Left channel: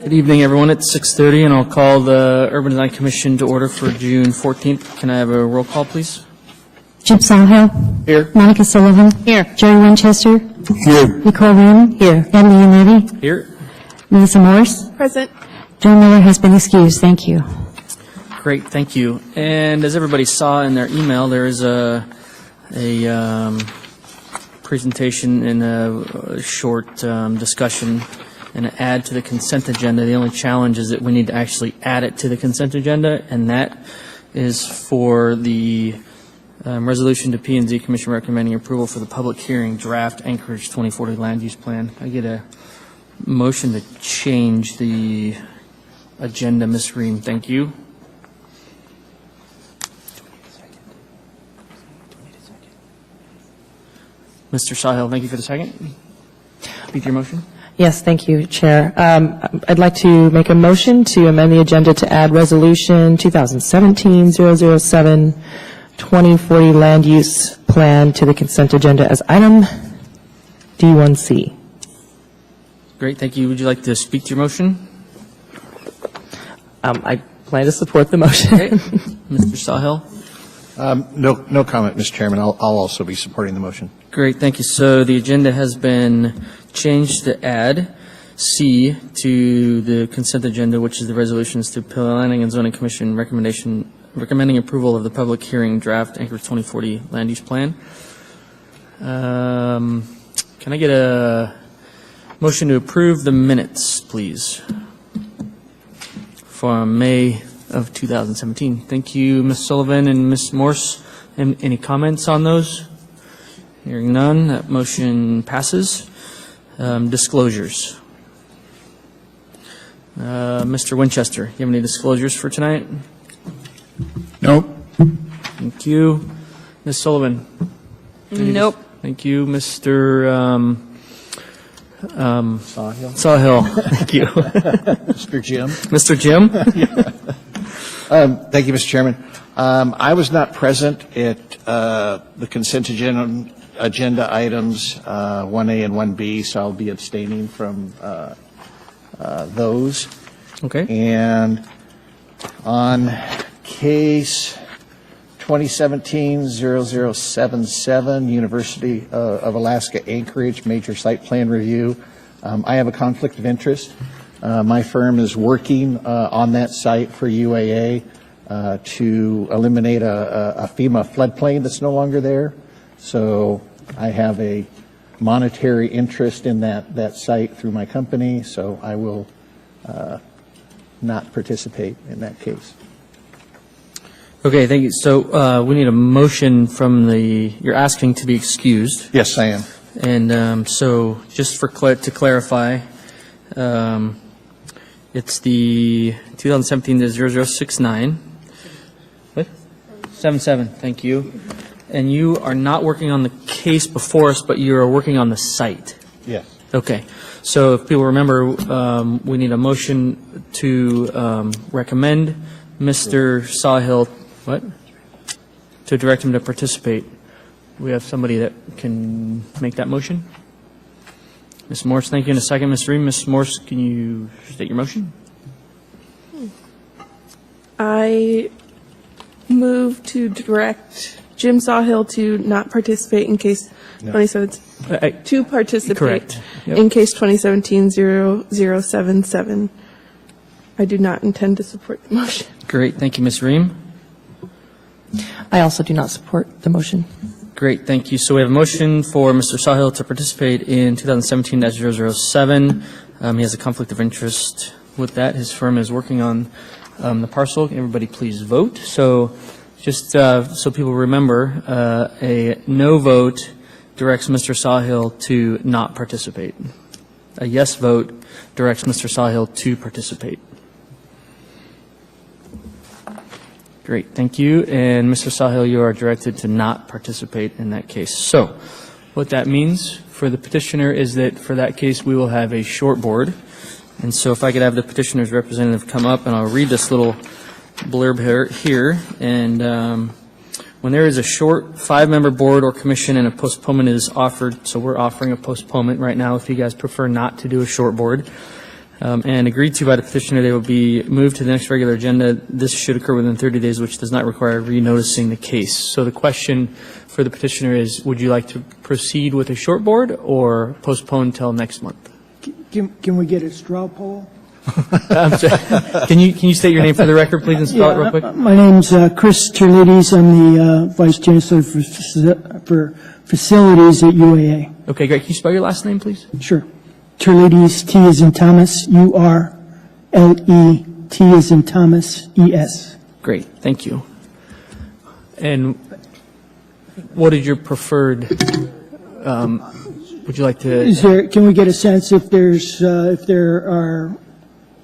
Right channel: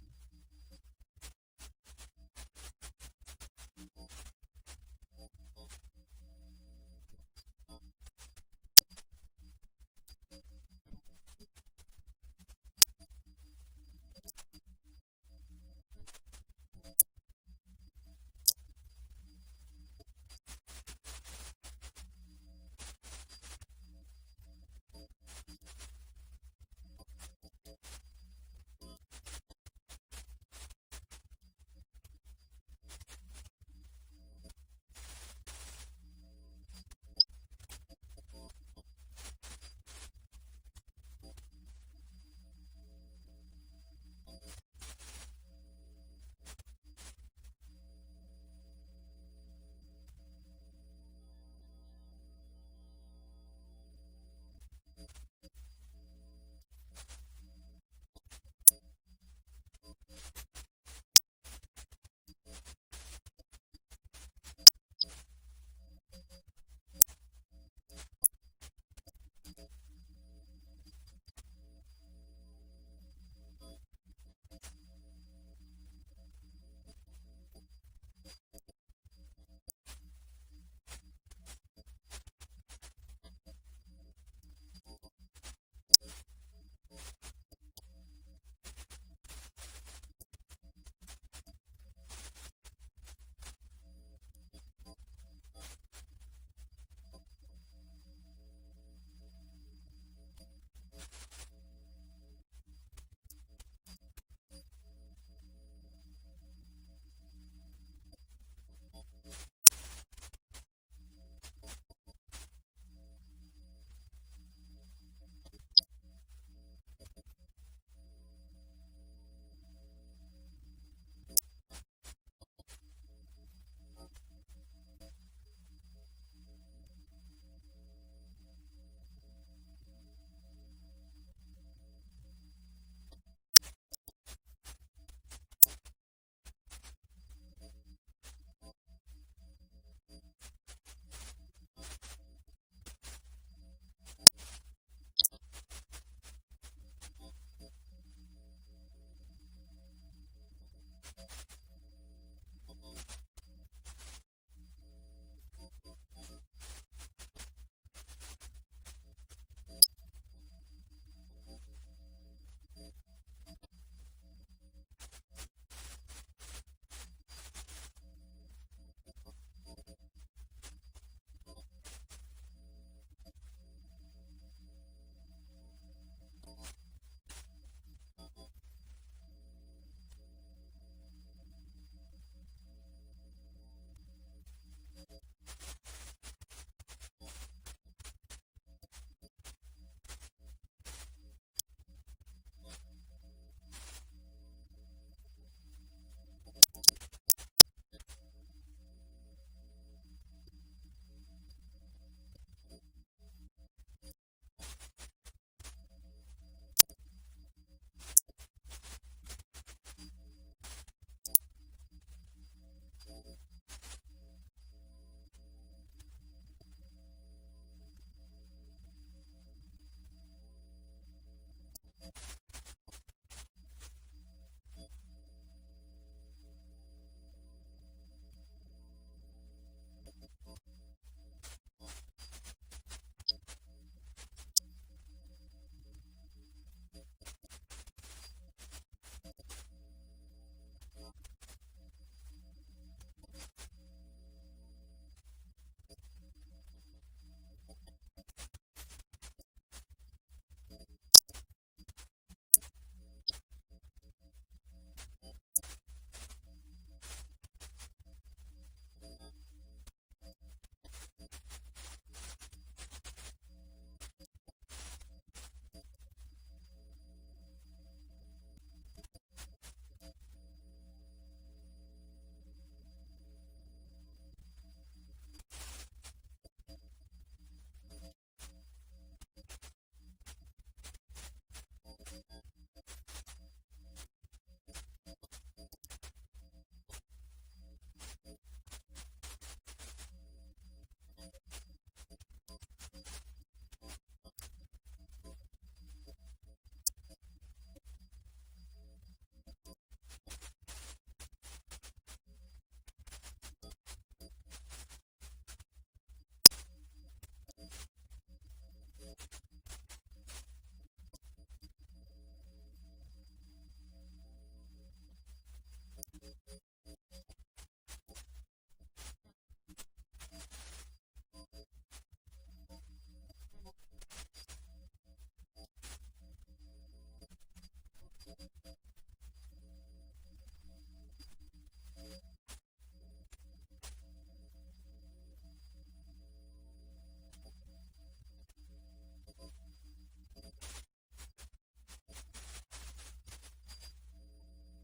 Good evening, everyone. It's 6:30, and I'll call the Urban Design Commission to order for June 14th. Can I have a roll call, please? Jim Sawhill. Here. Monica Sullivan. Here. Jerry Winchester. Here. Nicole Wynn. Here. Ed Leonetti. Here. Melissa Morse. Present. John Miller has been excused. Thank you. Great, thank you. And as everybody saw in their email, there is a presentation and a short discussion and an add to the consent agenda. The only challenge is that we need to actually add it to the consent agenda, and that is for the resolution to P&Z Commission recommending approval for the public hearing draft Anchorage 2040 land use plan. I get a motion to change the agenda, Ms. Ream. Thank you. Mr. Sawhill, thank you for the second. Repeat your motion. Yes, thank you, Chair. I'd like to make a motion to amend the agenda to add Resolution 2017-007 2040 Land Use Plan to the consent agenda as item D1C. Great, thank you. Would you like to speak to your motion? I plan to support the motion. Okay. Mr. Sawhill? No comment, Mr. Chairman. I'll also be supporting the motion. Great, thank you. So the agenda has been changed to add C to the consent agenda, which is the resolutions to Planning and Zoning Commission recommending approval of the public hearing draft Anchorage 2040 land use plan. Can I get a motion to approve the minutes, please, from May of 2017? Thank you, Ms. Sullivan and Ms. Morse. Any comments on those? Hearing none, that motion passes. Disclosures. Mr. Winchester, you have any disclosures for tonight? Nope. Thank you. Ms. Sullivan? Nope. Thank you. Mr. Sawhill. Thank you. Mr. Jim. Mr. Jim? Thank you, Mr. Chairman. I was not present at the consent agenda items 1A and 1B, so I'll be abstaining from those. Okay. And on case 2017-0077, University of Alaska Anchorage major site plan review, I have a conflict of interest. My firm is working on that site for UAA to eliminate a FEMA floodplain that's no longer there. So I have a monetary interest in that site through my company, so I will not participate in that case. Okay, thank you. So we need a motion from you're asking to be excused. Yes, I am. And so just to clarify, it's the 2017-0069. What? 77, thank you. And you are not working on the case before us, but you are working on the site. Yes. Okay. So if people remember, we need a motion to recommend Mr. Sawhill, to direct him to participate. Do we have somebody that can make that motion? Ms. Morse, thank you. In a second, Ms. Ream. Ms. Morse, can you state your motion? I move to direct Jim Sawhill to not participate in case 2017, to participate Correct. Yep. in case 2017-0077. I do not intend to support the motion. Great. Thank you, Ms. Ream. I also do not support the motion. Great. Thank you. So we have a motion for Mr. Sawhill to participate in 2017-007. He has a conflict of interest with that. His firm is working on the parcel. Everybody please vote. So just so people remember, a no vote directs Mr. Sawhill to not participate. A yes vote directs Mr. Sawhill to participate. Great, thank you. And Mr. Sawhill, you are directed to not participate in that case. So what that means for the petitioner is that for that case, we will have a short board. And so if I could have the petitioner's representative come up, and I'll read this little blurb here. And When there is a short 5-member board or commission and a postponement is offered, so we're offering a postponement right now if you guys prefer not to do a short board, and agreed to by the petitioner, they will be moved to the next regular agenda. This should occur within 30 days, which does not require renoticing the case. So the question for the petitioner is, would you like to proceed with a short board or postpone till next month? Can we get a straw poll? Can you state your name for the record, please, and spell it real quick? My name's Chris Terlides. I'm the Vice Chancellor for Facilities at UAA. Okay, great. Can you spell your last name, please? Sure. Terlides, T as in Thomas, U-R-L-E-T as in Thomas, E-S. Great, thank you. And what is your preferred, would you like to, Can we get a sense if there are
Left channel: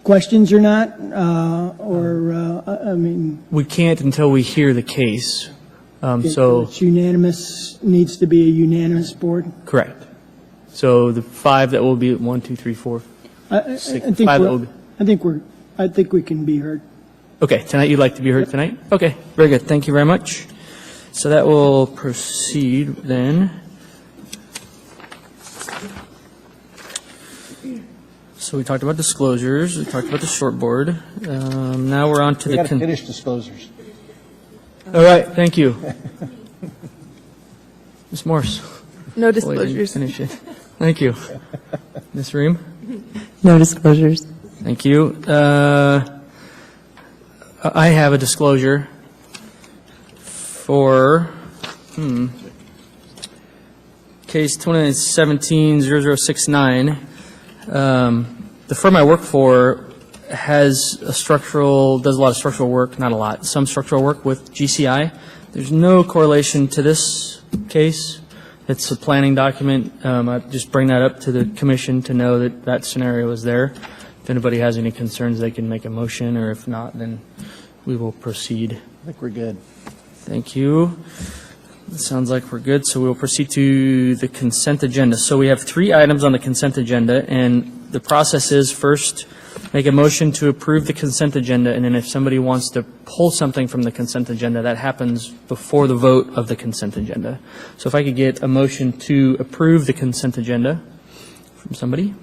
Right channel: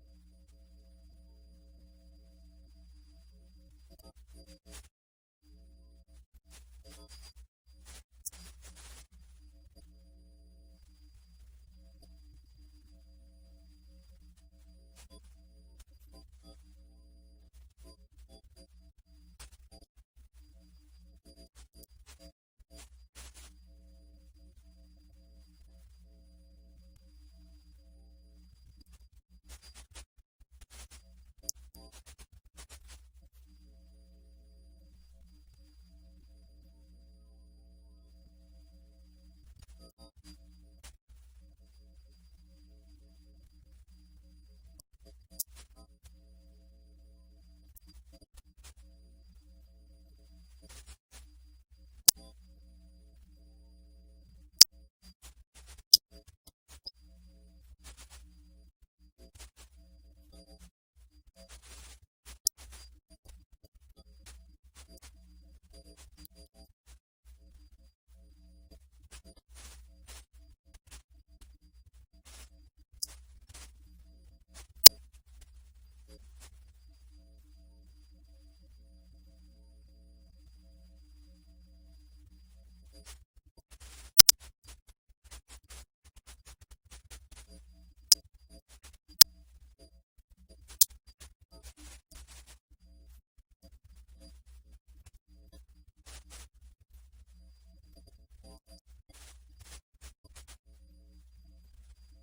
questions or not? I mean, we can't until we hear the case. So, it's unanimous, needs to be a unanimous board? correct. So the 5 that will be 1, 2, 3, 4. I think 5 that will be. I think we can be heard. Okay, tonight you'd like to be heard tonight? Okay, very good. Thank you very much. So that will proceed then. So we talked about disclosures, we talked about the short board. Now we're on to We the. got to finish disclosures. All right, thank you. Ms. Morse. No Boy, didn't disclosures. finish it. Thank you. Ms. Ream? No disclosures. Thank you. I have a disclosure for, case 2017-0069. The firm I work for does a lot of structural work, not a lot, some structural work with GCI. There's no correlation to this case. It's a planning document. I just bring that up to the commission to know that that scenario is there. If anybody has any concerns, they can make a motion, or if not, then we will proceed. I think we're good. Thank you. It sounds like we're good, so we'll proceed to the consent agenda. So we have 3 items on the consent agenda, and the process is first make a motion to approve the consent agenda, and then if somebody wants to pull something from the consent agenda, that happens before the vote of the consent agenda. So if I could get a motion to approve the consent agenda from somebody.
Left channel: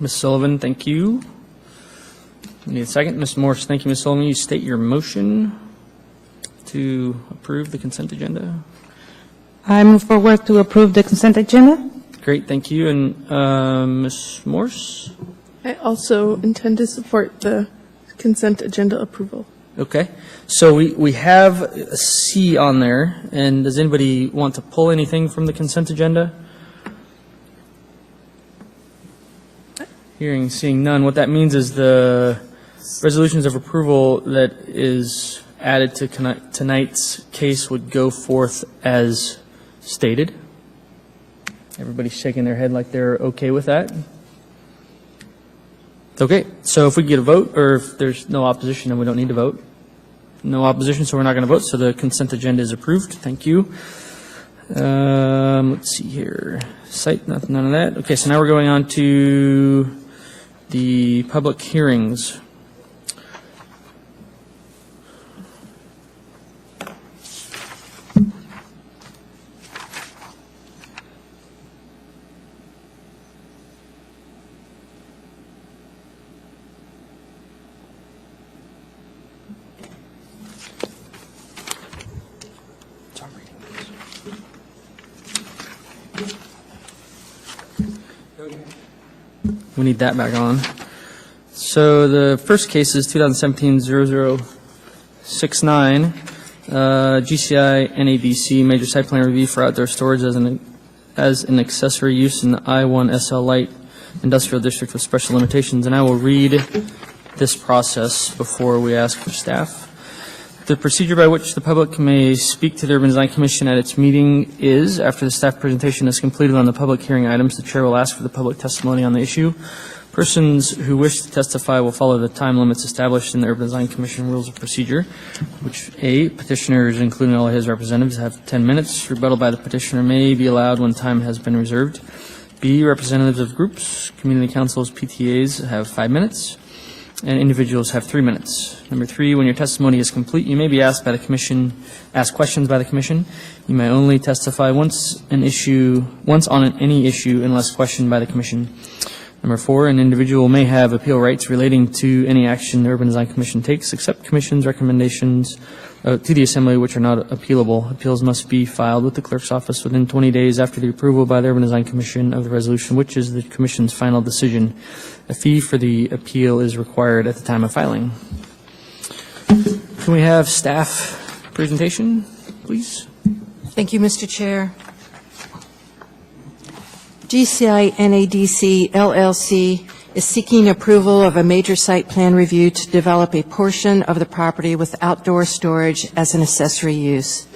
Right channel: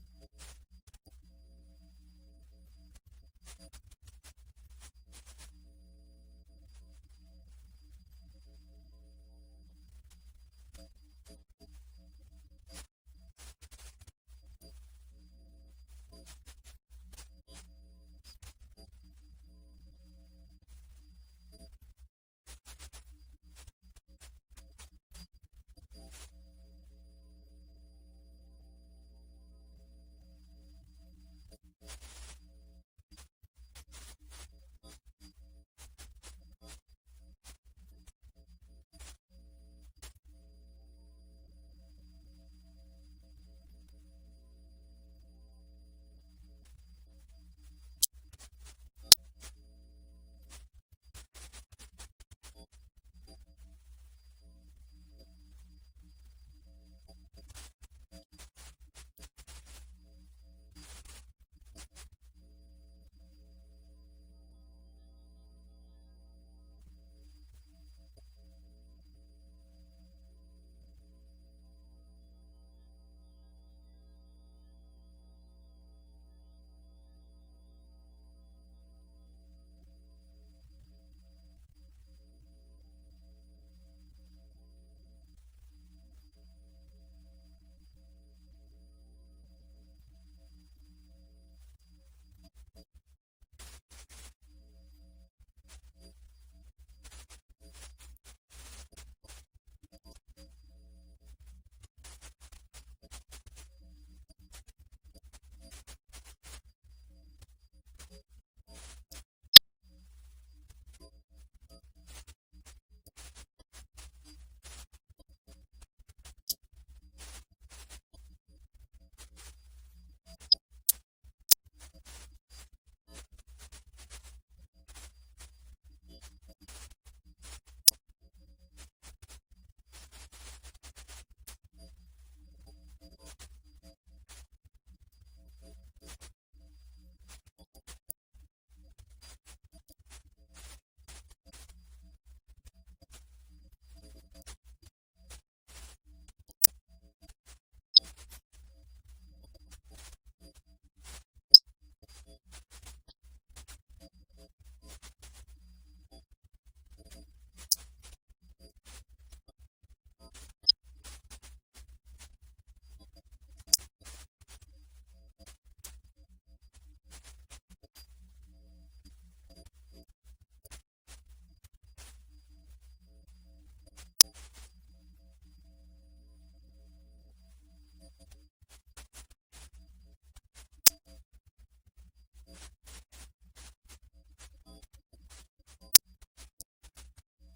Ms. Sullivan, thank you. We need a second. Ms. Morse, thank you, Ms. Sullivan. You state your motion to approve the consent agenda. I move forward to approve the consent agenda. Great, thank you. And Ms. Morse? I also intend to support the consent agenda approval. Okay. So we have a C on there, and does anybody want to pull anything from the consent agenda? Hearing, seeing none. What that means is the resolutions of approval that is added to tonight's case would go forth as stated. Everybody's shaking their head like they're okay with that. Okay, so if we get a vote, or if there's no opposition, then we don't need to vote. No opposition, so we're not going to vote, so the consent agenda is approved. Thank you. Let's see here. Site, none of that. Okay, so now we're going on to the public hearings. We need that back on. So the first case is 2017-0069, GCI NABC Major Site Plan Review for Outdoor Storage as an accessory use in the I-1 SL Light Industrial District with special limitations. And I will read this process before we ask for staff. The procedure by which the public may speak to the Urban Design Commission at its meeting is, after the staff presentation is completed on the public hearing items, the chair will ask for the public testimony on the issue. Persons who wish to testify will follow the time limits established in the Urban Design Commission Rules of Procedure, which A, petitioners, including all of his representatives, have 10 minutes. Rebuttal by the petitioner may be allowed when time has been reserved. B, representatives of groups, community councils, PTAs have 5 minutes. and individuals have 3 minutes. Number 3, when your testimony is complete, you may be asked questions by the commission. You may only testify once on any issue unless questioned by the commission. Number 4, an individual may have appeal rights relating to any action the Urban Design Commission takes, except commission's recommendations to the Assembly which are not appealable. Appeals must be filed with the clerk's office within 20 days after the approval by the Urban Design Commission of the resolution, which is the commission's final decision. A fee for the appeal is required at the time of filing. Can we have staff presentation, please? Thank you, Mr. Chair. GCI NADC LLC is seeking approval of a major site plan review to develop a portion of the property with outdoor storage as an accessory use.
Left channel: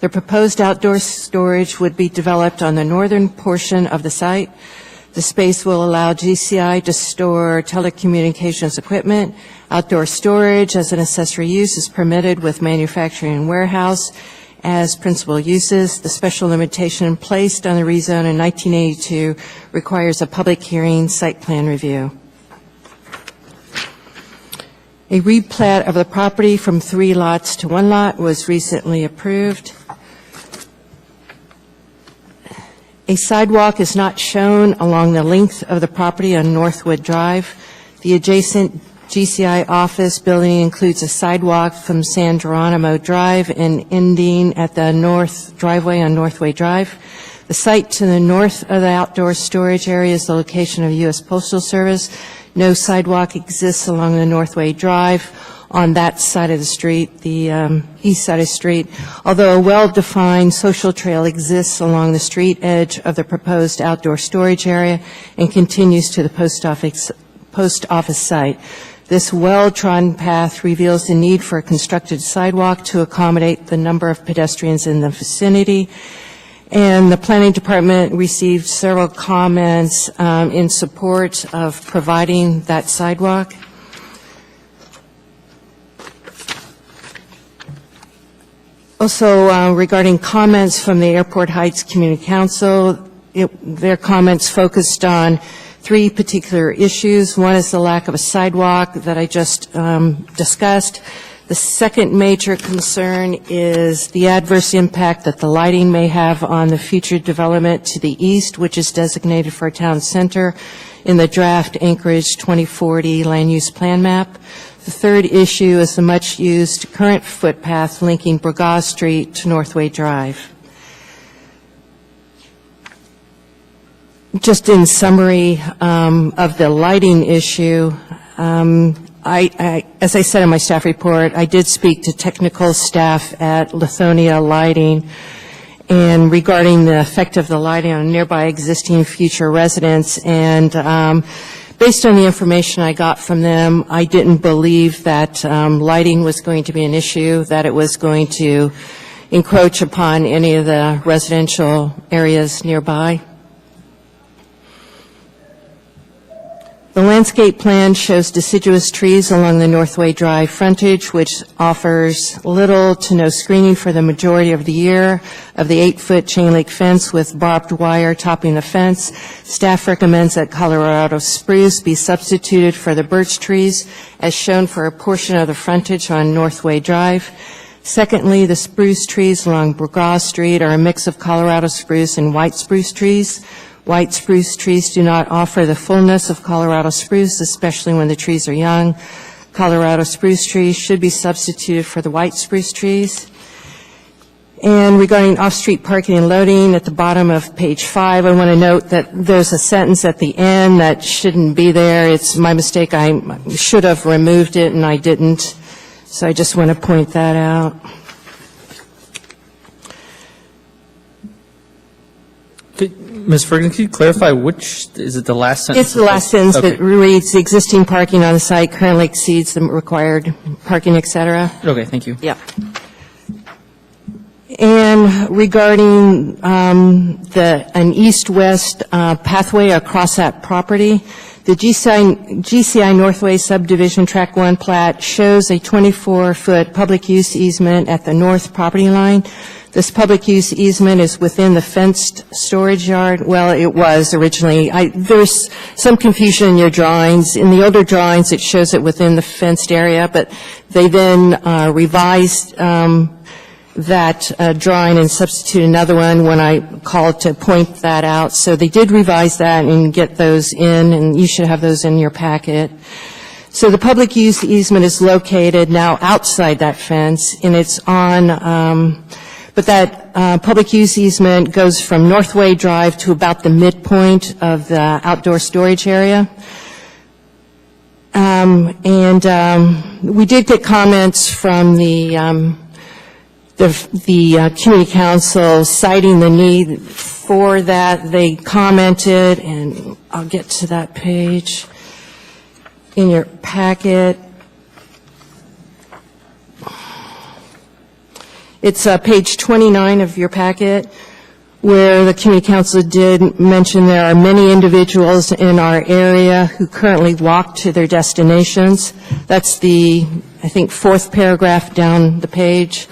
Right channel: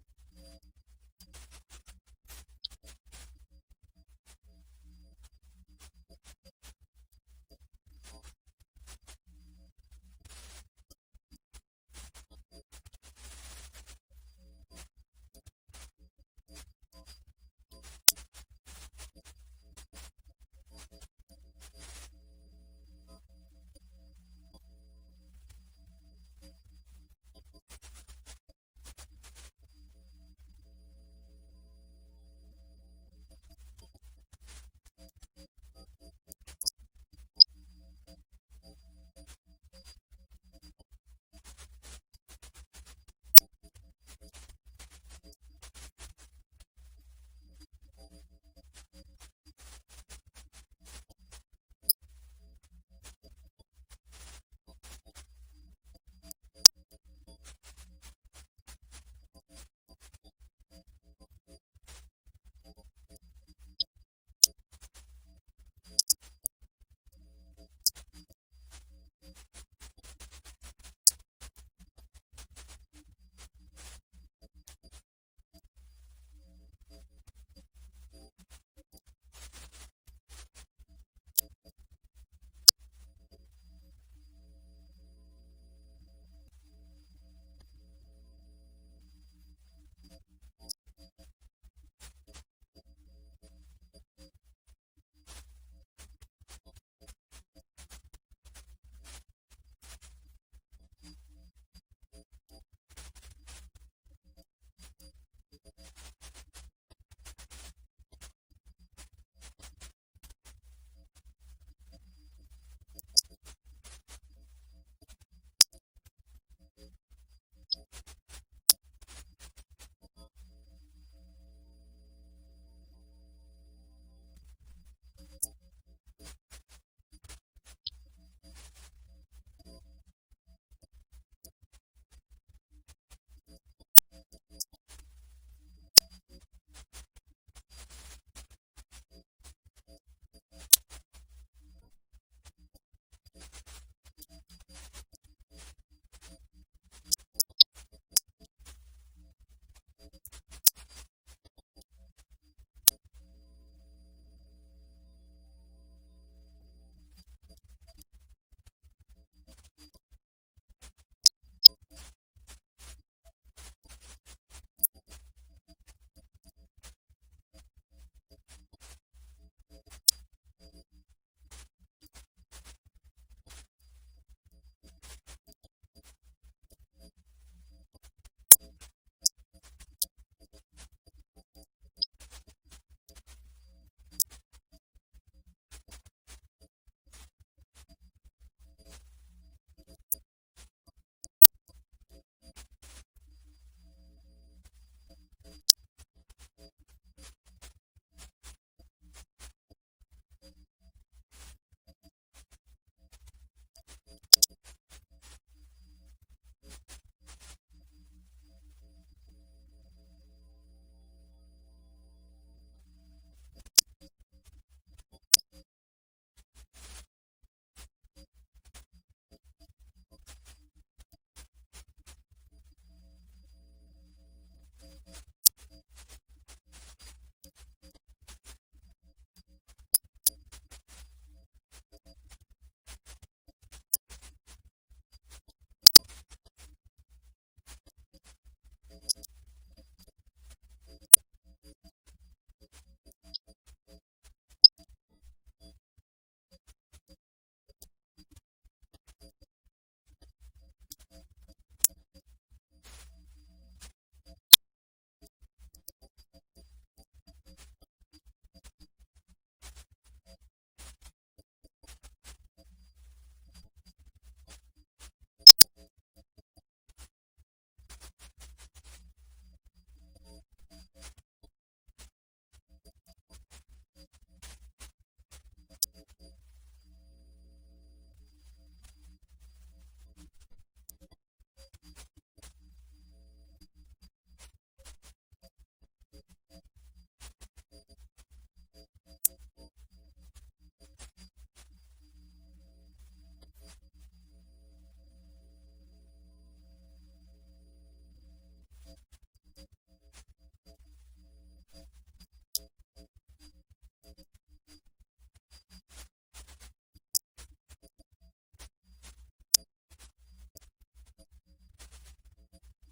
The proposed outdoor storage would be developed on the northern portion of the site. The space will allow GCI to store telecommunications equipment. Outdoor storage as an accessory use is permitted with manufacturing and warehouse as principal uses. The special limitation placed on the rezone in 1982 requires a public hearing site plan review. A replat of the property from 3 lots to 1 lot was recently approved. A sidewalk is not shown along the length of the property on Northwood Drive. The adjacent GCI office building includes a sidewalk from San Geronimo Drive and ending at the north driveway on Northway Drive. The site to the north of the outdoor storage area is the location of U.S. Postal Service. No sidewalk exists along the Northway Drive on that side of the street, the east side of the street, although a well-defined social trail exists along the street edge of the proposed outdoor storage area and continues to the post office site. This well-trodden path reveals the need for a constructed sidewalk to accommodate the number of pedestrians in the vicinity. And the Planning Department received several comments in support of providing that sidewalk. Also, regarding comments from the Airport Heights Community Council, their comments focused on 3 particular issues. One is the lack of a sidewalk that I just discussed. The second major concern is the adverse impact that the lighting may have on the future development to the east, which is designated for a town center in the draft Anchorage 2040 land use plan map. The third issue is the much-used current footpath linking Burgaw Street to Northway Drive. Just in summary of the lighting issue, as I said in my staff report, I did speak to technical staff at Lithonia Lighting, and regarding the effect of the lighting on nearby existing future residents, and based on the information I got from them, I didn't believe that lighting was going to be an issue, that it was going to encroach upon any of the residential areas nearby. The landscape plan shows deciduous trees along the Northway Drive frontage, which offers little to no screening for the majority of the year of the 8-foot chain link fence with barbed wire topping the fence. Staff recommends that Colorado spruce be substituted for the birch trees as shown for a portion of the frontage on Northway Drive. Secondly, the spruce trees along Burgaw Street are a mix of Colorado spruce and white spruce trees. White spruce trees do not offer the fullness of Colorado spruce, especially when the trees are young. Colorado spruce trees should be substituted for the white spruce trees. And regarding off-street parking and loading, at the bottom of page 5, I want to note that there's a sentence at the end that shouldn't be there. It's my mistake. I should have removed it, and I didn't. So I just want to point that out. Ms. Ferguson, could you clarify which, is it the last sentence? It's the last sentence Okay. that reads, the existing parking on the site currently exceeds the required parking, et cetera. Okay, thank you. Yep. And regarding an east-west pathway across that property, the GCI Northway Subdivision Track 1 plat shows a 24-foot public use easement at the north property line. This public use easement is within the fenced storage yard. Well, it was originally. There's some confusion in your drawings. In the older drawings, it shows it within the fenced area, but they then revised that drawing and substitute another one when I called to point that out. So they did revise that and get those in, and you should have those in your packet. So the public use easement is located now outside that fence, and it's on, but that public use easement goes from Northway Drive to about the midpoint of the outdoor storage area. We did get comments from the community council citing the need for that. They commented, and I'll get to that page in your packet. It's page 29 of your packet, where the community council did mention there are many individuals in our area who currently walk to their destinations. That's the, I think, fourth paragraph down the page.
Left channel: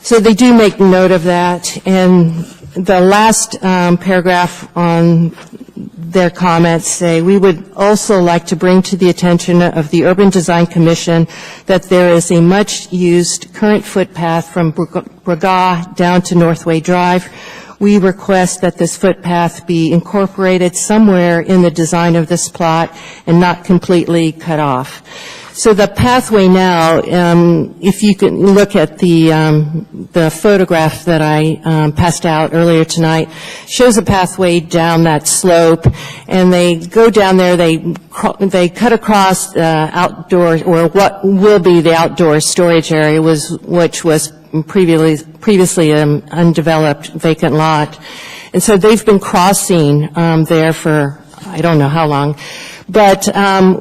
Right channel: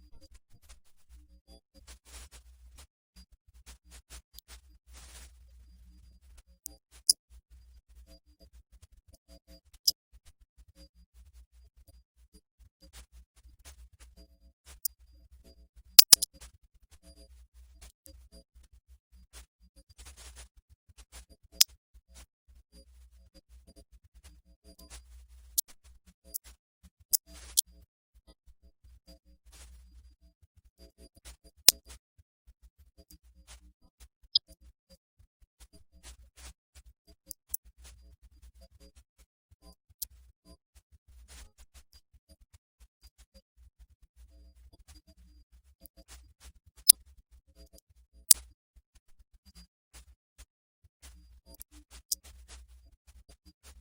So they do make note of that. And the last paragraph on their comments say, we would also like to bring to the attention of the Urban Design Commission that there is a much-used current footpath from Braga down to Northway Drive. We request that this footpath be incorporated somewhere in the design of this plot and not completely cut off. So the pathway now, if you can look at the photograph that I passed out earlier tonight, shows a pathway down that slope, and they go down there, they cut across the outdoor, or what will be the outdoor storage area, which was previously an undeveloped vacant lot. And so they've been crossing there for I don't know how long. But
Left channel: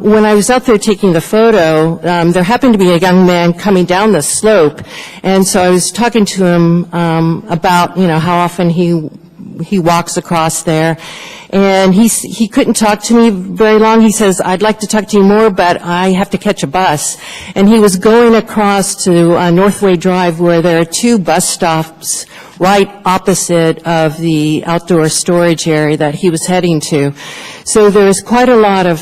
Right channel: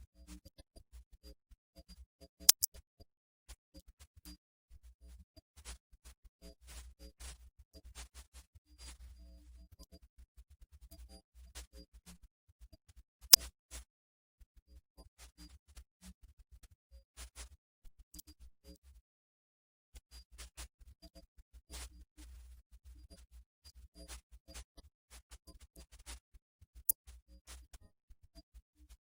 when I was out there taking the photo, there happened to be a young man coming down the slope, and so I was talking to him about, how often he walks across there, and he couldn't talk to me very long. He says, "I'd like to talk to you more, but I have to catch a bus." And he was going across to Northway Drive, where there are two bus stops right opposite of the outdoor storage area that he was heading to. So there's quite a lot of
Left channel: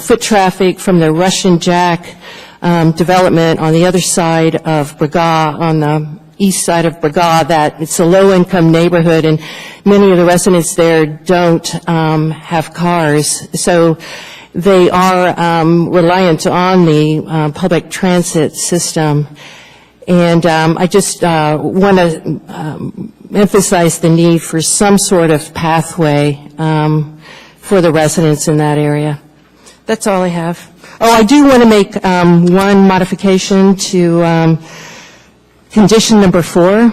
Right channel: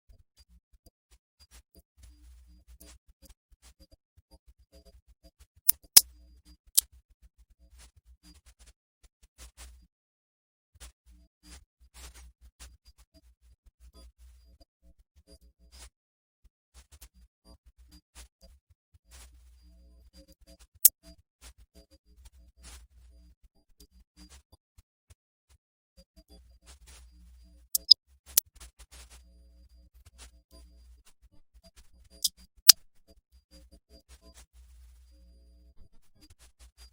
foot traffic from the Russian Jack development on the other side of Braga, on the east side of Braga, that it's a low-income neighborhood, and many of the residents there don't have cars. So they are reliant on the public transit system. And I just want to emphasize the need for some sort of pathway for the residents in that area. That's all I have. Oh, I do want to make one modification to condition number 4.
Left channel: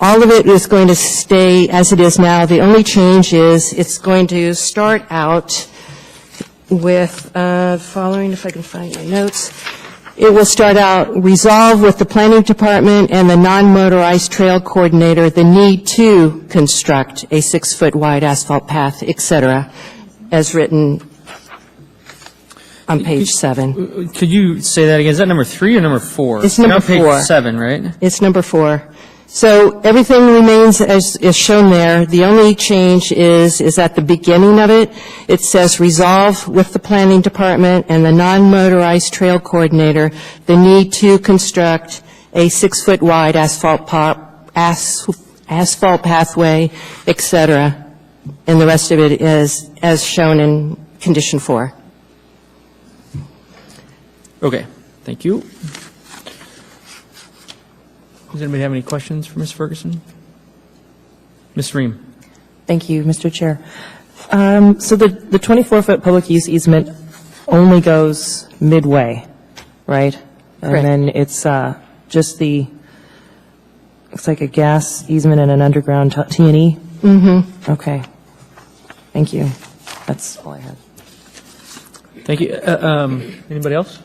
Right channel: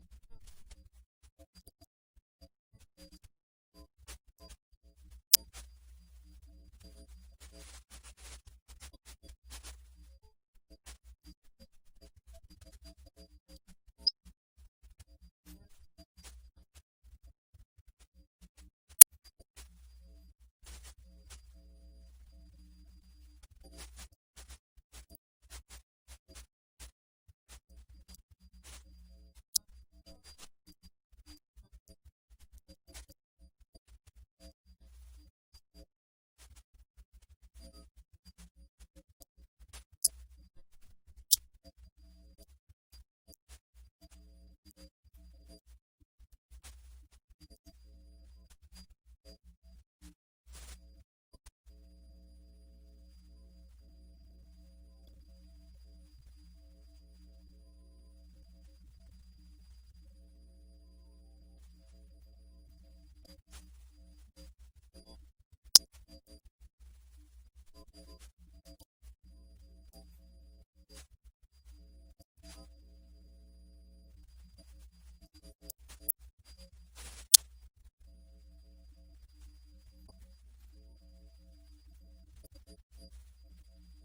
All of it is going to stay as it is now. The only change is it's going to start out with following, if I can find my notes. It will start out, resolve with the planning department and the non-motorized trail coordinator the need to construct a 6-foot wide asphalt path, et cetera, as written on page 7. Could you say that again? Is that number 3 or number 4? It's number You're on 4. page 7, right? It's number 4. So everything remains as is shown there. The only change is at the beginning of it. It says resolve with the planning department and the non-motorized trail coordinator the need to construct a 6-foot wide asphalt pathway, et cetera. And the rest of it is as shown in condition 4. Okay, thank you. Does anybody have any questions for Ms. Ferguson? Ms. Ream? Thank you, Mr. Chair. So the 24-foot public use easement only goes midway, right? Correct. And then it's just looks like a gas easement and an underground T&E? Mm-hmm. Okay. Thank you. That's all I have. Thank you. Anybody else?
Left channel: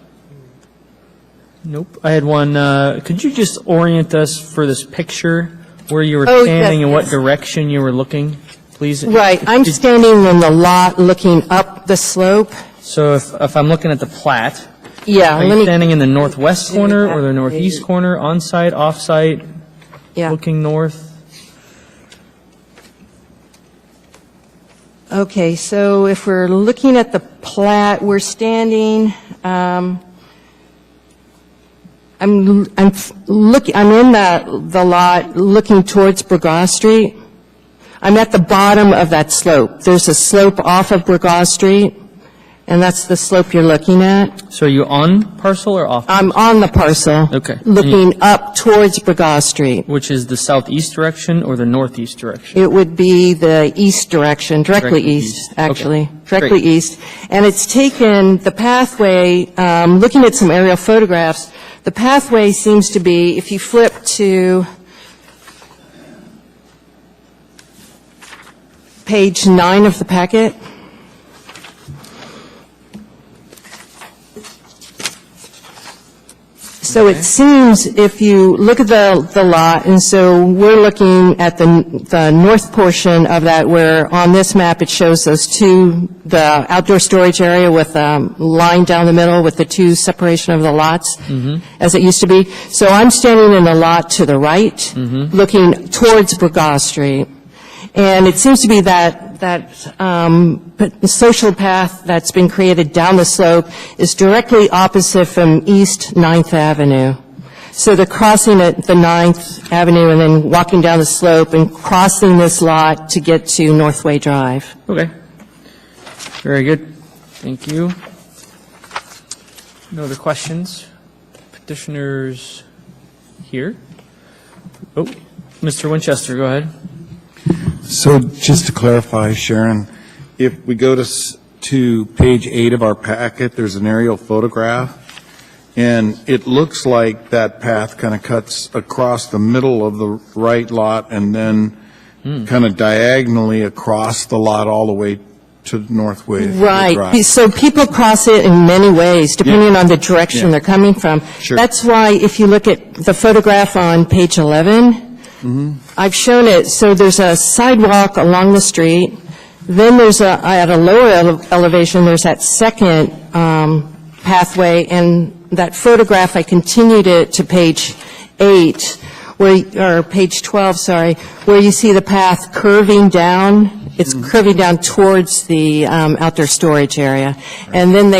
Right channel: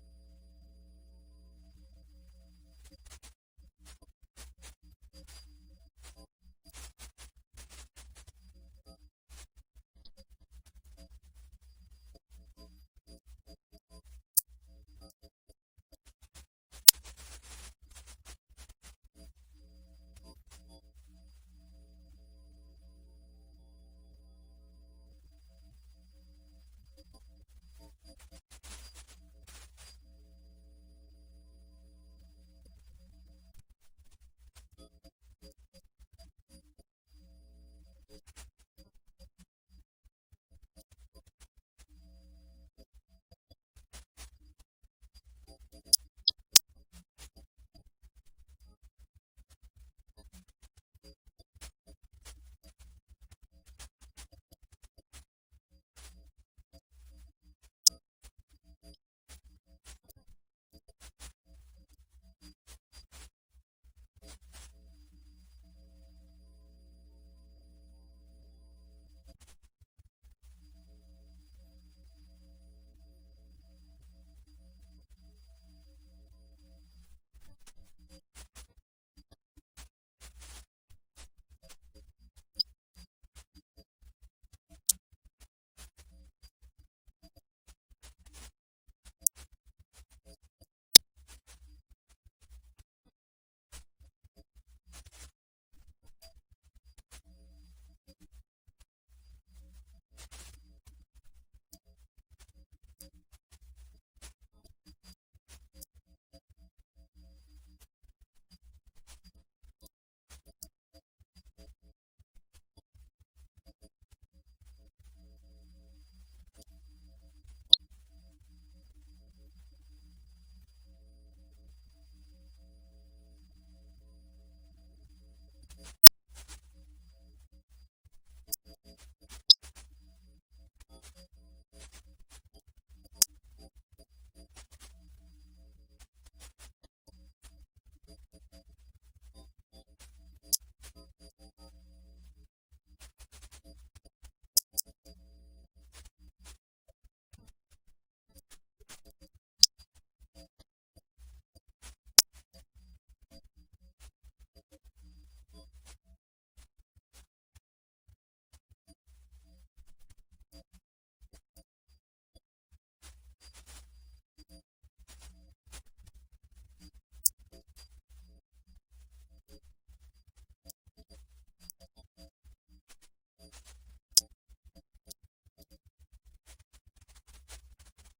Nope. I had one. Could you just orient us for this picture where you were Oh, standing yes, and what yes. direction you were looking, please? Right. I'm standing in the lot looking up the slope. So if I'm looking at the plat, Yeah, Are let you me, standing in the northwest corner or the northeast corner, on-site, off-site, yeah. looking north? Okay, so if we're looking at the plat, we're standing, I'm in the lot looking towards Burgaw Street. I'm at the bottom of that slope. There's a slope off of Burgaw Street, and that's the slope you're looking at. So are you on parcel or off? I'm on the parcel. Okay. Looking up towards Burgaw Street. Which is the southeast direction or the northeast direction? It would be the east direction, directly Directly east, east. actually. Okay. Directly Great. east. And it's taken the pathway, looking at some aerial photographs, the pathway seems to be, if you flip to page 9 of the packet, so it seems if you look at the lot, and so we're looking at the north portion of that, where on this map it shows those two, the outdoor storage area with line down the middle with the two separation of the lots, as it used to be. So I'm standing in the lot to the right, looking towards Burgaw Street. And it seems to be that social path that's been created down the slope is directly opposite from East 9th Avenue. So they're crossing at the 9th Avenue and then walking down the slope and crossing this lot to get to Northway Drive. Okay. Very good. Thank you. No other questions? Petitioners here? Oh, Mr. Winchester, go ahead. So just to clarify, Sharon, if we go to page 8 of our packet, there's an aerial photograph, and it looks like that path kind of cuts across the middle of the right lot and then kind of diagonally across the lot all the way to Northway Drive. Right. So people cross it in many ways, depending on the direction Yeah. they're coming from. Sure. That's why if you look at the photograph on page 11, I've shown it, so there's a sidewalk along the street, then there's at a lower elevation, there's that second pathway, and that photograph, I continued it to page 8, or page 12, sorry, where you see the path curving down. It's curving down towards the outdoor storage area. And then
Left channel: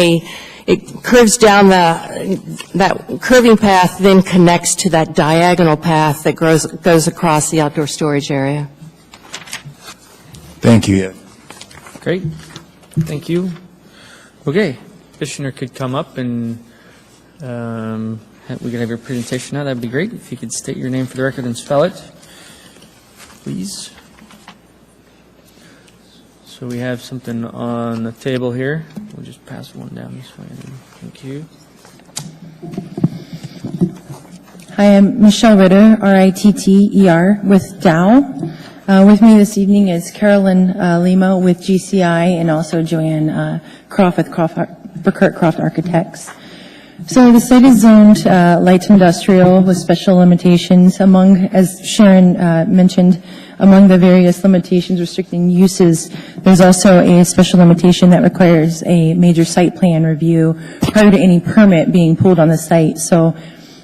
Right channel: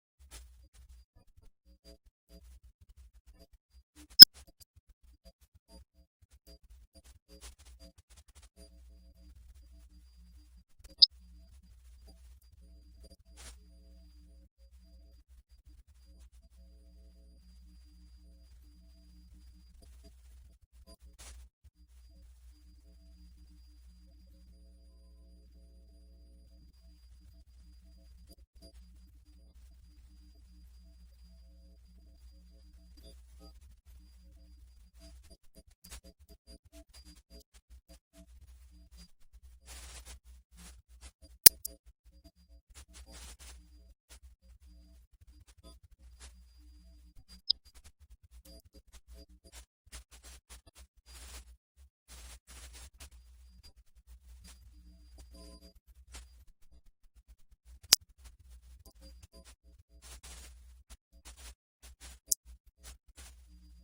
it curves down that curving path, then connects to that diagonal path that goes across the outdoor storage area. Thank you. Great. Thank you. Okay. Petitioner could come up and we could have your presentation now. That'd be great. If you could state your name for the record and spell it, please. So we have something on the table here. We'll just pass one down this way. Thank you. Hi, I'm Michelle Ritter, R-I-T-T-E-R, with Dow. With me this evening is Carolyn Lima with GCI and also Joanne Croft with Burkert Croft Architects. So the site is zoned light industrial with special limitations. Among, as Sharon mentioned, among the various limitations restricting uses, there's also a special limitation that requires a major site plan review prior to any permit being pulled on the site. So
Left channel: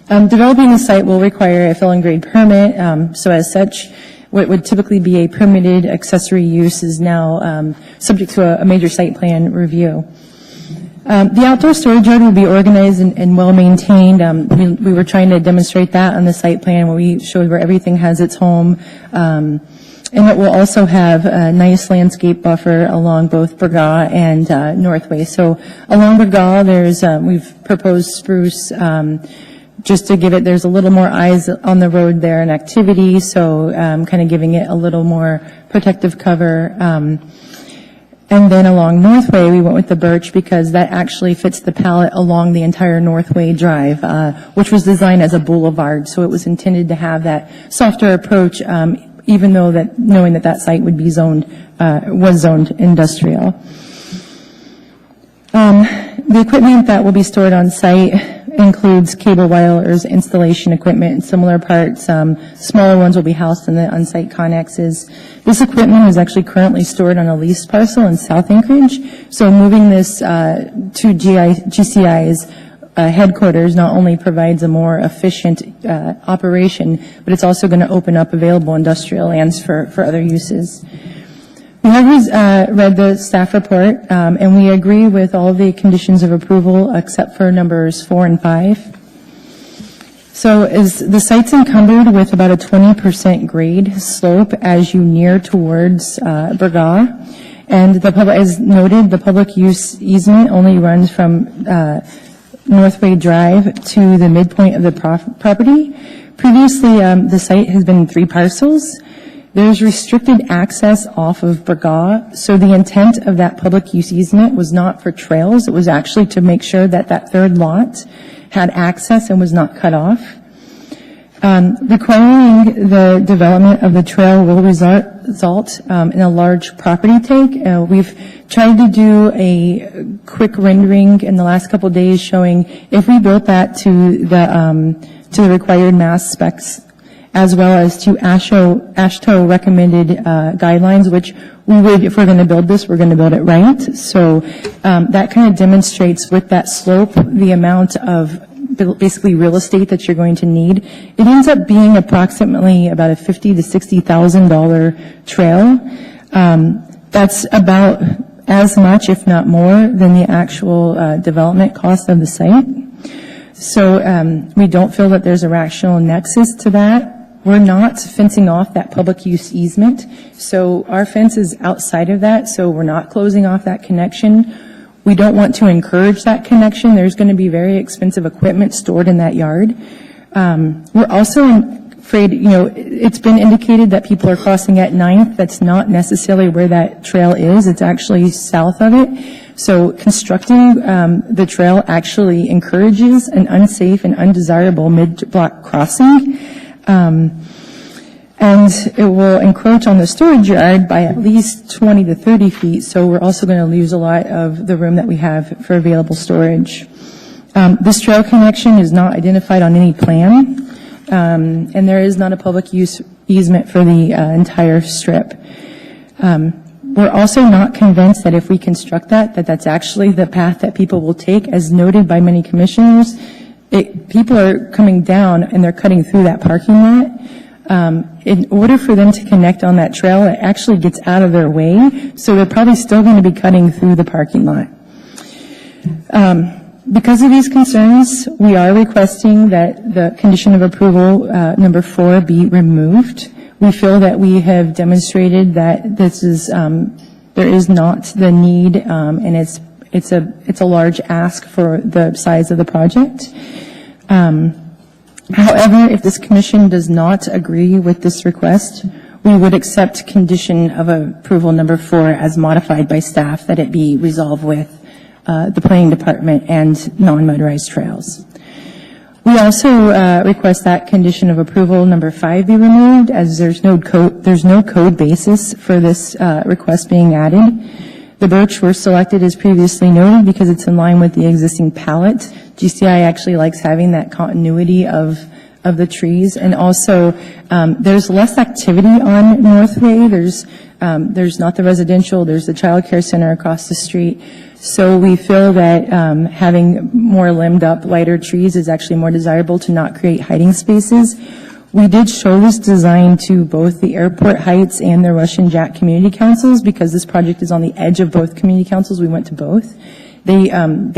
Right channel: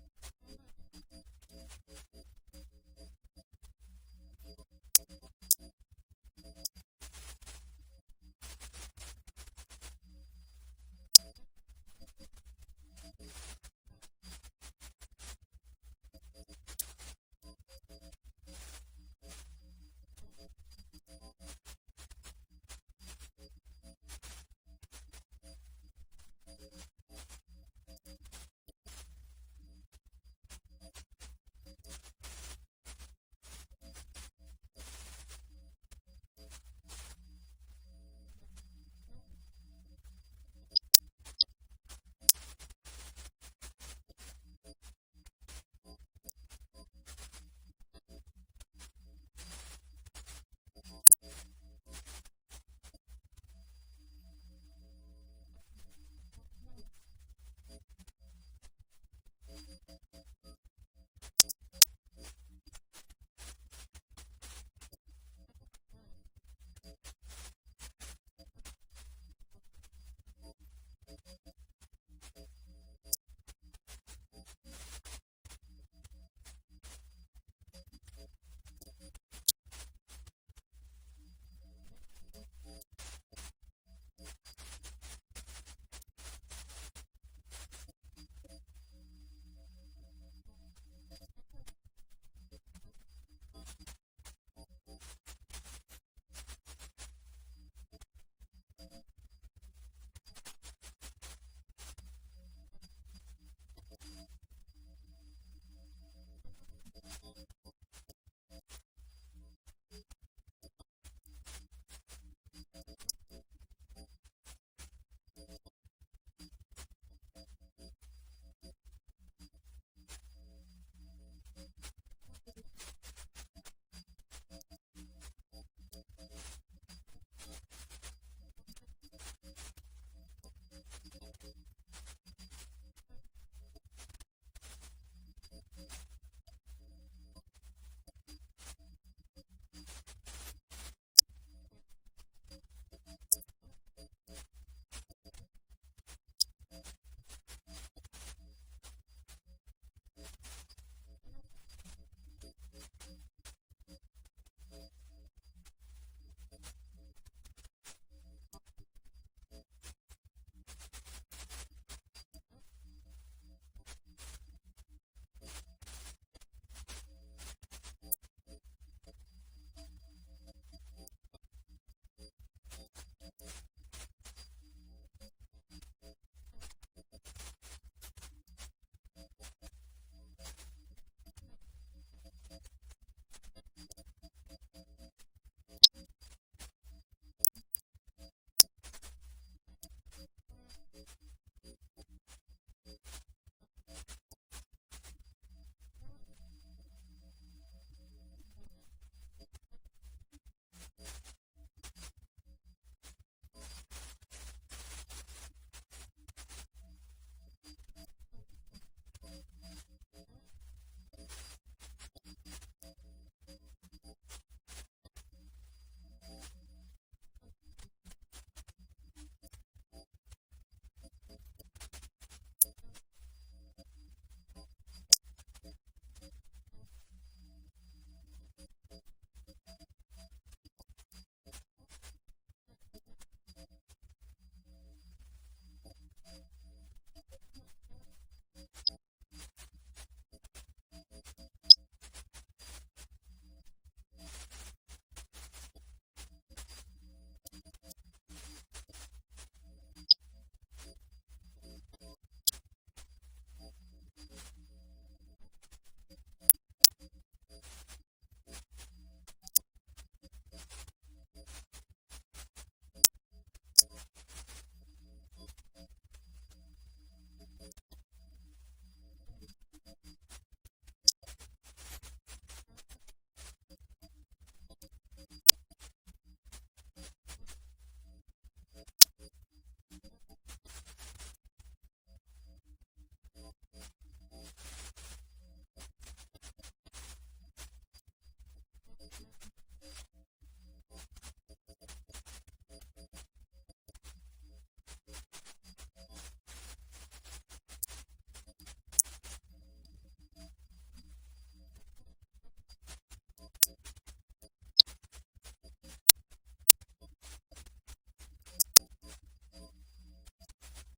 developing the site will require a fill and grade permit. So as such, what would typically be a permitted accessory use is now subject to a major site plan review. The outdoor storage yard will be organized and well-maintained. We were trying to demonstrate that on the site plan where we showed where everything has its home. And it will also have a nice landscape buffer along both Burgaw and Northway. So along Burgaw, we've proposed spruce just to give it, there's a little more eyes on the road there and activity, so kind of giving it a little more protective cover. And then along Northway, we went with the birch because that actually fits the palette along the entire Northway Drive, which was designed as a boulevard. So it was intended to have that softer approach, even though that knowing that site would be was zoned industrial. The equipment that will be stored on site includes cable wires, installation equipment, and similar parts. Smaller ones will be housed in the on-site connexes. This equipment is actually currently stored on a leased parcel in South Anchorage. So moving this to GCI is headquarters not only provides a more efficient operation, but it's also going to open up available industrial lands for other uses. We have read the staff report, and we agree with all the conditions of approval except for numbers 4 and 5. So the site's encumbered with about a 20% grade slope as you near towards Burgaw. And the public, as noted, the public use easement only runs from Northway Drive to the midpoint of the property. Previously, the site has been 3 parcels. There's restricted access off of Burgaw, so the intent of that public use easement was not for trails. It was actually to make sure that that third lot had access and was not cut off. Requiring the development of the trail will result in a large property take. We've tried to do a quick rendering in the last couple of days showing if we built that to the required mass specs as well as to AASHTO recommended guidelines, which we would, if we're going to build this, we're going to build it right. So that kind of demonstrates with that slope the amount of basically real estate that you're going to need. It ends up being approximately about a $50,000 to $60,000 trail. That's about as much, if not more, than the actual development cost of the site. So we don't feel that there's a rational nexus to that. We're not fencing off that public use easement. So our fence is outside of that, so we're not closing off that connection. We don't want to encourage that connection. There's going to be very expensive equipment stored in that yard. We're also afraid, it's been indicated that people are crossing at 9th. That's not necessarily where that trail is. It's actually south of it. So constructing the trail actually encourages an unsafe and undesirable mid-block crossing. And it will encroach on the storage yard by at least 20 to 30 feet, so we're also going to lose a lot of the room that we have for available storage. This trail connection is not identified on any plan, and there is not a public use easement for the entire strip. We're also not convinced that if we construct that's actually the path that people will take, as noted by many commissioners. People are coming down and they're cutting through that parking lot. In order for them to connect on that trail, it actually gets out of their way, so they're probably still going to be cutting through the parking lot. Because of these concerns, we are requesting that the condition of approval number 4 be removed. We feel that we have demonstrated that this is there is not the need, and it's a large ask for the size of the project. However, if this commission does not agree with this request, we would accept condition of approval number 4 as modified by staff, that it be resolved with the planning department and non-motorized trails. We also request that condition of approval number 5 be removed, as there's no code basis for this request being added. The birch were selected as previously noted because it's in line with the existing palette. GCI actually likes having that continuity of the trees, and also there's less activity on Northway. There's not the residential, there's the child care center across the street. So we feel that having more limbed up, lighter trees is actually more desirable to not create hiding spaces. We did show this design to both the Airport Heights and the Russian Jack community councils because this project is on the edge of both community councils. We went to both. They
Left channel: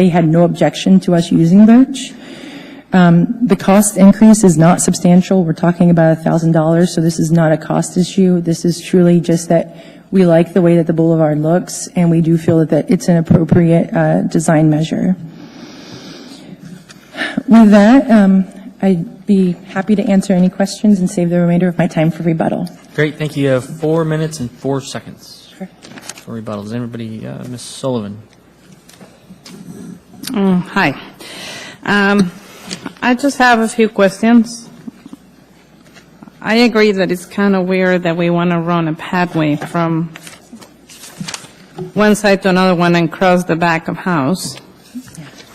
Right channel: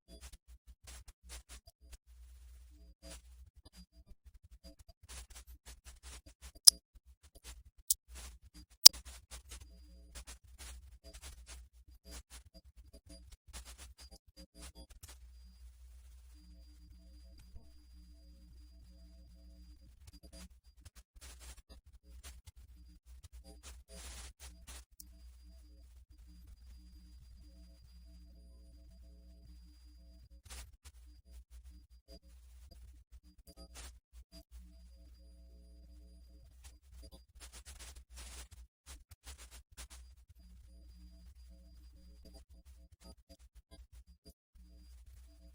had no objection to us using birch. The cost increase is not substantial. We're talking about $1,000, so this is not a cost issue. This is truly just that we like the way that the boulevard looks, and we do feel that it's an appropriate design measure. With that, I'd be happy to answer any questions and save the remainder of my time for rebuttal. Great, thank you. You have 4 minutes and 4 seconds for rebuttal. Does anybody, Ms. Sullivan? Hi. I just have a few questions. I agree that it's kind of weird that we want to run a pathway from one side to another one and cross the back of house.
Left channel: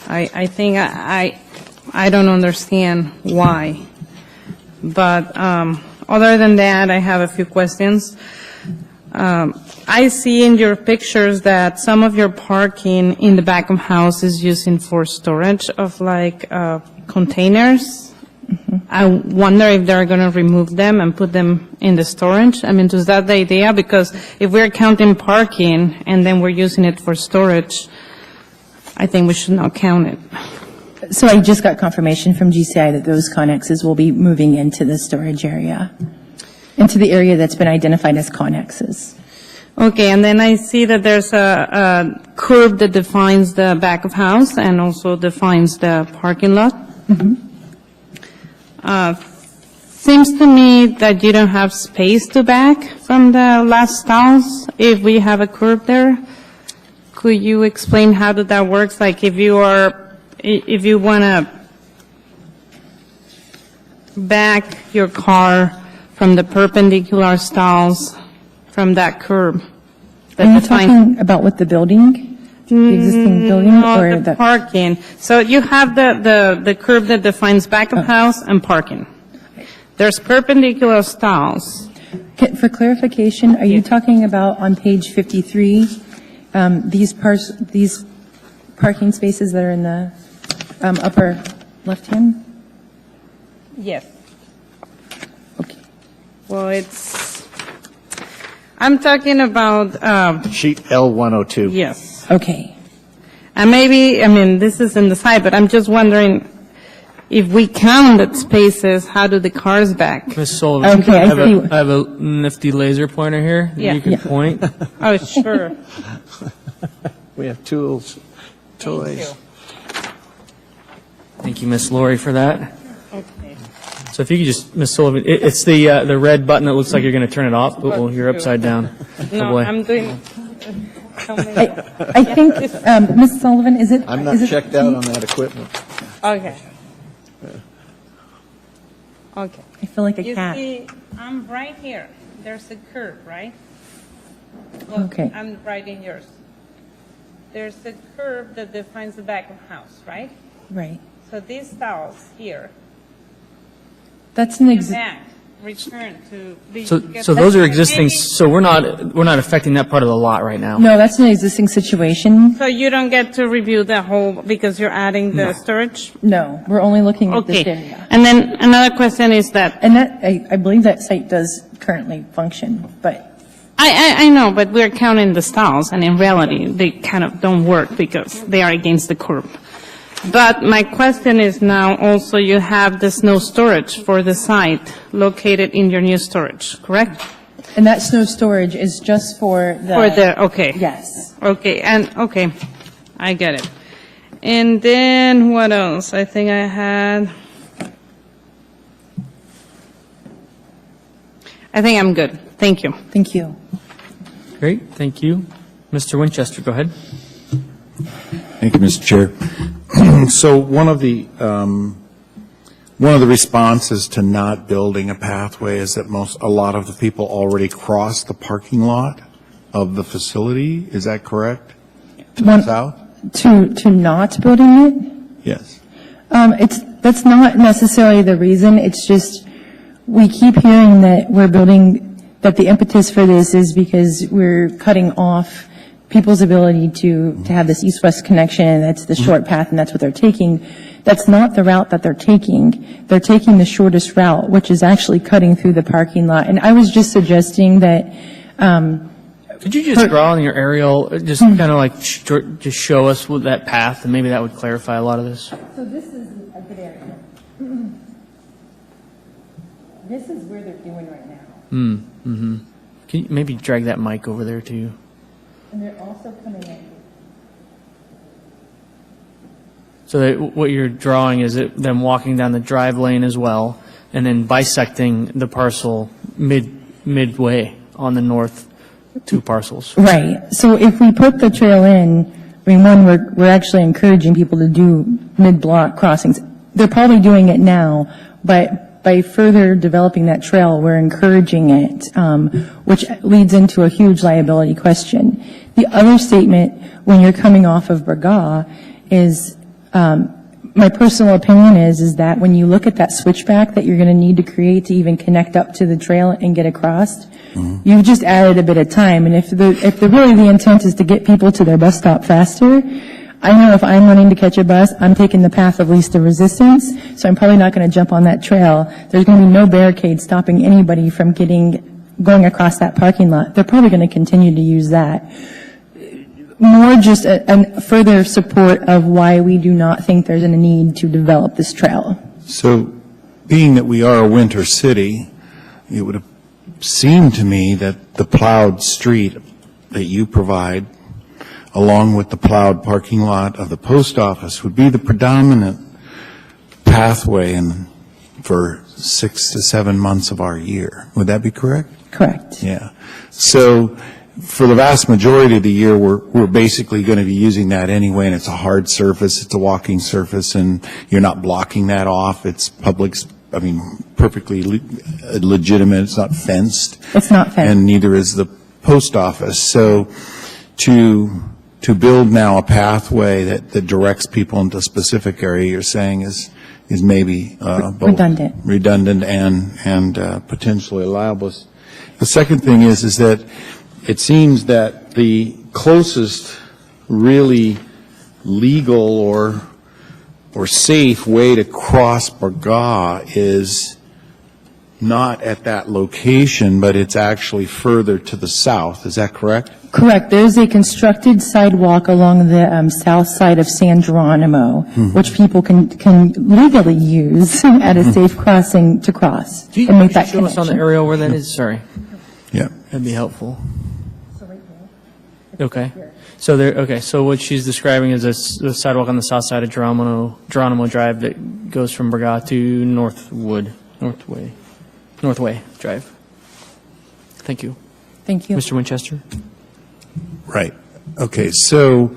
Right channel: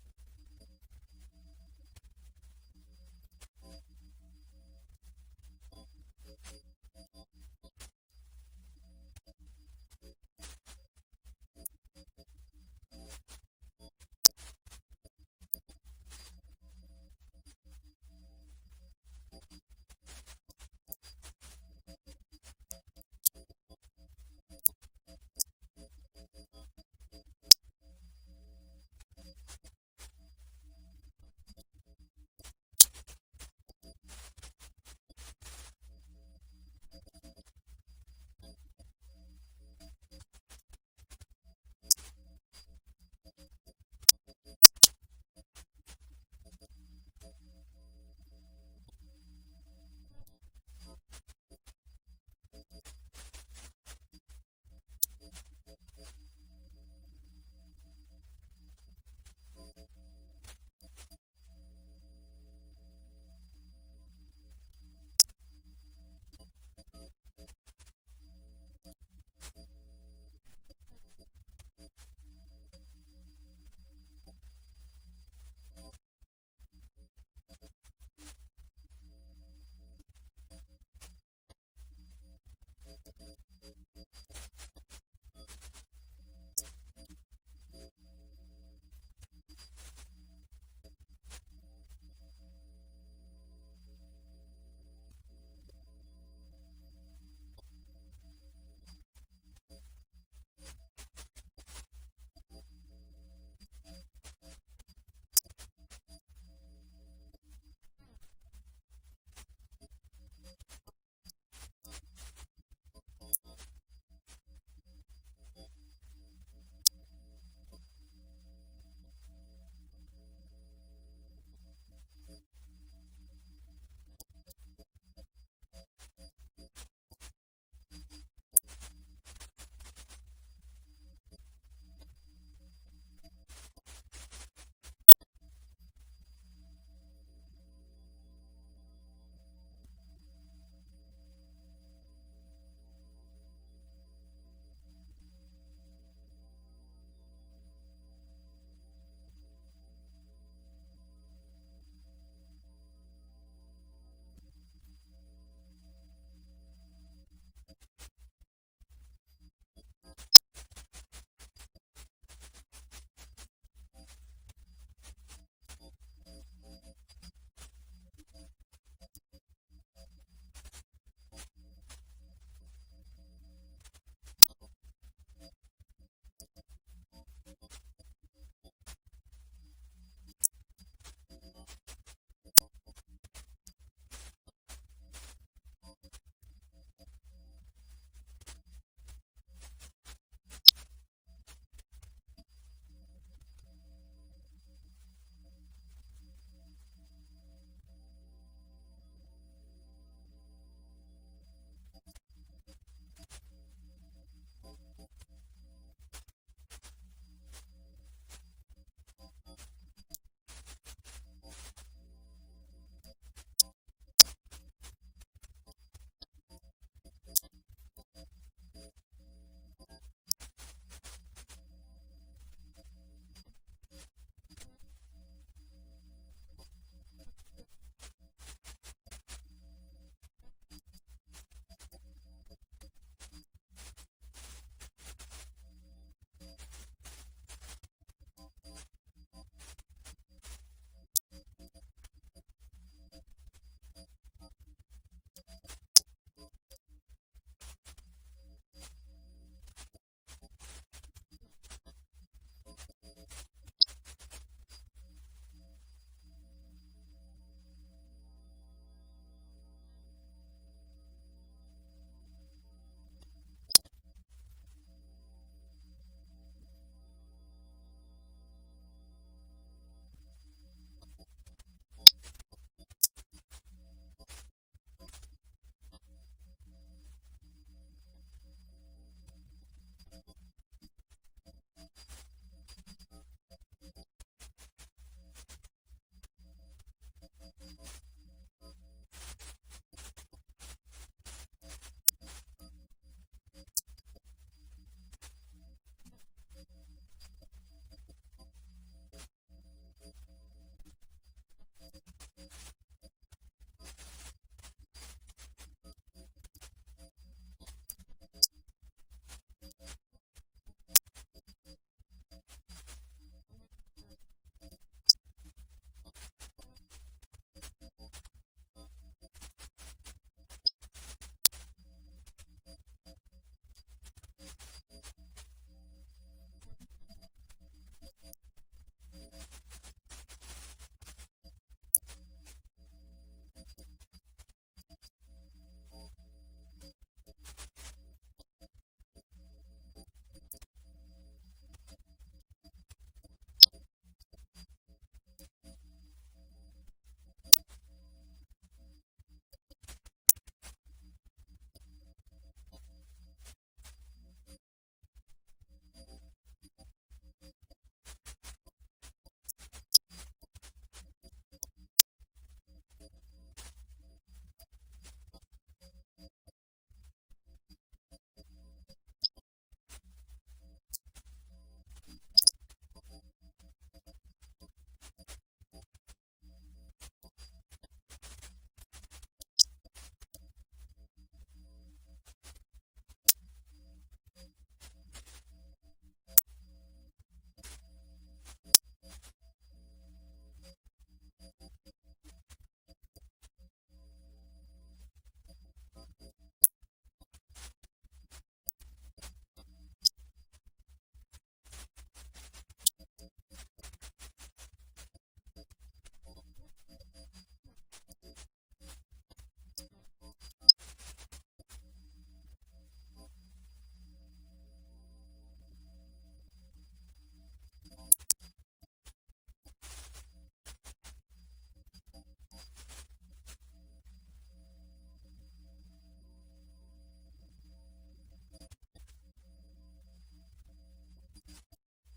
I think I don't understand why. But other than that, I have a few questions. I see in your pictures that some of your parking in the back of house is using for storage of like containers. I wonder if they're going to remove them and put them in the storage. I mean, is that the idea? Because if we're counting parking and then we're using it for storage, I think we should not count it. So I just got confirmation from GCI that those connexes will be moving into the storage area, into the area that's been identified as connexes. Okay, and then I see that there's a curb that defines the back of house and also defines the parking lot. Seems to me that you don't have space to back from the last house if we have a curb there. Could you explain how that works? Like if you want to back your car from the perpendicular stalls from that curb. Are you talking about with the building? The existing building No, or the parking. So you have the curb that defines back of house and parking. There's perpendicular stalls. For clarification, are you talking about on page 53, these parking spaces that are in the upper left-hand? Yes. Okay. Well, I'm talking about, Sheet L102. yes. Okay. And maybe, I mean, this is in the side, but I'm just wondering if we counted spaces, how do the cars back? Ms. Sullivan, Okay, I see. I have a nifty laser pointer here that Yeah. you can Yeah. point. Oh, sure. We have tools, toys. Thank you, Ms. Lori, for that. Okay. So if you could just, Ms. Sullivan, it's the red button that looks like you're going to turn it off. Oh, you're upside down. Oh, No, boy. I'm doing. I think, Ms. Sullivan, is it? I'm not is it- checked out on that equipment. Okay. Okay. I feel like a You cat. see, I'm right here. There's a curve, right? Okay. I'm right in yours. There's a curve that defines the back of house, right? Right. So these stalls here, That's an back, return to. the- So those are existing, so we're not affecting that part of the lot right now. No, that's an existing situation. So you don't get to review the whole, because you're adding the storage? No, we're only looking at this Okay. area. And then another question is that, And that, I believe that site does currently function, but I know, but we're counting the stalls, and in reality, they kind of don't work because they are against the curb. But my question is now also you have the snow storage for the site located in your new storage, correct? and that snow storage is just for the. For the, okay. Yes. Okay, okay, I get it. And then what else? I think I think I'm good. Thank you. Thank you. Great, thank you. Mr. Winchester, go ahead. Thank you, Mr. Chair. So one of the responses to not building a pathway is that a lot of the people already cross the parking lot of the facility. Is that correct? To the One- south? To not building it? Yes. That's not necessarily the reason. It's just, we keep hearing that we're building, that the impetus for this is because we're cutting off people's ability to have this east-west connection, and that's the short path, and that's what they're taking. That's not the route that they're taking. They're taking the shortest route, which is actually cutting through the parking lot. And I was just suggesting that, Could you just draw on your aerial, just kind of like, just show us with that path, and maybe that would clarify a lot of this? So this is a good area. This is where they're doing right now. Can you maybe drag that mic over there to you? And they're also coming in. So that what you're drawing is them walking down the drive lane as well, and then bisecting the parcel midway on the north two parcels. Right. So if we put the trail in, I mean, one, we're actually encouraging people to do mid-block crossings. They're probably doing it now, but by further developing that trail, we're encouraging it, which leads into a huge liability question. The other statement, when you're coming off of Braga, is my personal opinion is that when you look at that switchback that you're going to need to create to even connect up to the trail and get across, you've just added a bit of time. And if really the intent is to get people to their bus stop faster, I know if I'm running to catch a bus, I'm taking the path of least of resistance, so I'm probably not going to jump on that trail. There's going to be no barricade stopping anybody from going across that parking lot. They're probably going to continue to use that. More just a further support of why we do not think there's a need to develop this trail. So, being that we are a winter city, it would have seemed to me that the plowed street that you provide, along with the plowed parking lot of the post office, would be the predominant pathway for 6 to 7 months of our year. Would that be correct? Correct. Yeah. So for the vast majority of the year, we're basically going to be using that anyway, and it's a hard surface, it's a walking surface, and you're not blocking that off. It's perfectly legitimate. It's not fenced. It's not fenced. And neither is the post office. So to build now a pathway that directs people into a specific area, you're saying is maybe both redundant and potentially liable. The second thing is that it seems that the closest really legal or safe way to cross Barga is not at that location, but it's actually further to the south. Is that correct? Correct. There's a constructed sidewalk along the south side of San Geronimo, which people can legally use at a safe crossing to cross and make that Show us on the connection. aerial where that is, sorry. Yeah. That'd be helpful. Okay. So what she's describing is a sidewalk on the south side of Geronimo Drive that goes from Barga to Northway Drive. Thank you. Thank you. Mr. Winchester? Right. Okay. So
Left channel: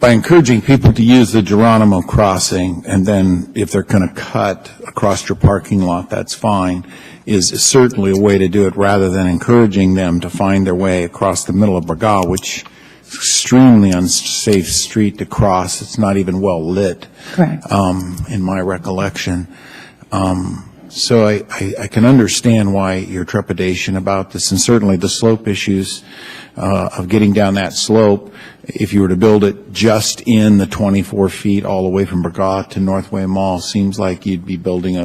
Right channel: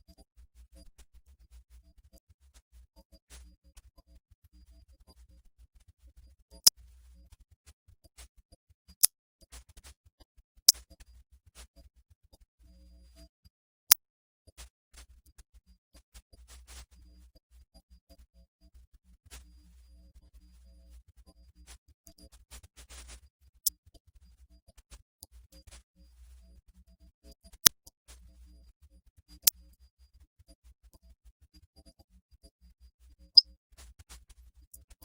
by encouraging people to use the Geronimo crossing, and then if they're going to cut across your parking lot, that's fine, is certainly a way to do it rather than encouraging them to find their way across the middle of Barga, which is extremely unsafe street to cross. It's not even well lit. Correct. In my recollection. So I can understand why your trepidation about this, and certainly the slope issues of getting down that slope. If you were to build it just in the 24 feet all the way from Barga to Northway Mall, seems like you'd be building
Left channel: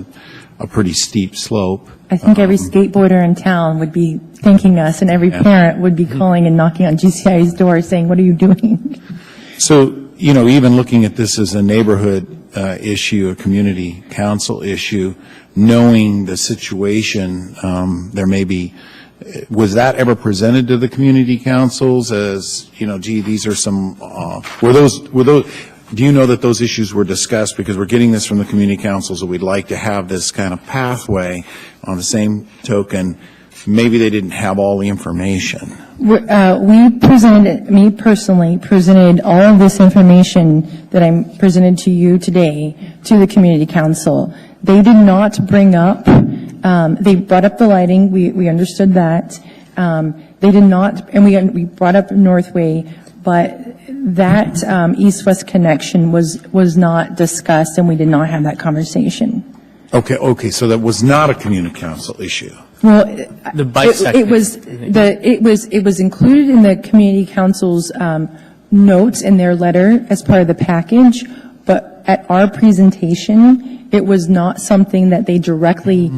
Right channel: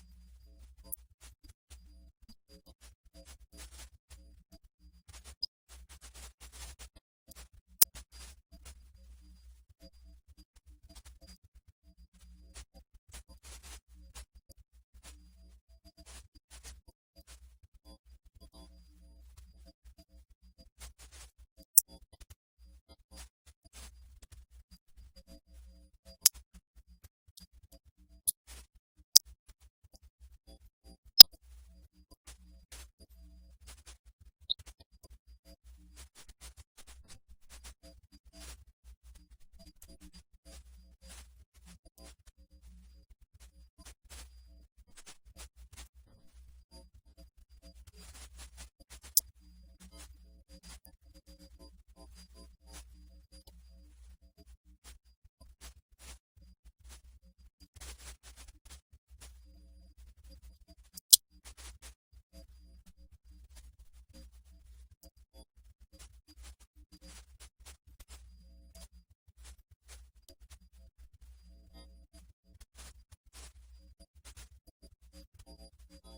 a pretty steep slope. I think every skateboarder in town would be thanking us, and every parent would be calling and knocking on GCI's door saying, what are you doing? So, even looking at this as a neighborhood issue, a community council issue, knowing the situation, there may be, was that ever presented to the community councils as, gee, these are some, were those, do you know that those issues were discussed? Because we're getting this from the community councils, and we'd like to have this kind of pathway. On the same token, maybe they didn't have all the information. We presented, me personally, presented all of this information that I'm presented to you today to the community council. They did not bring up, they brought up the lighting, we understood that. They did not, and we brought up Northway, but that east-west connection was not discussed, and we did not have that conversation. Okay, so that was not a community council issue. Well, The bisect. it was included in the community council's notes in their letter as part of the package, but at our presentation, it was not something that they directly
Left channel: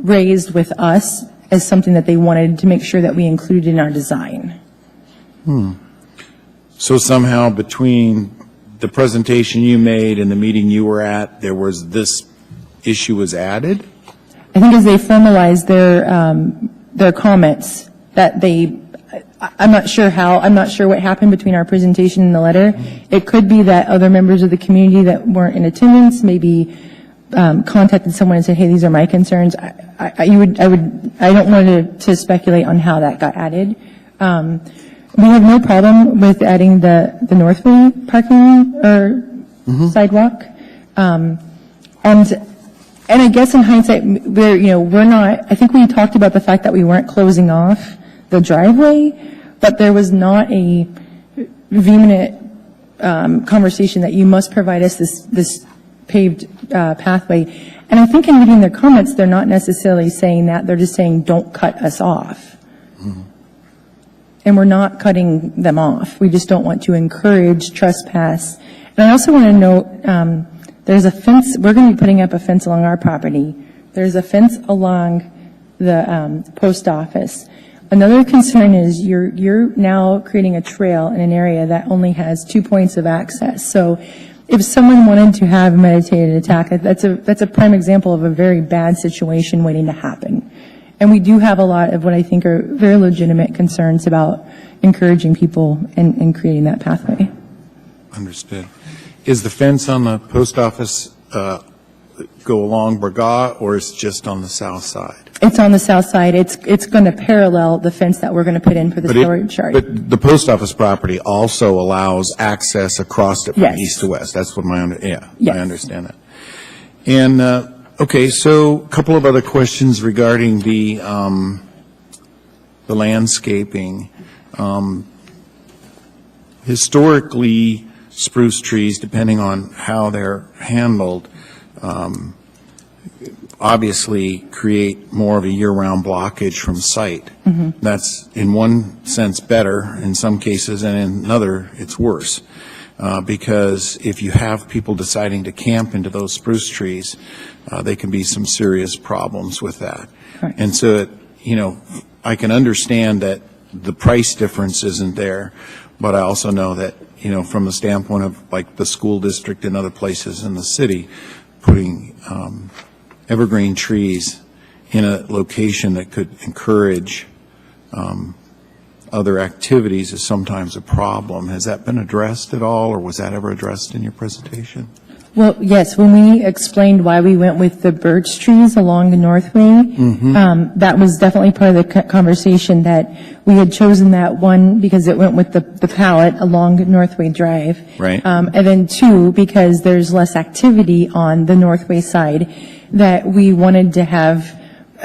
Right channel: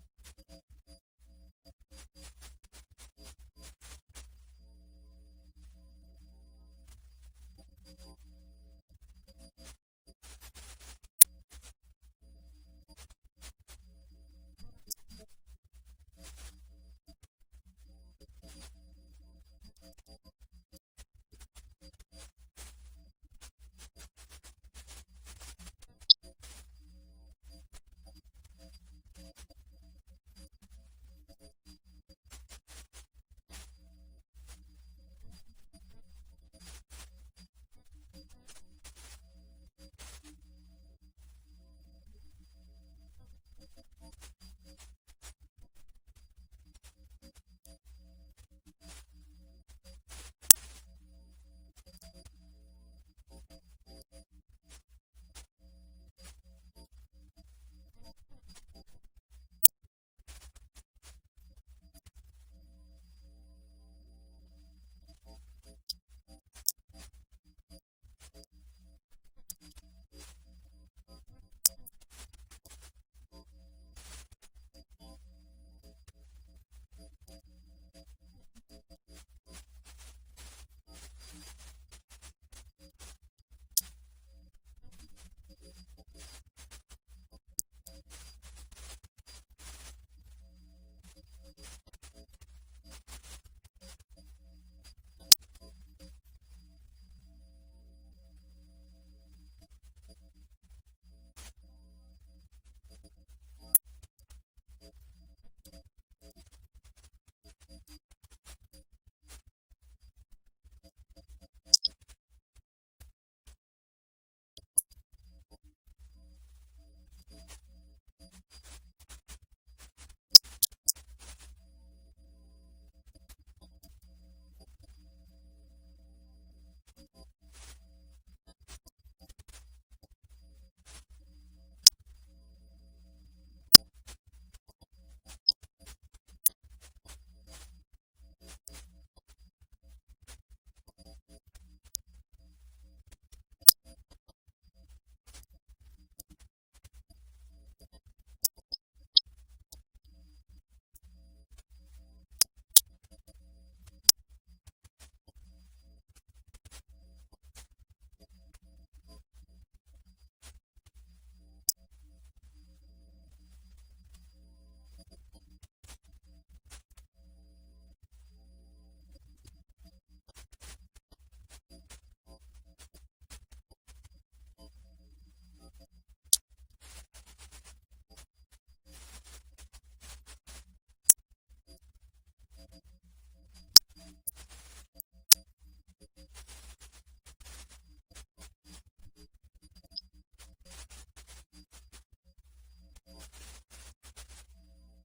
raised with us as something that they wanted to make sure that we included in our design. So somehow between the presentation you made and the meeting you were at, there was this issue was added? I think as they formalized their comments, that I'm not sure what happened between our presentation and the letter. It could be that other members of the community that weren't in attendance maybe contacted someone and said, hey, these are my concerns. I don't want to speculate on how that got added. We have no problem with adding the Northway parking or sidewalk. And I guess in hindsight, we're not, I think we talked about the fact that we weren't closing off the driveway, but there was not a vehement conversation that you must provide us this paved pathway. And I think in reading their comments, they're not necessarily saying that, they're just saying, don't cut us off. And we're not cutting them off. We just don't want to encourage trespass. And I also want to note, there's a fence, we're going to be putting up a fence along our property. There's a fence along the post office. Another concern is you're now creating a trail in an area that only has 2 points of access. So if someone wanted to have a meditated attack, that's a prime example of a very bad situation waiting to happen. And we do have a lot of what I think are very legitimate concerns about encouraging people and creating that pathway. Understood. Is the fence on the post office go along Burgaw, or is it just on the south side? It's on the south side. It's going to parallel the fence that we're going to put in for the storage yard. But the post office property also allows access across it from Yes. east to west. That's what I Yes. understand that. And, okay, so a couple of other questions regarding the landscaping. Historically, spruce trees, depending on how they're handled, obviously create more of a year-round blockage from sight. That's in one sense better in some cases, and in another it's worse. Because if you have people deciding to camp into those spruce trees, there can be some serious problems with that. Correct. And so, I can understand that the price difference isn't there, but I also know that, from the standpoint of like the school district and other places in the city, putting evergreen trees in a location that could encourage other activities is sometimes a problem. Has that been addressed at all, or was that ever addressed in your presentation? Well, yes, when we explained why we went with the birch trees along the Northway, that was definitely part of the conversation, that we had chosen that one because it went with the palette along Northway Drive. Right. And then two, because there's less activity on the Northway side, that we wanted to have,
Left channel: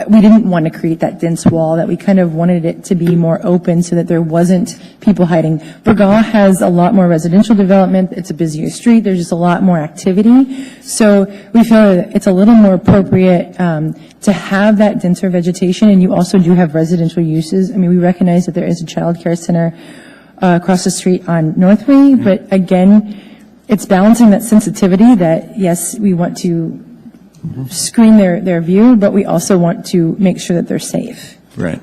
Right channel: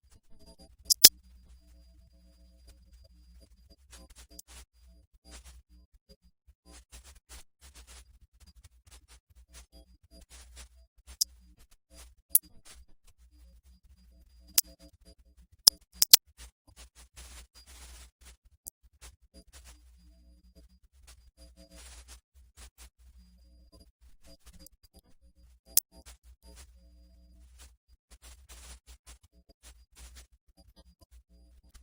we didn't want to create that dense wall, that we kind of wanted it to be more open so that there wasn't people hiding. Burgaw has a lot more residential development. It's a busier street. There's just a lot more activity. So we feel that it's a little more appropriate to have that denser vegetation, and you also do have residential uses. I mean, we recognize that there is a child care center across the street on Northway, but again, it's balancing that sensitivity that, yes, we want to screen their view, but we also want to make sure that they're safe. Right.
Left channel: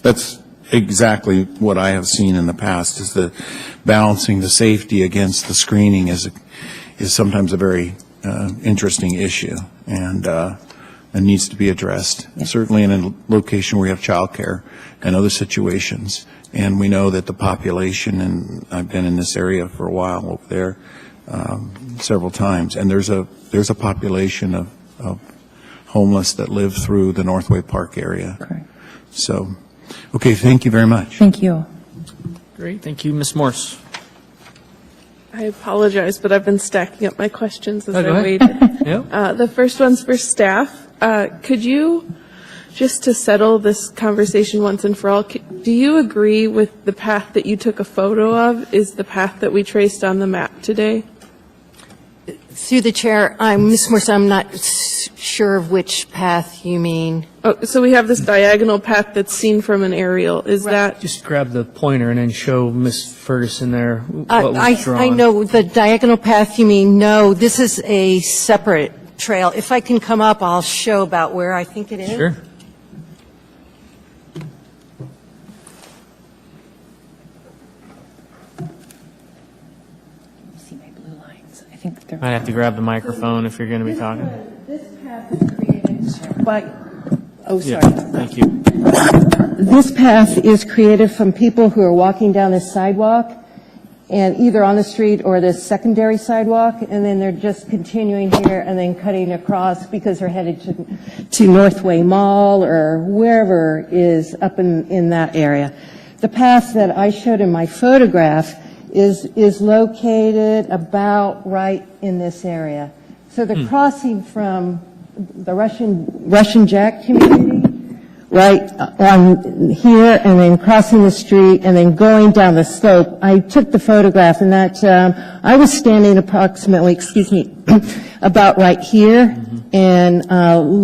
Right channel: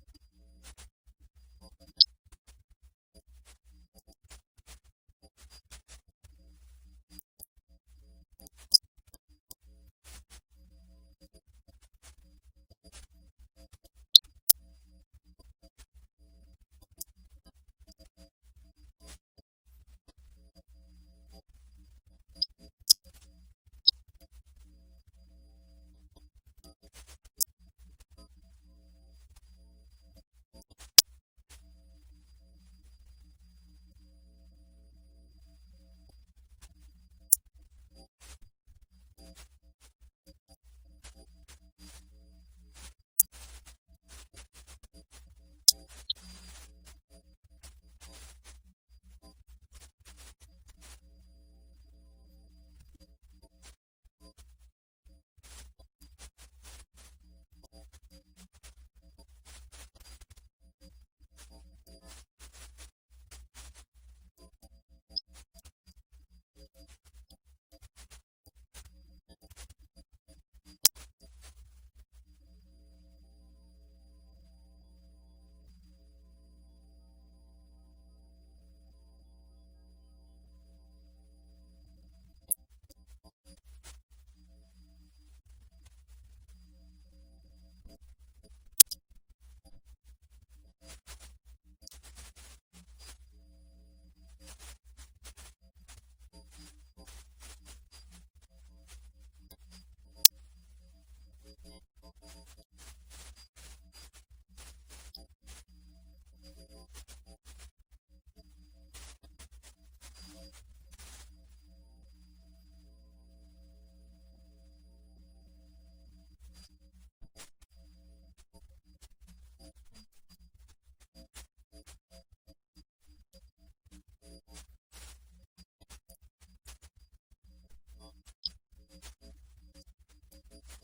That's exactly what I have seen in the past, is the balancing the safety against the screening is sometimes a very interesting issue, and needs to be addressed, certainly in a location where you have childcare and other situations. And we know that the population, and I've been in this area for a while over there several times, and there's a population of homeless that live through the Northway Park area. Correct. So, okay, thank you very much. Thank you. Great, thank you. Ms. Morse? I apologize, but I've been stacking up my questions as Oh, go I ahead. waited. Yep. The first one's for staff. Could you, just to settle this conversation once and for all, do you agree with the path that you took a photo of is the path that we traced on the map today? Through the chair, Ms. Morse, I'm not sure of which path you mean. Oh, so we have this diagonal path that's seen from an aerial. Is that, Just grab the pointer and then show Ms. Ferguson there what was drawn. I know the diagonal path you mean. No, this is a separate trail. If I can come up, I'll show about where I think it is. Sure. See my blue lines. I think they're. Might have to grab the microphone if you're going to be talking. This path is created by, oh, Yeah, sorry. thank you. This path is created from people who are walking down this sidewalk, and either on the street or this secondary sidewalk, and then they're just continuing here and then cutting across because they're headed to Northway Mall or wherever is up in that area. The path that I showed in my photograph is located about right in this area. So the crossing from the Russian Jack community right on here and then crossing the street and then going down the slope. I took the photograph and that, I was standing approximately, about right here and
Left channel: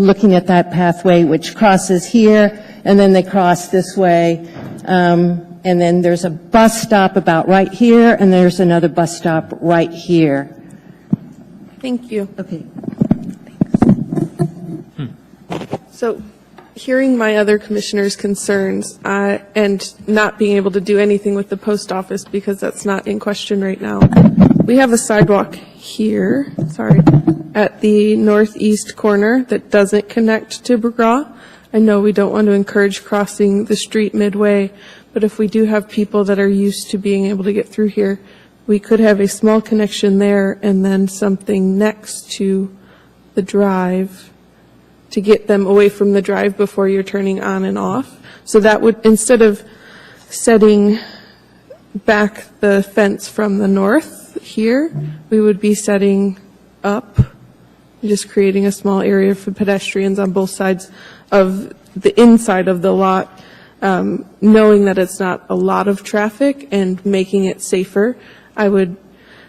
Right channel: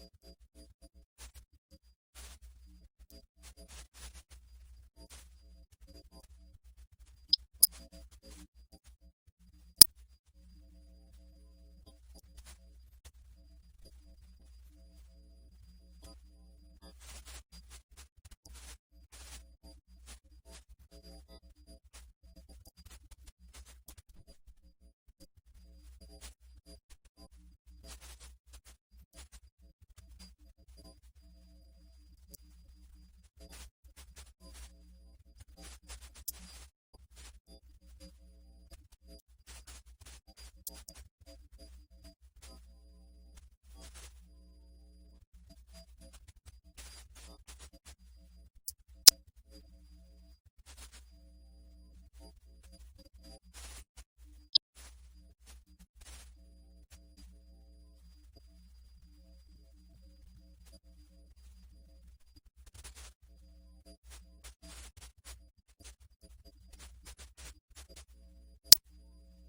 looking at that pathway which crosses here and then they cross this way. And then there's a bus stop about right here and there's another bus stop right here. Thank you. Okay. So, hearing my other commissioners' concerns and not being able to do anything with the post office because that's not in question right now, we have a sidewalk here, at the northeast corner that doesn't connect to McGraw. I know we don't want to encourage crossing the street midway, but if we do have people that are used to being able to get through here, we could have a small connection there and then something next to the drive to get them away from the drive before you're turning on and off. So that would, instead of setting back the fence from the north here, we would be setting up, just creating a small area for pedestrians on both sides of the inside of the lot, knowing that it's not a lot of traffic and making it safer. I would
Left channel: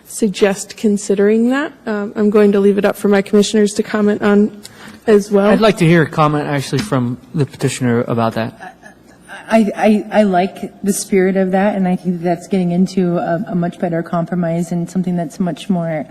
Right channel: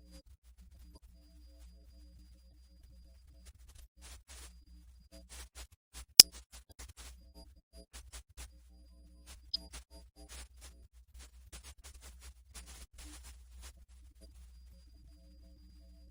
suggest considering that. I'm going to leave it up for my commissioners to comment on as well. I'd like to hear a comment actually from the petitioner about that. I like the spirit of that, and I think that's getting into a much better compromise and something that's much more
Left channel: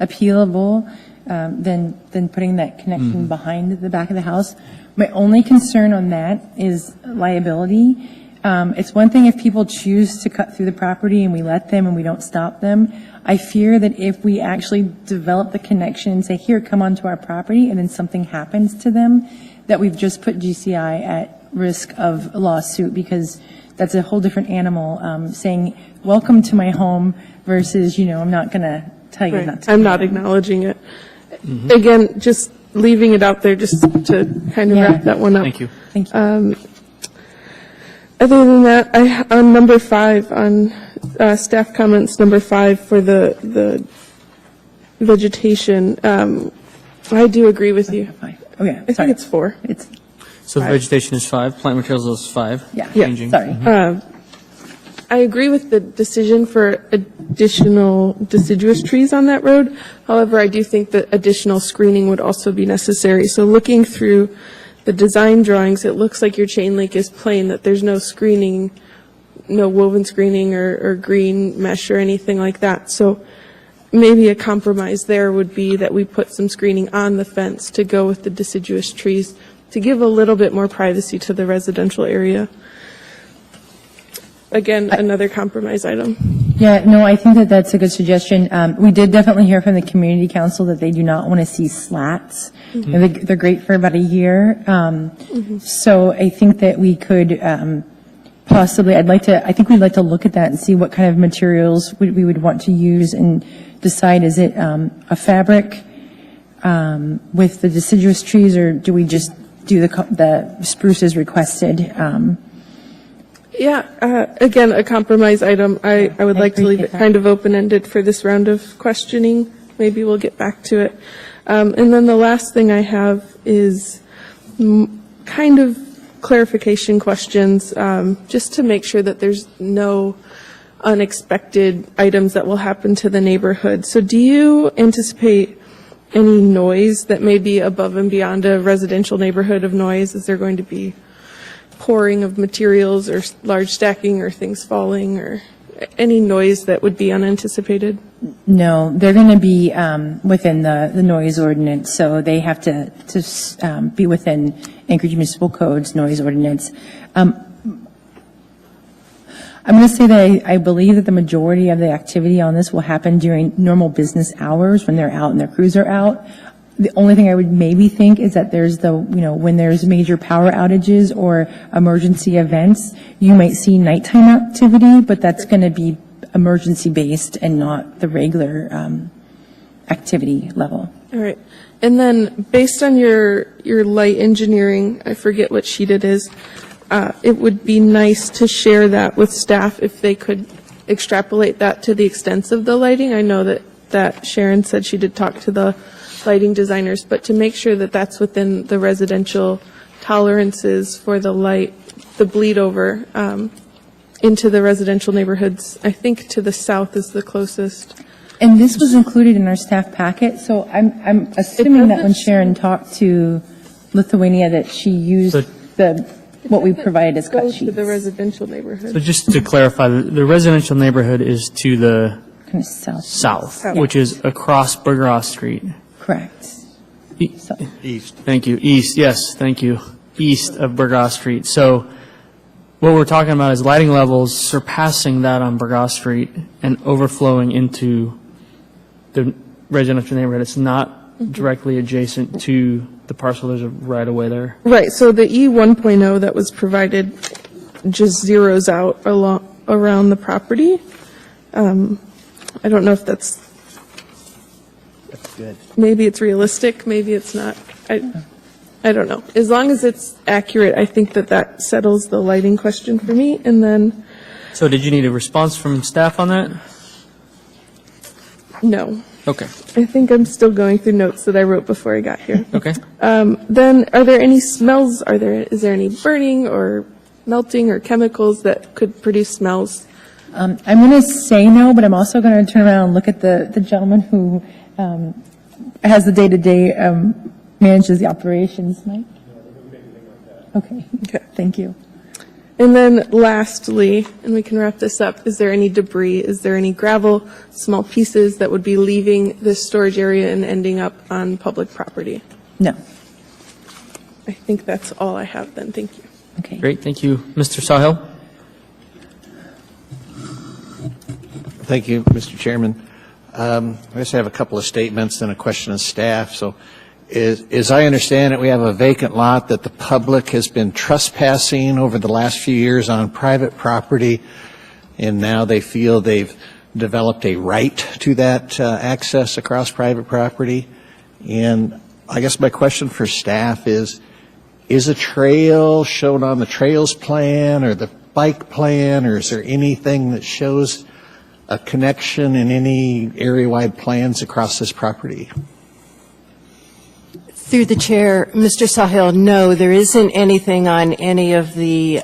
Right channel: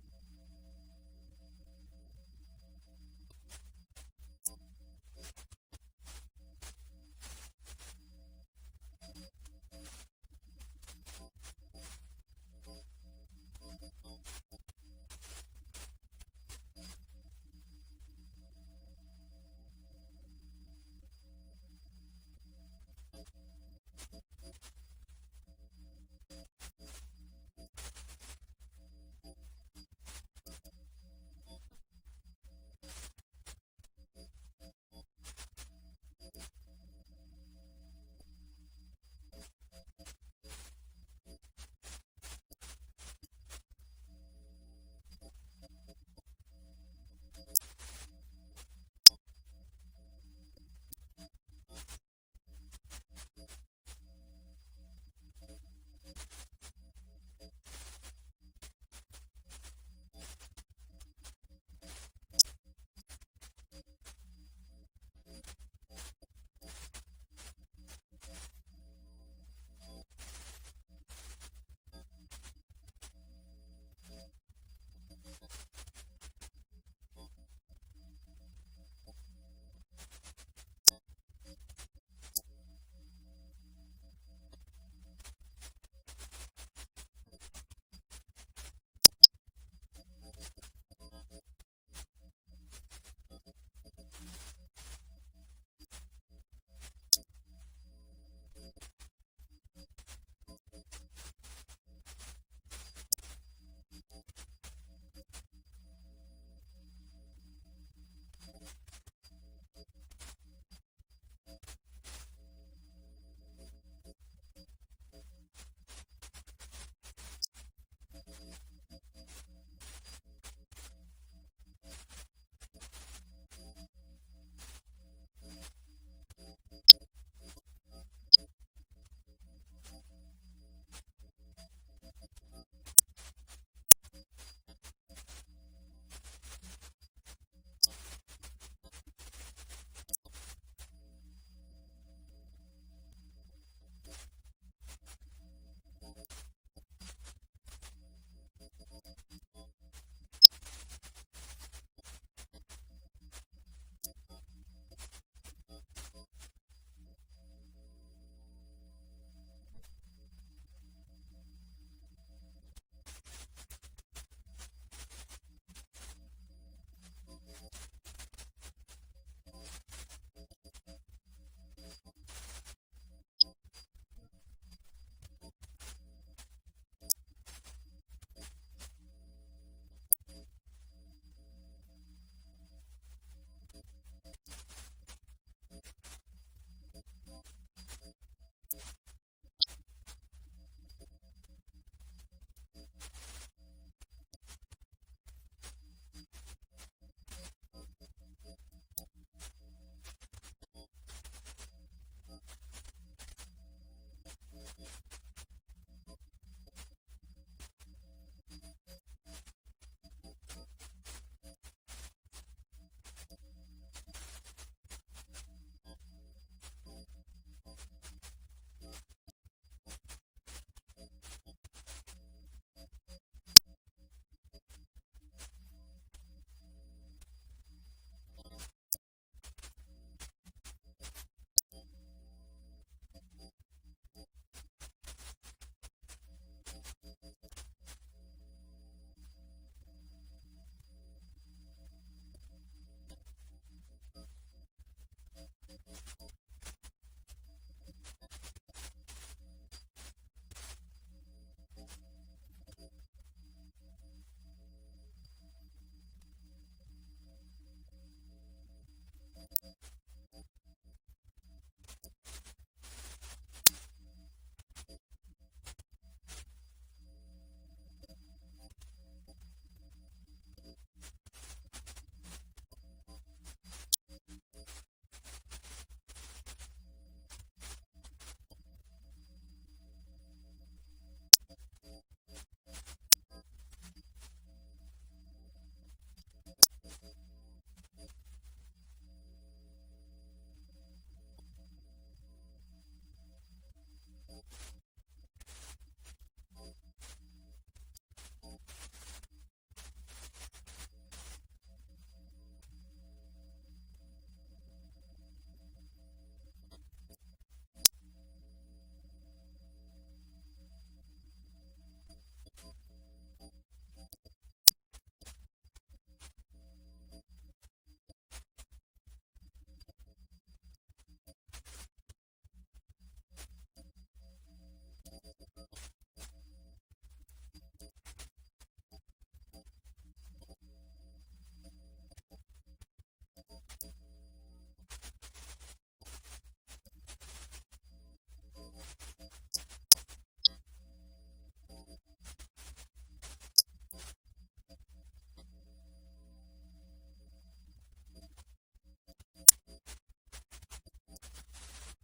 appealable than putting that connection behind the back of the house. My only concern on that is liability. It's one thing if people choose to cut through the property and we let them and we don't stop them. I fear that if we actually develop the connection and say, here, come onto our property, and then something happens to them, that we've just put GCI at risk of a lawsuit, because that's a whole different animal, saying, welcome to my home versus, I'm not going to tell you Right. not to. I'm not acknowledging it. Again, just leaving it out there just to kind of Yeah. wrap that one up. Thank you. Thank you. Other than that, on number 5, on staff comments, number 5 for the vegetation, I do agree with you. Okay, I think sorry. it's 4. It's, So the vegetation is 5, plant materials is 5. yeah, Changing. sorry. I agree with the decision for additional deciduous trees on that road. However, I do think that additional screening would also be necessary. So looking through the design drawings, it looks like your chain link is plain, that there's no screening, no woven screening or green mesh or anything like that. So maybe a compromise there would be that we put some screening on the fence to go with the deciduous trees to give a little bit more privacy to the residential area. Again, another compromise item. Yeah, no, I think that that's a good suggestion. We did definitely hear from the community council that they do not want to see slats. And they're great for about a year. So I think that we could possibly, I think we'd like to look at that and see what kind of materials we would want to use and decide, is it a fabric with the deciduous trees, or do we just do the spruces requested? Yeah, again, a compromise item. I would like to leave it appreciate that. kind of open-ended for this round of questioning. Maybe we'll get back to it. And then the last thing I have is kind of clarification questions, just to make sure that there's no unexpected items that will happen to the neighborhood. So do you anticipate any noise that may be above and beyond a residential neighborhood of noise? Is there going to be pouring of materials or large stacking or things falling or any noise that would be unanticipated? No, they're going to be within the noise ordinance, so they have to be within Anchorage Municipal Code's noise ordinance. I'm going to say that I believe that the majority of the activity on this will happen during normal business hours when they're out and their crews are out. The only thing I would maybe think is that there's when there's major power outages or emergency events, you might see nighttime activity, but that's going to be emergency-based and not the regular activity level. All right. And then based on your light engineering, I forget what sheet it is, it would be nice to share that with staff if they could extrapolate that to the extents of the lighting. I know that Sharon said she did talk to the lighting designers, but to make sure that that's within the residential tolerances for the light, the bleed over into the residential neighborhoods. I think to the south is the closest. And this was included in our staff packet, so I'm assuming that when doesn't- Sharon talked to Lithuania, that she used So- what we provided as cut Go to sheets. the residential So neighborhood. just to clarify, the residential neighborhood is to the Kind of south. south, which is across Bergeroth Street. Correct. E- So- Thank you. East, yes, thank you. East of Bergoth Street. So what we're talking about is lighting levels surpassing that on Bergoth Street and overflowing into the residential neighborhood. It's not directly adjacent to the parcel. There's a right of way there. Right, so the E 1.0 that was provided just zeroes out around the property. I don't know if that's Good. maybe it's realistic, maybe it's not. I don't know. As long as it's accurate, I think that settles the lighting question for me. And then, So did you need a response from staff on that? no. Okay, I think I'm still going through notes that I wrote before I got here. okay. Then, are there any smells? Is there any burning or melting or chemicals that could produce smells? I'm going to say no, but I'm also going to turn around and look at the gentleman who has the day-to-day, manages the operations, Mike? Okay, Okay. thank you. And then lastly, and we can wrap this up, is there any debris? Is there any gravel, small pieces that would be leaving this storage area and ending up on public property? No, I think that's all I have then. Thank you. okay. Great, thank you. Mr. Sahil? Thank you, Mr. Chairman. I just have a couple of statements and a question of staff. So as I understand it, we have a vacant lot that the public has been trespassing over the last few years on private property, and now they feel they've developed a right to that access across private property. And I guess my question for staff is a trail shown on the trails plan or the bike plan, or is there anything that shows a connection in any area-wide plans across this property? Through the chair, Mr. Sahil, no, there isn't anything on any of the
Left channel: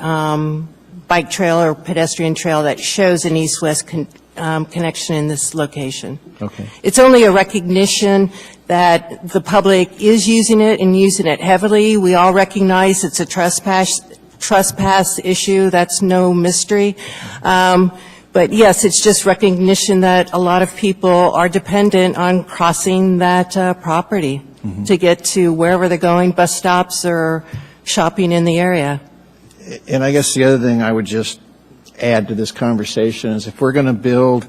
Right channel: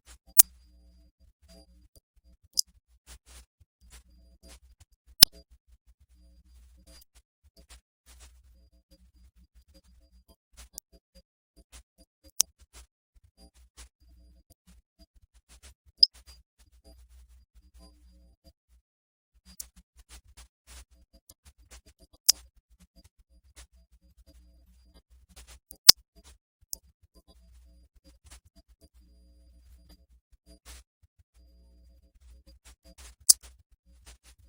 bike trail or pedestrian trail that shows an east-west connection in this location. Okay. It's only a recognition that the public is using it and using it heavily. We all recognize it's a trespass issue. That's no mystery. But yes, it's just recognition that a lot of people are dependent on crossing that property to get to wherever they're going, bus stops or shopping in the area. And I guess the other thing I would just add to this conversation is if we're going to build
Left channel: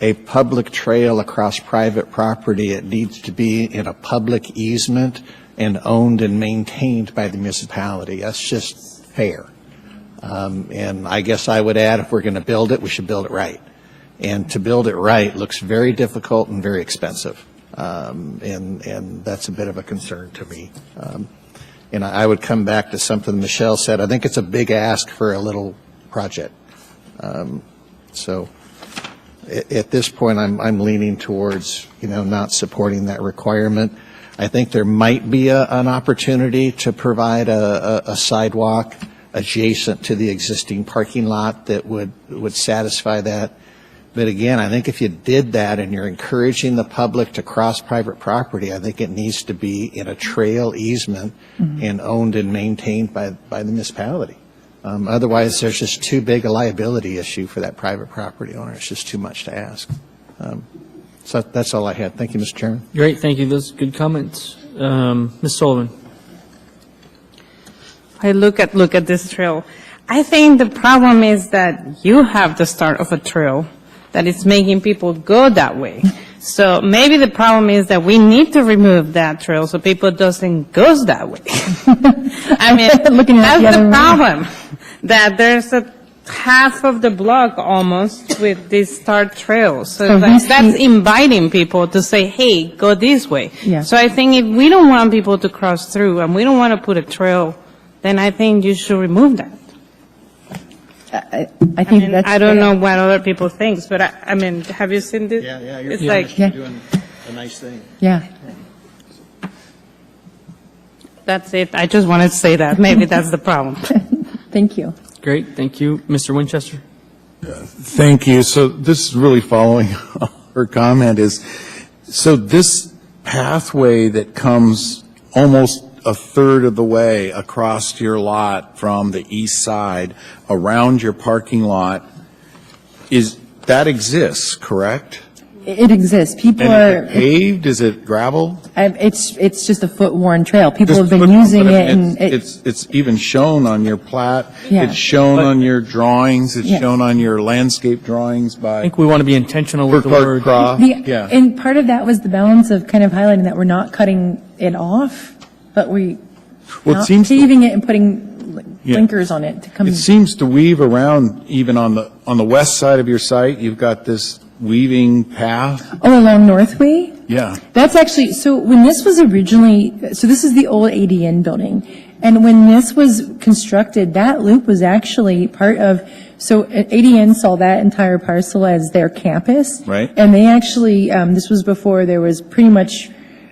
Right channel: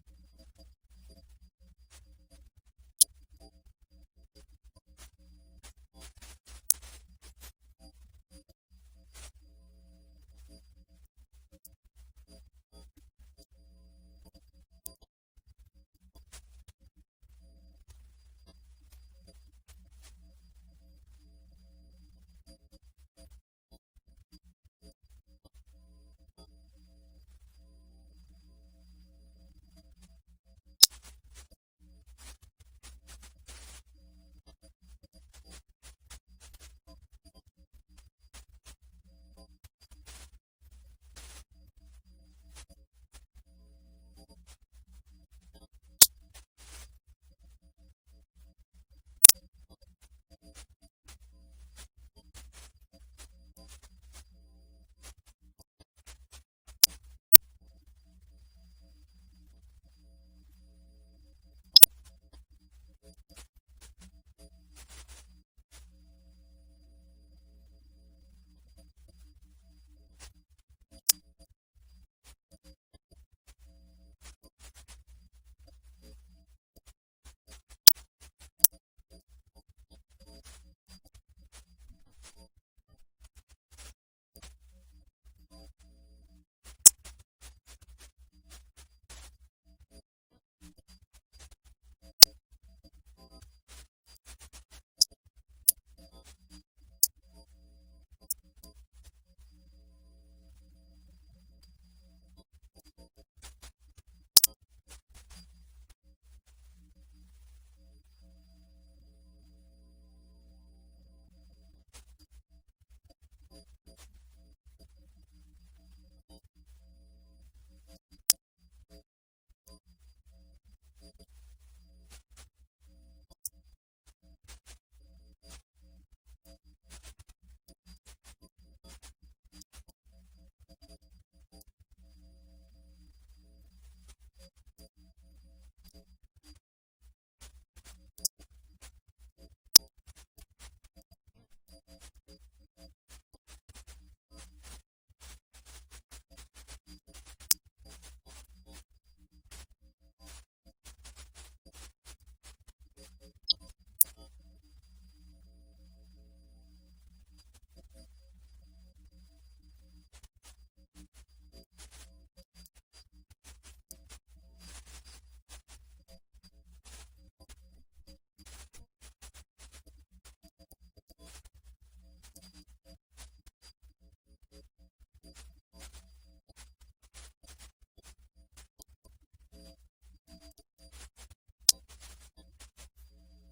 a public trail across private property, it needs to be in a public easement and owned and maintained by the municipality. That's just fair. And I guess I would add, if we're going to build it, we should build it right. And to build it right looks very difficult and very expensive. And that's a bit of a concern to me. And I would come back to something Michelle said. I think it's a big ask for a little project. So at this point, I'm leaning towards, not supporting that requirement. I think there might be an opportunity to provide a sidewalk adjacent to the existing parking lot that would satisfy that. But again, I think if you did that and you're encouraging the public to cross private property, I think it needs to be in a trail easement and owned and maintained by the municipality. Otherwise, there's just too big a liability issue for that private property owner. It's just too much to ask. So that's all I had. Thank you, Mr. Chairman. Great, thank you. Those are good comments. Ms. Sullivan? I look at this trail. I think the problem is that you have the start of a trail that is making people go that way. So maybe the problem is that we need to remove that trail so people doesn't go that way. I mean, that's the problem, that there's a half of the block almost with these start trails. So that's inviting people to say, hey, go this way. Yeah. So I think if we don't want people to cross through and we don't want to put a trail, then I think you should remove that. I think that's I don't fair. know what other people think, but I mean, have you seen this? It's like, doing a nice thing. Yeah. That's it. I just wanted to say that. Maybe that's the problem. Thank you. Great, thank you. Mr. Winchester? Thank you. So this is really following her comment is, so this pathway that comes almost a third of the way across your lot from the east side around your parking lot, that exists, correct? It exists. People And are, is it paved? Is it gravel? it's just a foot-worn trail. People have been But using I it, mean, and it's even shown on your plat. Yeah. It's shown on your drawings. It's Yeah. shown on your landscape drawings I by think we want to be intentional with the Burkhart word. Croft. Yeah. And part of that was the balance of kind of highlighting that we're not cutting it off, but we Well, it not seems to- paving it and putting Yeah. blinkers on it to come. It seems to weave around even on the west side of your site. You've got this weaving path. Oh, along Northway? Yeah. That's actually, so when this was originally, so this is the old ADN building. And when this was constructed, that loop was actually part of, so ADN saw that entire parcel as their campus. Right. And they actually, this was before there was pretty much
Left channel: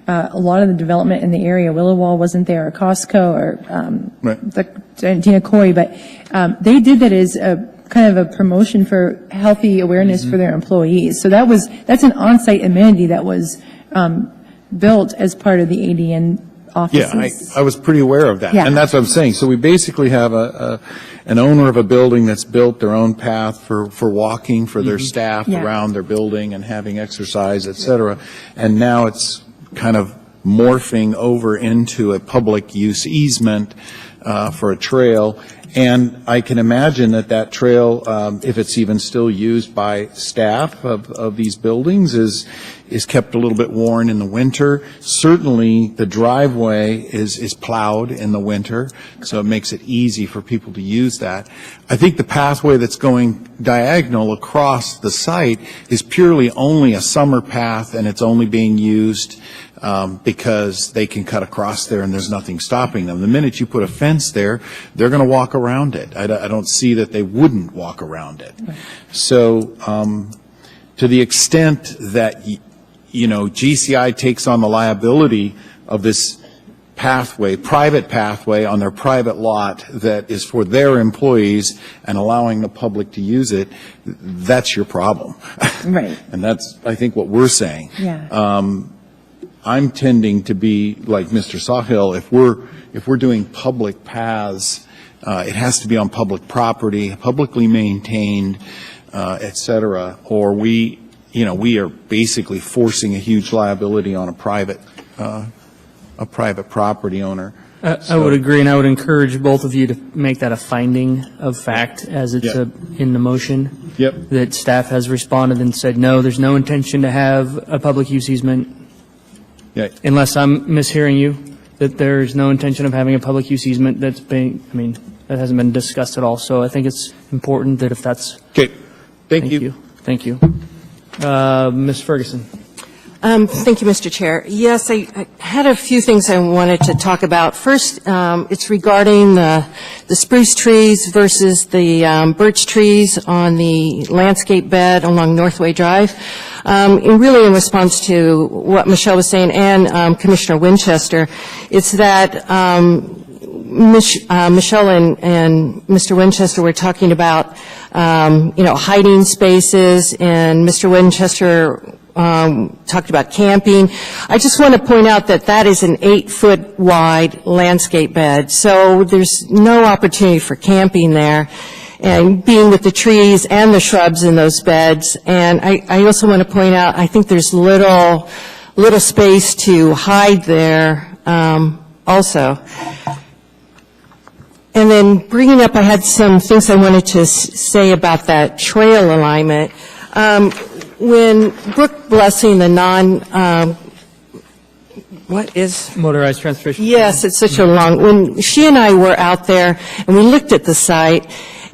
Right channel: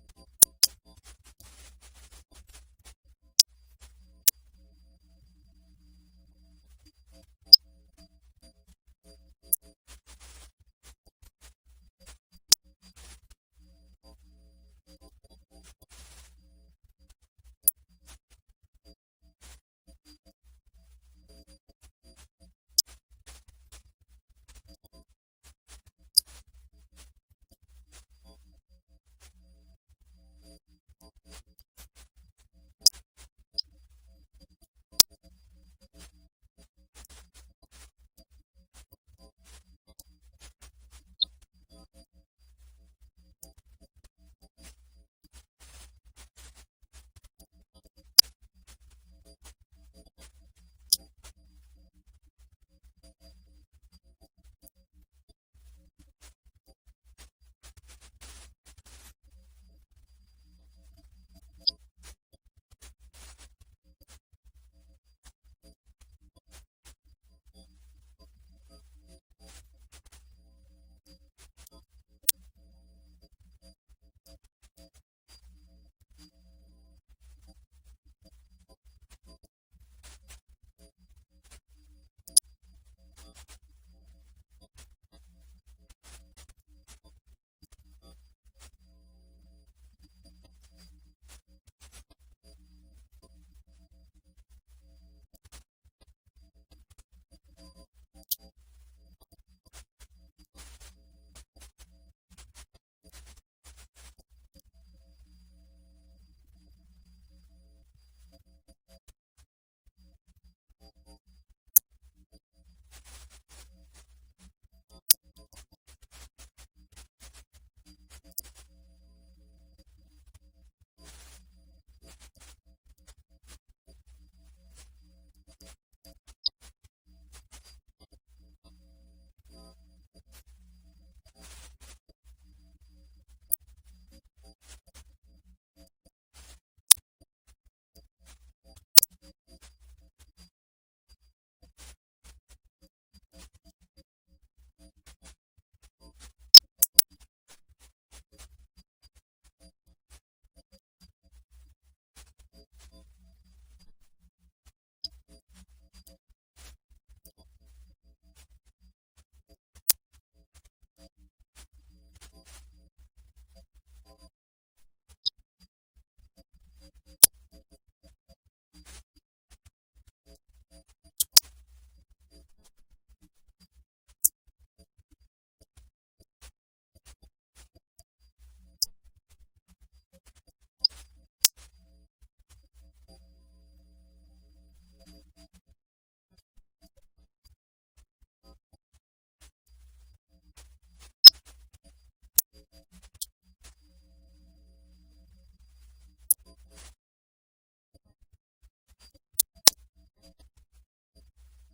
a lot of the development in the area. Willowwall wasn't there, or Costco, or Right. the Dina Corey, but they did that as a kind of a promotion for healthy awareness for their employees. So that's an on-site amenity that was built as part of the ADN Yeah, offices. I was pretty aware of that. Yeah. And that's what I'm saying. So we basically have an owner of a building that's built their own path for walking for their staff Yeah. around their building and having exercise, et cetera. And now it's kind of morphing over into a public use easement for a trail. And I can imagine that trail, if it's even still used by staff of these buildings, is kept a little bit worn in the winter. Certainly, the driveway is plowed in the winter, so it makes it easy for people to use that. I think the pathway that's going diagonal across the site is purely only a summer path, and it's only being used because they can cut across there and there's nothing stopping them. The minute you put a fence there, they're going to walk around it. I don't see that they wouldn't walk around it. So to the extent that, GCI takes on the liability of this pathway, private pathway on their private lot that is for their employees and allowing the public to use it, that's your problem. Right. And that's, I think, what we're saying. Yeah. I'm tending to be like Mr. Sawhill. If we're doing public paths, it has to be on public property, publicly maintained, et cetera, or we are basically forcing a huge liability on a private property owner. I would agree, and I would encourage both of you to make that a finding of fact as it's Yep. in the motion. Yep. That staff has responded and said, no, there's no intention to have a public use easement, Yeah. unless I'm mishearing you, that there's no intention of having a public use easement that hasn't been discussed at all. So I think it's important that if that's. Okay. Thank you. Thank you. Ms. Ferguson. Thank you, Mr. Chair. Yes, I had a few things I wanted to talk about. First, it's regarding the spruce trees versus the birch trees on the landscape bed along Northway Drive. And really in response to what Michelle was saying and Commissioner Winchester, it's that Michelle and Mr. Winchester were talking about, hiding spaces, and Mr. Winchester talked about camping. I just want to point out that that is an 8-foot wide landscape bed, so there's no opportunity for camping there, and being with the trees and the shrubs in those beds. And I also want to point out, I think there's little space to hide there also. And then bringing up, I had some things I wanted to say about that trail alignment. When Brooke Blessing, the Motorized transportation. Yes, it's such a long, when she and I were out there and we looked at the site,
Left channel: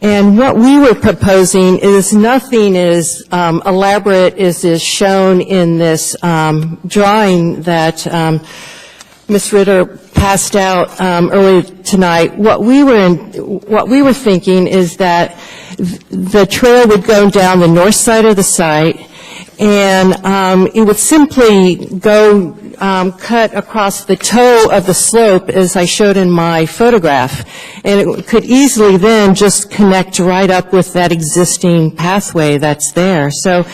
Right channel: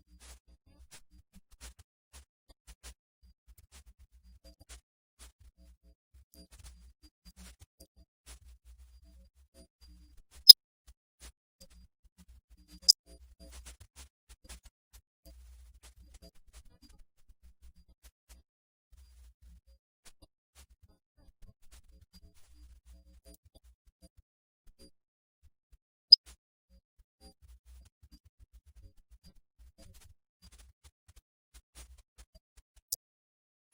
and what we were proposing is nothing as elaborate as is shown in this drawing that Ms. Ritter passed out earlier tonight. What we were thinking is that the trail would go down the north side of the site, And it would simply go cut across the toe of the slope, as I showed in my photograph. And it could easily then just connect right up with that existing pathway that's there. So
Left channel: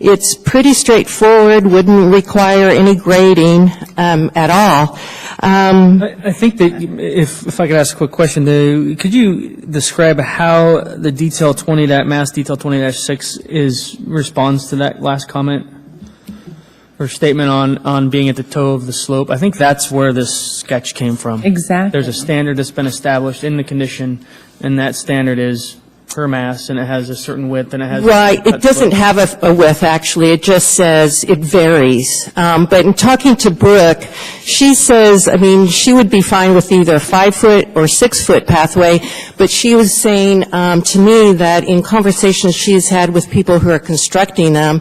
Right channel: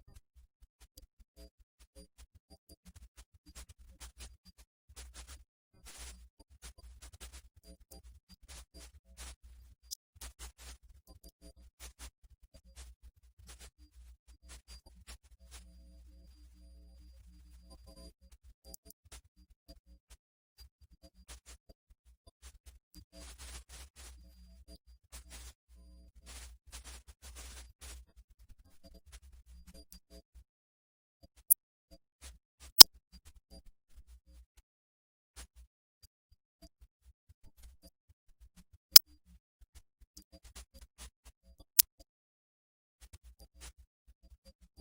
it's pretty straightforward, wouldn't require any grading at all. I think that if I could ask a quick question, could you describe how the detail 20, that Mass Detail 20-6 responds to that last comment or statement on being at the toe of the slope? I think that's where this sketch came from. Exactly. There's a standard that's been established in the condition, and that standard is per mass, and it has a certain width, and it has. Right, it doesn't have a width, actually, it just says it varies. But in talking to Brooke, she says, I mean, she would be fine with either a 5-foot or 6-foot pathway, but she was saying to me that in conversations she's had with people who are constructing them,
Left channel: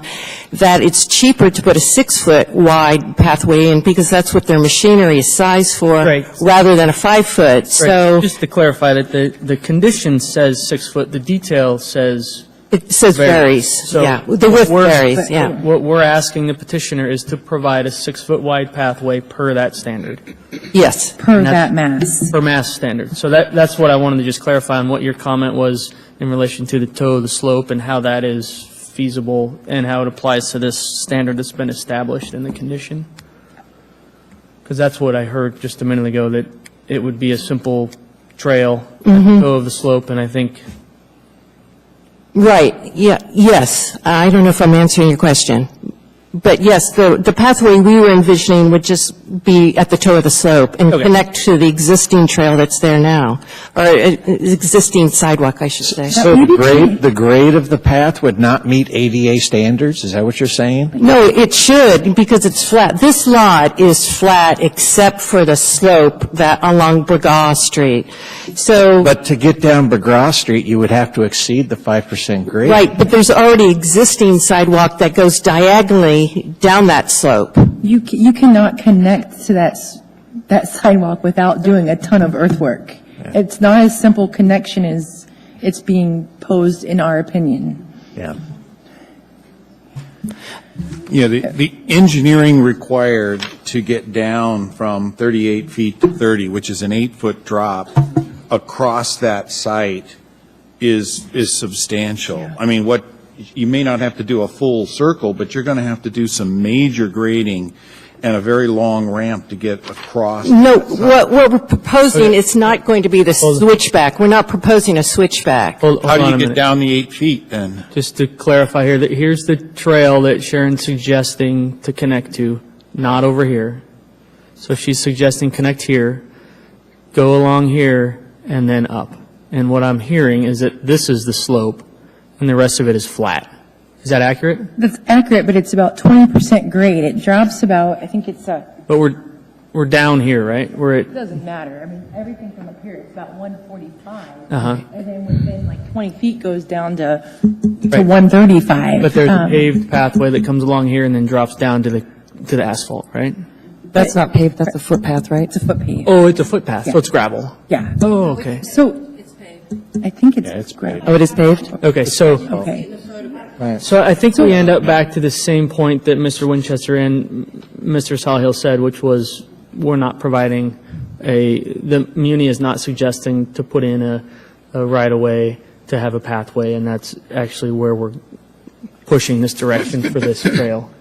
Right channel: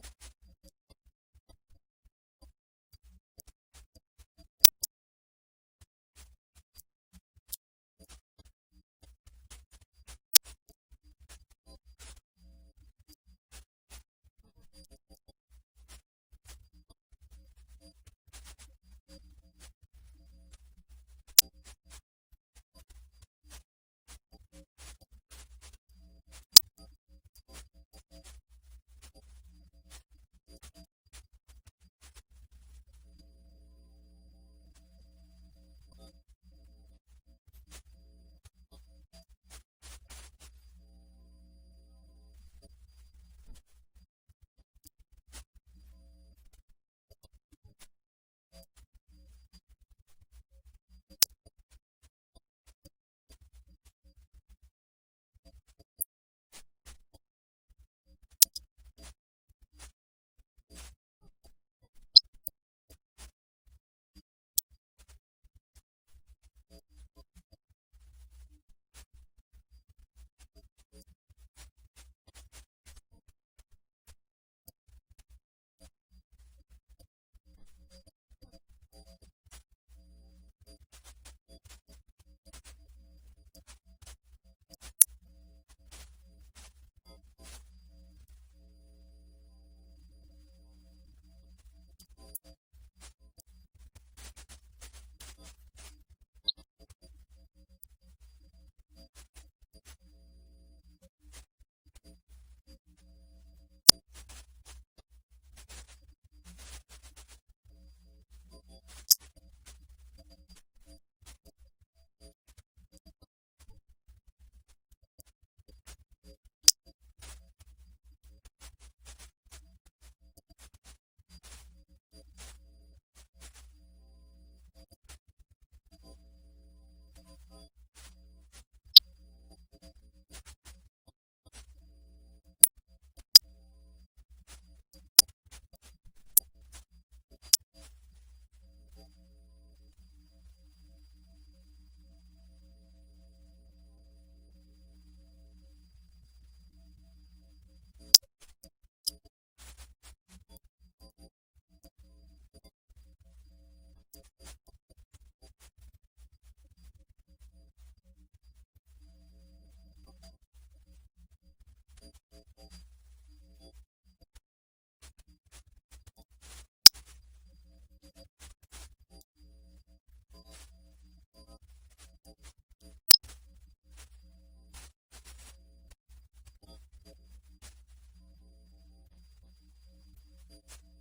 that it's cheaper to put a 6-foot wide pathway in because that's what their machinery is sized for, Right. rather than a 5-foot. So Right. Just to clarify that the condition says 6 foot, the detail says. it says varies, So yeah. The width we're- varies, yeah. What we're asking the petitioner is to provide a 6-foot wide pathway per that standard, Yes. Per that's- that mass. per mass standard. So that's what I wanted to just clarify on what your comment was in relation to the toe of the slope and how that is feasible and how it applies to this standard that's been established in the condition. Because that's what I heard just a minute ago, that it would be a simple trail at the toe of the slope, and I think. Right, yeah, yes. I don't know if I'm answering your question. But yes, the pathway we were envisioning would just be at the toe of the slope and Okay. connect to the existing trail that's there now, or existing sidewalk, I should say. So the grade of the path would not meet ADA standards? Is that what you're saying? No, it should, because it's flat. This lot is flat except for the slope that along Burgaw Street. So, But to get down McGraw Street, you would have to exceed the 5% grade. right, but there's already existing sidewalk that goes diagonally down that slope. You cannot connect to that sidewalk without doing a ton of earthwork. It's not as simple connection as it's being posed, in our opinion. Yeah. Yeah, the engineering required to get down from 38 feet to 30, which is an 8-foot drop, across that site is substantial. I mean, you may not have to do a full circle, but you're going to have to do some major grading and a very long ramp to get across. No, what we're proposing, it's not going to be the switchback. We're not proposing a switchback. Hold How do on you a get minute. down the 8 feet then? Just to clarify here, that here's the trail that Sharon's suggesting to connect to, not over here. So she's suggesting connect here, go along here, and then up. And what I'm hearing is that this is the slope, and the rest of it is flat. Is that accurate? That's accurate, but it's about 20% grade. It drops about, I think it's But we're down here, right? We're at, it doesn't matter. I mean, everything from up here, it's about 145. Uh-huh. And then within like 20 feet goes down to Right. 135. but there's a paved pathway that comes along here and then drops down to the asphalt, right? That's not paved, that's a footpath, right? It's a foot pave. Oh, it's a footpath, so it's gravel. Yeah. Oh, okay. So. I think it's gravel. Oh, it is paved? Okay, so. Okay. So I think we end up back to the same point that Mr. Winchester and Mr. Sawhill said, which was we're not providing the Muni is not suggesting to put in a right-of-way to have a pathway, and that's actually where we're pushing this direction for this trail.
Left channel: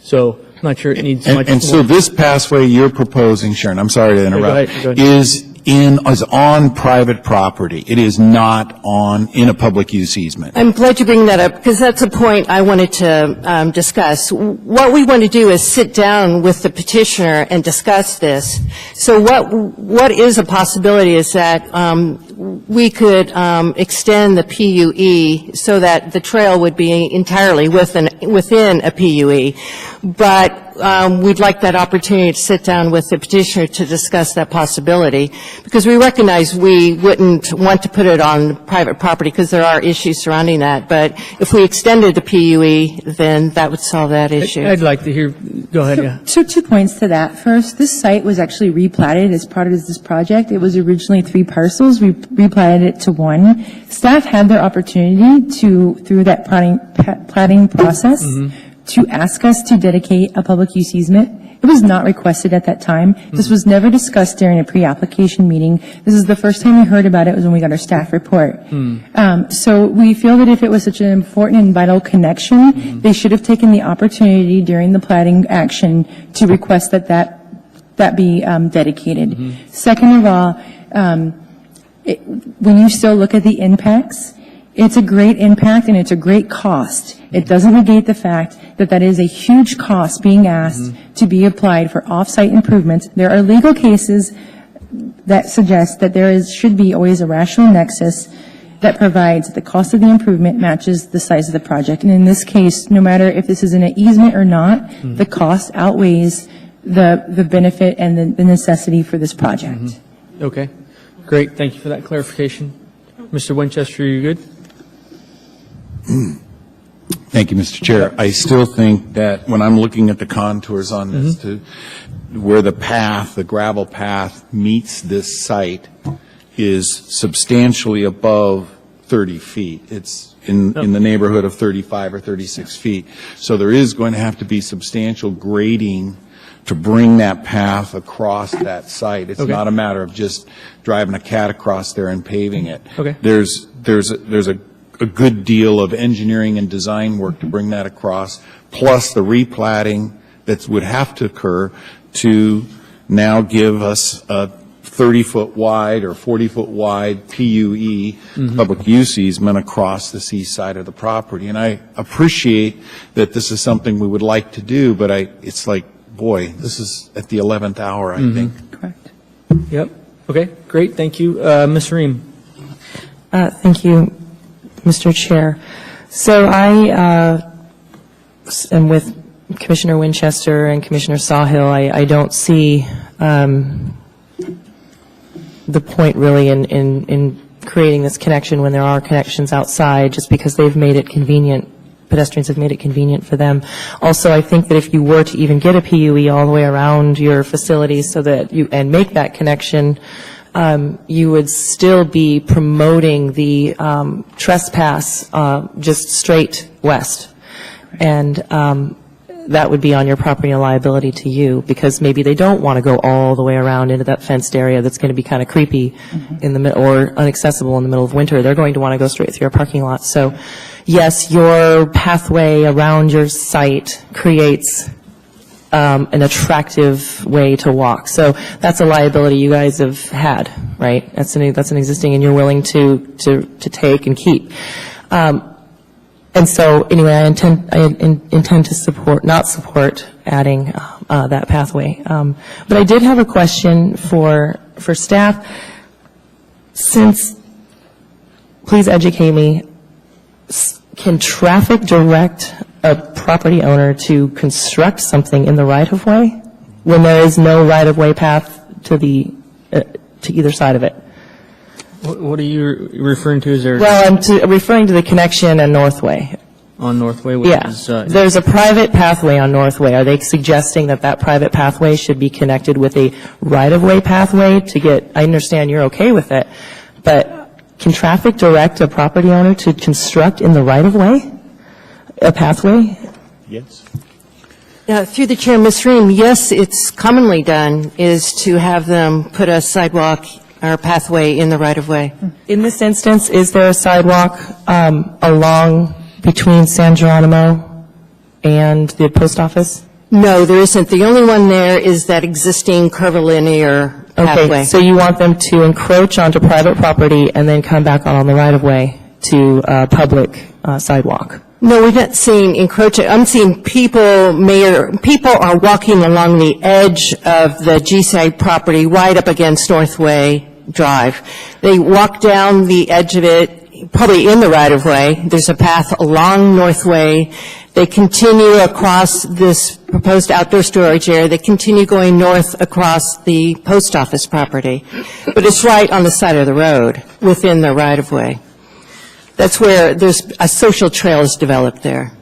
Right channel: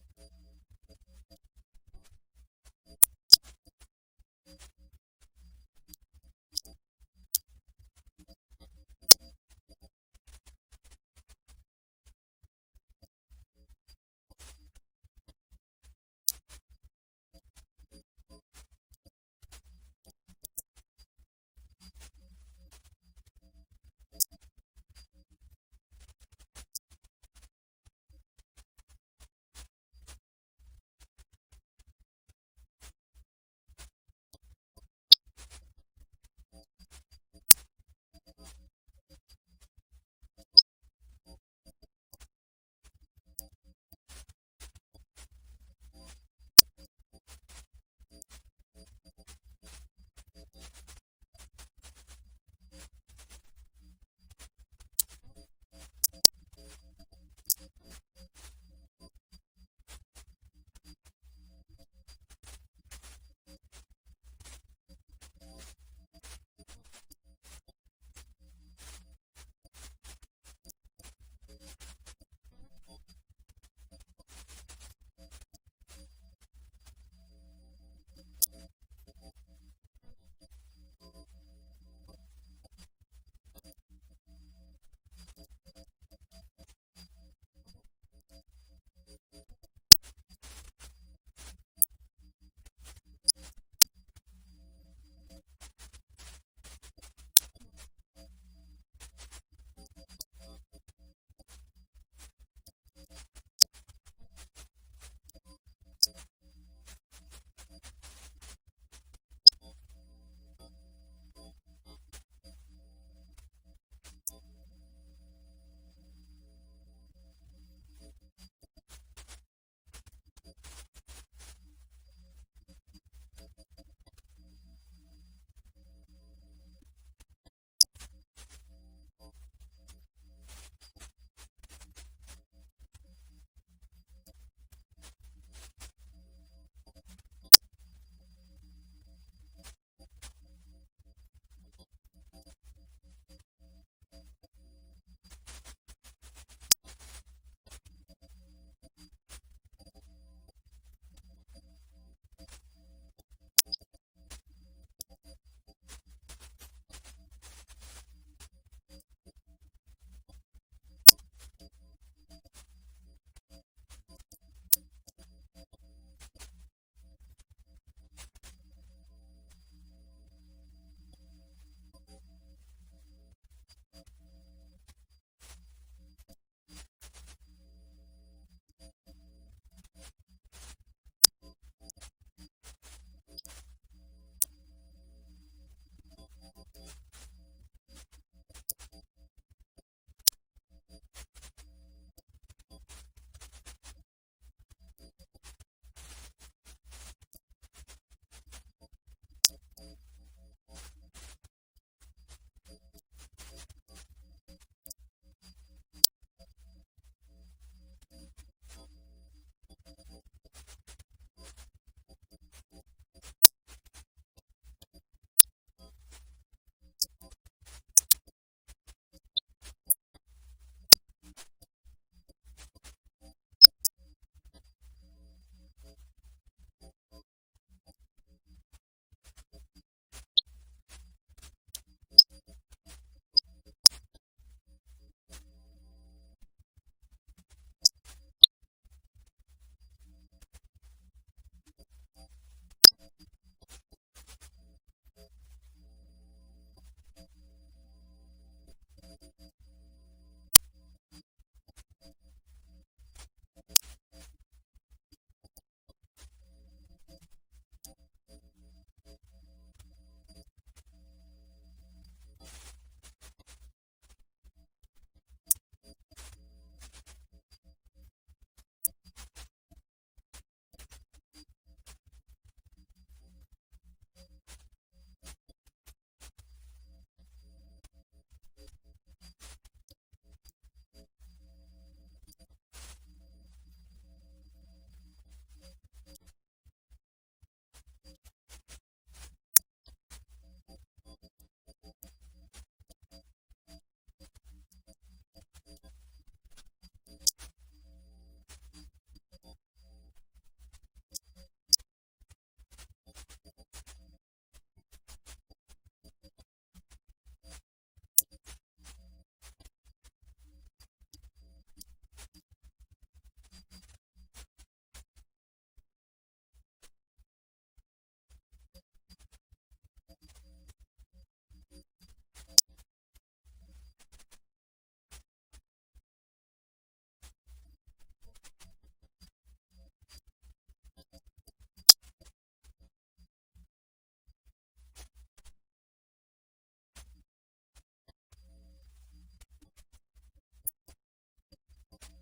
So I'm not sure it needs much. And so more. this pathway you're proposing, Sharon, I'm sorry to interrupt, go ahead. is on private property. It is not in a public use easement. I'm glad you bring that up, because that's a point I wanted to discuss. What we want to do is sit down with the petitioner and discuss this. So what is a possibility is that we could extend the PUE so that the trail would be entirely within a PUE. But we'd like that opportunity to sit down with the petitioner to discuss that possibility, because we recognize we wouldn't want to put it on private property because there are issues surrounding that. But if we extended the PUE, then that would solve that issue. I'd like to hear, go ahead, yeah. So 2 points to that. First, this site was actually replatted as part of this project. It was originally 3 parcels. We replatted it to 1. Staff had their opportunity to, through that platting process, to ask us to dedicate a public use easement. It was not requested at that time. This was never discussed during a pre-application meeting. This is the first time we heard about it was when we got our staff report. So we feel that if it was such an important and vital connection, they should have taken the opportunity during the plating action to request that be dedicated. Second of all, when you still look at the impacts, it's a great impact and it's a great cost. It doesn't negate the fact that that is a huge cost being asked to be applied for off-site improvements. There are legal cases that suggest that should be always a rational nexus that provides the cost of the improvement matches the size of the project. And in this case, no matter if this is in an easement or not, the cost outweighs the benefit and the necessity for this project. Okay, great, thank you for that clarification. Mr. Winchester, are you good? Thank you, Mr. Chair. I still think that when I'm looking at the contours on this, to where the path, the gravel path meets this site is substantially above 30 feet. It's in the neighborhood of 35 or 36 feet. So there is going to have to be substantial grading to bring that path across that site. It's not a matter of just driving a cat across there and paving it. Okay. There's a good deal of engineering and design work to bring that across, plus the replatting that would have to occur to now give us a 30-foot wide or 40-foot wide PUE, public use easement, across the east side of the property. And I appreciate that this is something we would like to do, but it's like, boy, this is at the 11th hour, I think. Correct. Yep, okay, great, thank you. Ms. Ream? Thank you, Mr. Chair. So I am with Commissioner Winchester and Commissioner Sawhill. I don't see the point really in creating this connection when there are connections outside, just because they've made it convenient. Pedestrians have made it convenient for them. Also, I think that if you were to even get a PUE all the way around your facilities so that and make that connection, you would still be promoting the trespass just straight west. And that would be on your property and liability to you, because maybe they don't want to go all the way around into that fenced area that's going to be kind of creepy in the middle or inaccessible in the middle of winter. They're going to want to go straight through your parking lot. So, yes, your pathway around your site creates an attractive way to walk. So that's a liability you guys have had, right? That's an existing, and you're willing to take and keep. And so, anyway, I intend to not support adding that pathway. But I did have a question for staff. Please educate me. Can traffic direct a property owner to construct something in the right-of-way when there is no right-of-way path to either side of it? What are you referring to? Is there Well, I'm referring to the connection on Northway. on Northway? Which Yeah, is, there's a private pathway on Northway. Are they suggesting that private pathway should be connected with a right-of-way pathway to get, I understand you're okay with it, but can traffic direct a property owner to construct in the right-of-way, a pathway? Yes. Through the chair, Ms. Ream, yes, it's commonly done, is to have them put a sidewalk or pathway in the right-of-way. In this instance, is there a sidewalk along between San Geronimo and the post office? No, there isn't. The only one there is that existing curvilinear pathway. Okay, so you want them to encroach onto private property and then come back on the right-of-way to public sidewalk? No, we're not seeing encroaching. I'm seeing people are walking along the edge of the GSI property right up against Northway Drive. They walk down the edge of it, probably in the right-of-way. There's a path along Northway. They continue across this proposed outdoor storage area. They continue going north across the post office property. But it's right on the side of the road, within the right-of-way. That's where there's a social trail is developed there.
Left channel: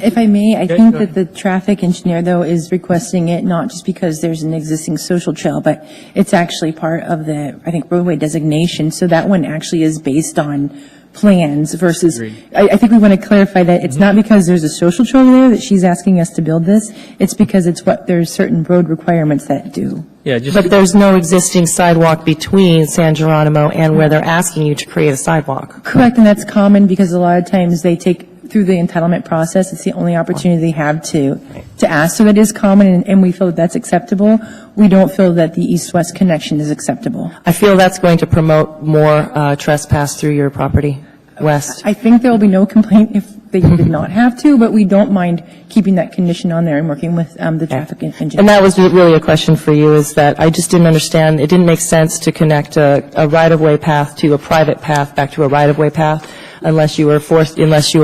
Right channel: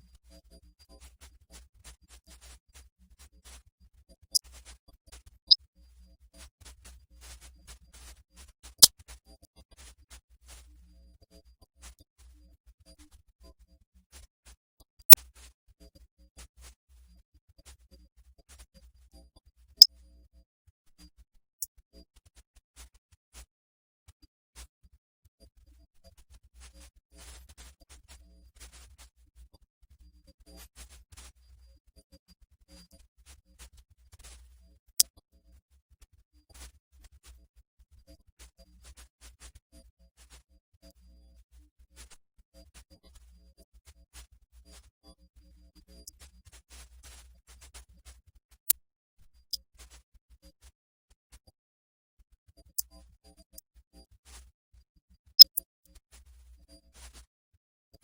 If I may, I think go that the traffic engineer, though, is requesting it not just because there's an existing social trail, but it's actually part of the, I think, roadway designation. So that one actually is based on plans versus, Agreed. I think we want to clarify that it's not because there's a social trail there that she's asking us to build this, it's because it's what, there's certain road requirements that do. Yeah, just, But there's no existing sidewalk between San Geronimo and where they're asking you to create a sidewalk. Correct, and that's common because a lot of times they take through the entitlement process, it's the only opportunity they have to ask. So that is common, and we feel that that's acceptable. We don't feel that the east-west connection is acceptable. I feel that's going to promote more trespass through your property west. I think there will be no complaint if they did not have to, but we don't mind keeping that condition on there and working with the traffic engineer. And that was really a question for you, is that I just didn't understand, it didn't make sense to connect a right-of-way path to a private path back to a right-of-way path unless you were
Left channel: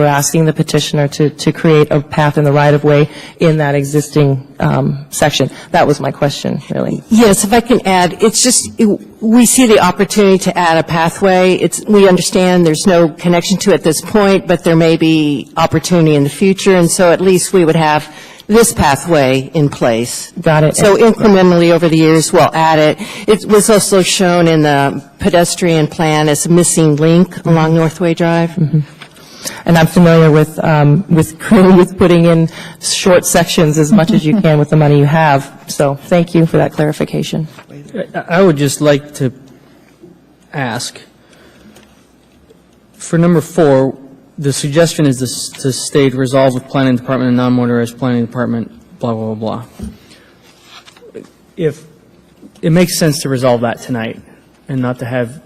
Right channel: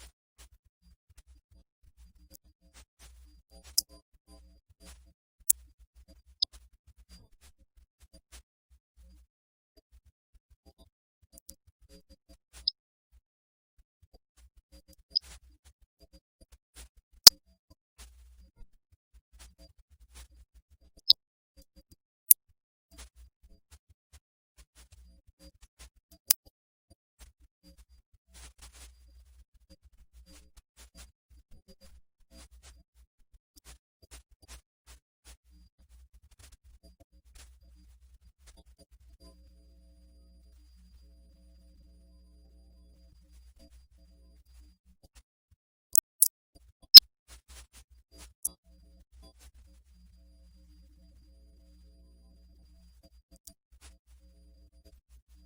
asking the petitioner to create a path in the right-of-way in that existing section. That was my question, really. Yes, if I can add, it's just, we see the opportunity to add a pathway. We understand there's no connection to it at this point, but there may be opportunity in the future, and so at least we would have this pathway in place. Got it. So incrementally over the years, we'll add it. It was also shown in the pedestrian plan as a missing link along Northway Drive. And I'm familiar with putting in short sections as much as you can with the money you have. So thank you for that clarification. I would just like to ask, for number 4, the suggestion is to state resolve with planning department and non-motorized planning department, blah, blah, blah, blah. If it makes sense to resolve that tonight and not to have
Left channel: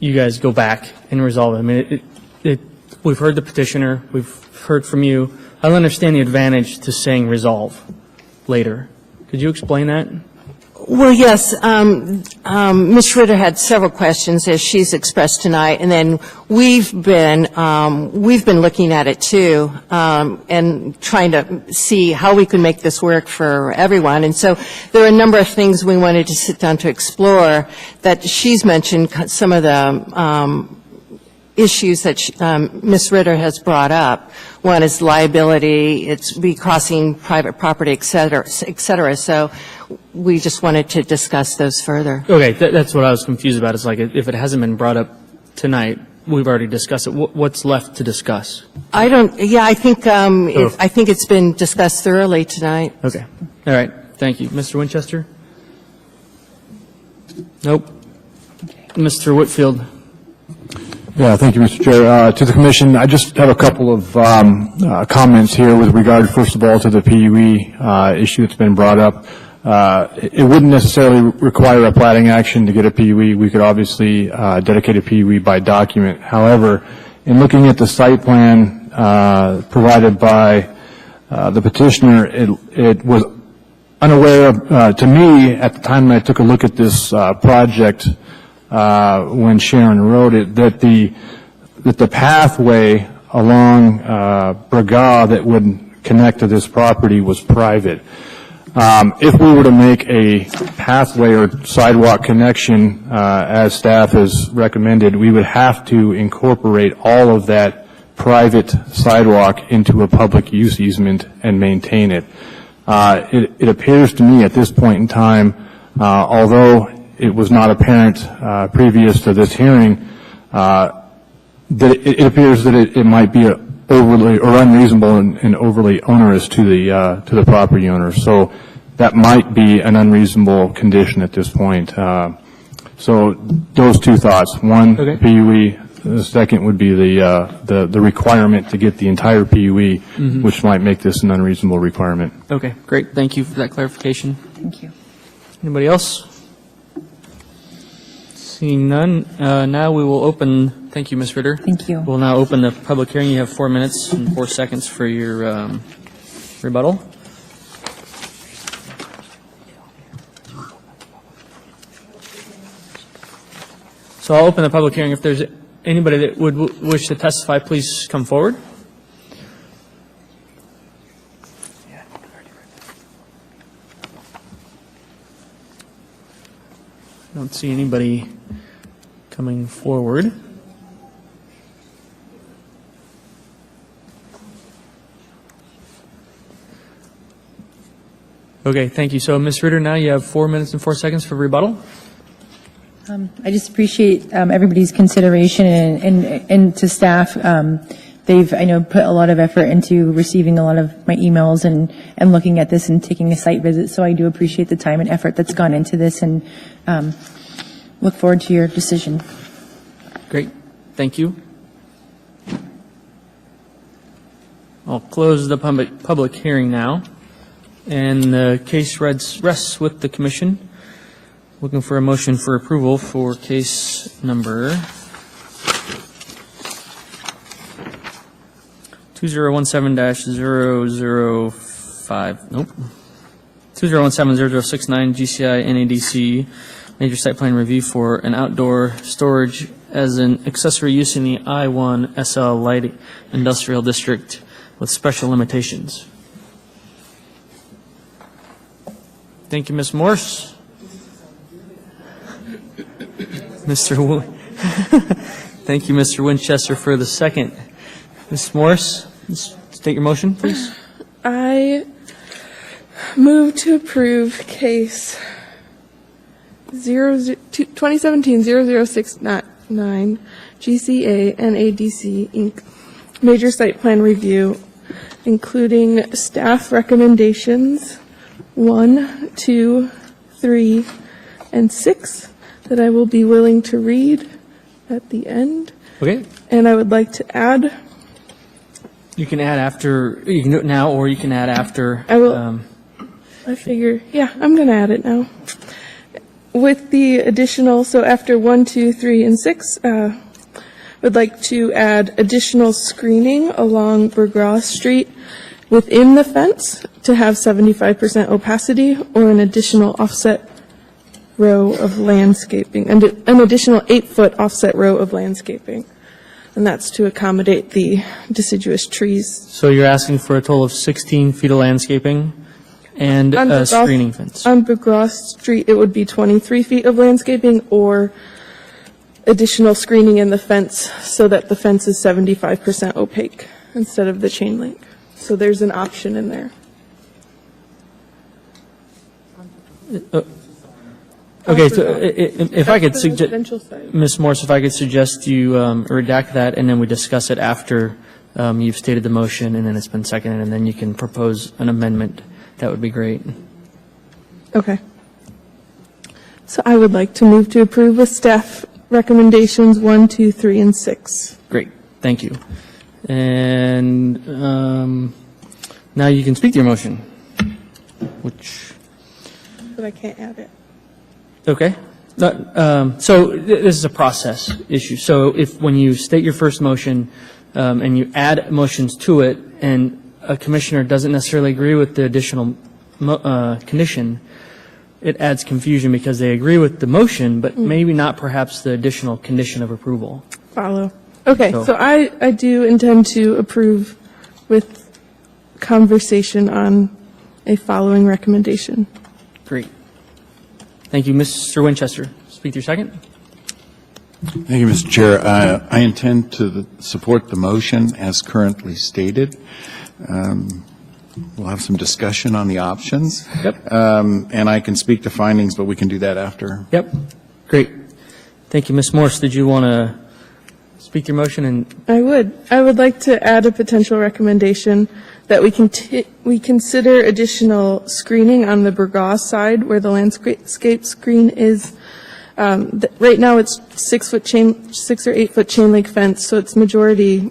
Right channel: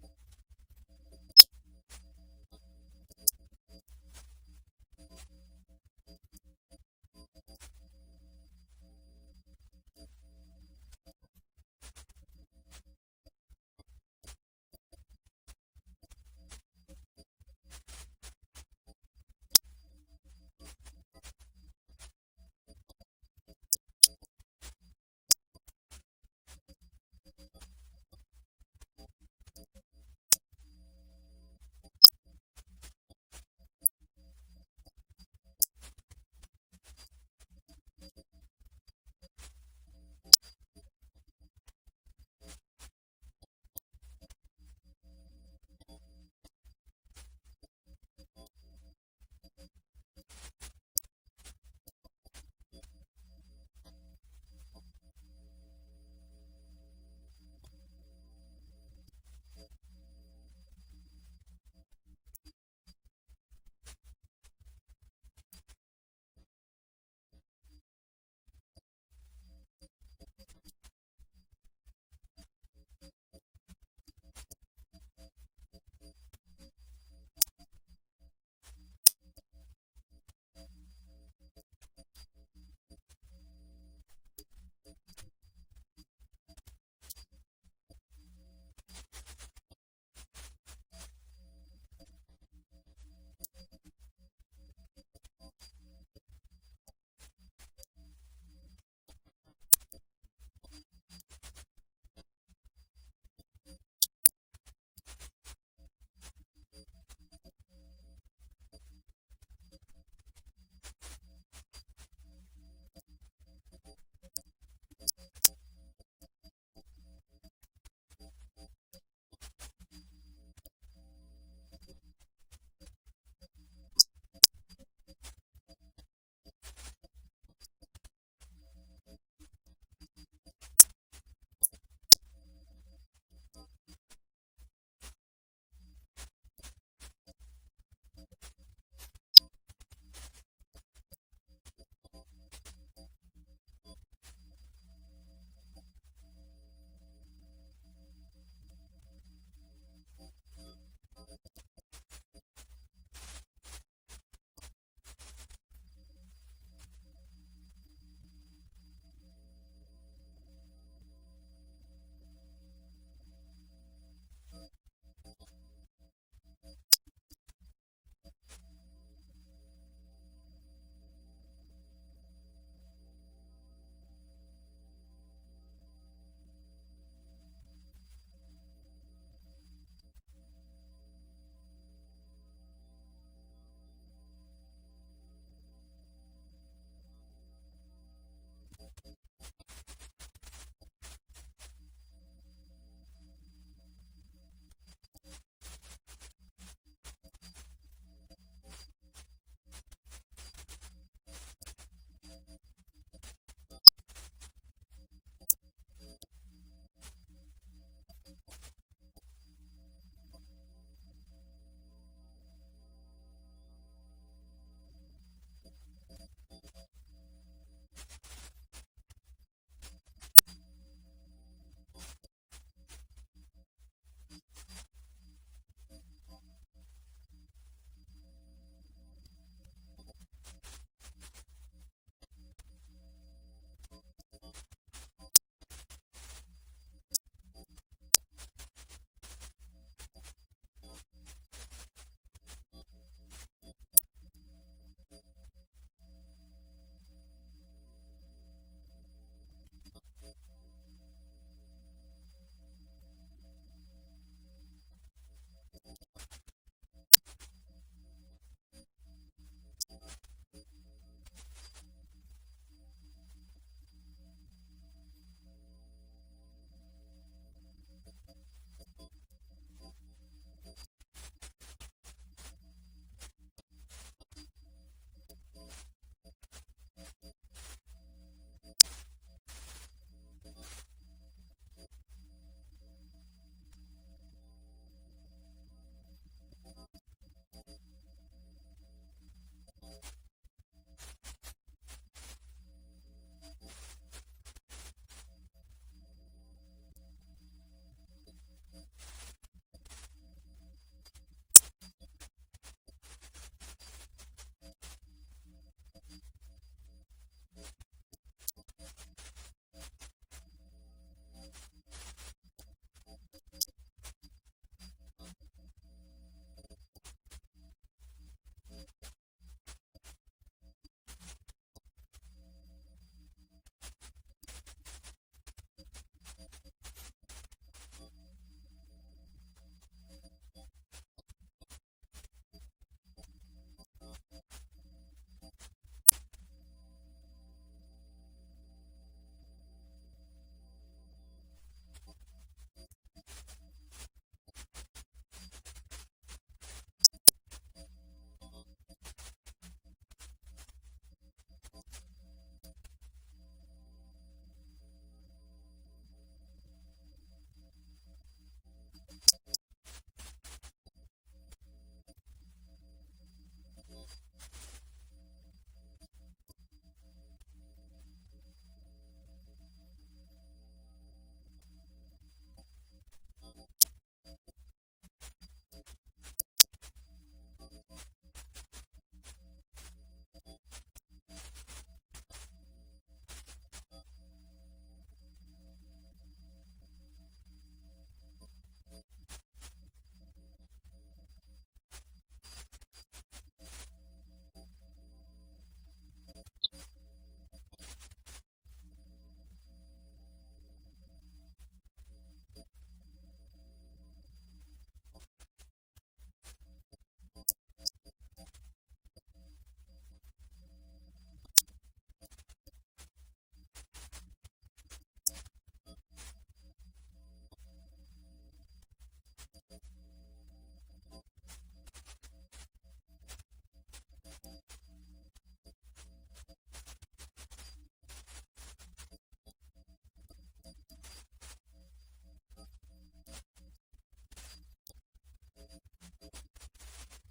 you guys go back and resolve it. I mean, we've heard the petitioner, we've heard from you. I understand the advantage to saying resolve later. Could you explain that? Well, yes, Ms. Ritter had several questions, as she's expressed tonight, and then we've been looking at it too, and trying to see how we can make this work for everyone. And so there are a number of things we wanted to sit down to explore that she's mentioned, some of the issues that Ms. Ritter has brought up. One is liability, it's recrossing private property, et cetera, et cetera. So we just wanted to discuss those further. Okay, that's what I was confused about. It's like, if it hasn't been brought up tonight, we've already discussed it. What's left to discuss? I think it's been discussed thoroughly tonight. Okay, all right, thank you. Mr. Winchester? Nope. Mr. Whitfield? Yeah, thank you, Mr. Chair. To the Commission, I just have a couple of comments here with regard, first of all, to the PUE issue that's been brought up. It wouldn't necessarily require a plating action to get a PUE. We could obviously dedicate a PUE by document. However, in looking at the site plan provided by the petitioner, it was unaware of, to me, at the time I took a look at this project when Sharon wrote it, that the pathway along Braga that would connect to this property was private. If we were to make a pathway or sidewalk connection, as staff has recommended, we would have to incorporate all of that private sidewalk into a public use easement and maintain it. It appears to me at this point in time, although it was not apparent previous to this hearing, that it appears that it might be overly or unreasonable and overly onerous to the property owner. So that might be an unreasonable condition at this point. So those two thoughts: one, Okay. PUE. The second would be the requirement to get the entire PUE, which might make this an unreasonable requirement. Okay, great, thank you for that clarification. Thank you. Anybody else? Seeing none, now we will open, thank you, Ms. Ritter. Thank you. We'll now open the public hearing. You have 4 minutes and 4 seconds for your rebuttal. So I'll open the public hearing. If there's anybody that would wish to testify, please come forward. I don't see anybody coming forward. Okay, thank you. So, Ms. Ritter, now you have 4 minutes and 4 seconds for rebuttal. I just appreciate everybody's consideration and to staff. They've, I know, put a lot of effort into receiving a lot of my emails and looking at this and taking a site visit. So I do appreciate the time and effort that's gone into this and look forward to your decision. Great, thank you. I'll close the public hearing now, and the case rests with the commission. Looking for a motion for approval for case number 2017-005, nope, 2017-0069 GCI NADC major site plan review for an outdoor storage as an accessory use in the I-1 SL Light Industrial District with special limitations. Thank you, Ms. Morse. Thank you, Mr. Winchester, for the second. Ms. Morse, state your motion, please. I move to approve case 2017-0069 GCA NADC Inc. Major Site Plan Review, including staff recommendations 1, 2, 3, and 6 that I will be willing to read at the end. Okay. And I would like to add. You can add after, you can do it now, or you can add after. I will. I figure, yeah, I'm going to add it now. With the additional, so after 1, 2, 3, and 6, would like to add additional screening along Burgras Street within the fence to have 75% opacity, or an additional offset row of landscaping, and an additional 8-foot offset row of landscaping. And that's to accommodate the deciduous trees. So you're asking for a total of 16 feet of landscaping and a screening fence. On Burgras Street, it would be 23 feet of landscaping or additional screening in the fence so that the fence is 75% opaque instead of the chain link. So there's an option in there. Okay, so if I could That's the suggest, residential side. Ms. Morse, if I could suggest you redact that, and then we discuss it after you've stated the motion, and then it's been seconded, and then you can propose an amendment, that would be great. Okay. So I would like to move to approve with staff recommendations 1, 2, 3, and 6. Great, thank you. And now you can speak to your motion, which, But I can't add it. okay. So this is a process issue. So if, when you state your first motion and you add motions to it, and a commissioner doesn't necessarily agree with the additional condition, it adds confusion because they agree with the motion, but maybe not perhaps the additional condition of approval. Follow. Okay, So- so I do intend to approve with conversation on a following recommendation. Great. Thank you. Mr. Winchester, speak to your second. Thank you, Mr. Chair. I intend to support the motion as currently stated. We'll have some discussion on the options. Yep. And I can speak to findings, but we can do that after. Yep. Great. Thank you. Ms. Morse, did you want to speak to your motion? And I would like to add a potential recommendation that we consider additional screening on the Burgos side where the landscape screen is. Right now, it's 6 or 8 foot chain link fence, so it's majority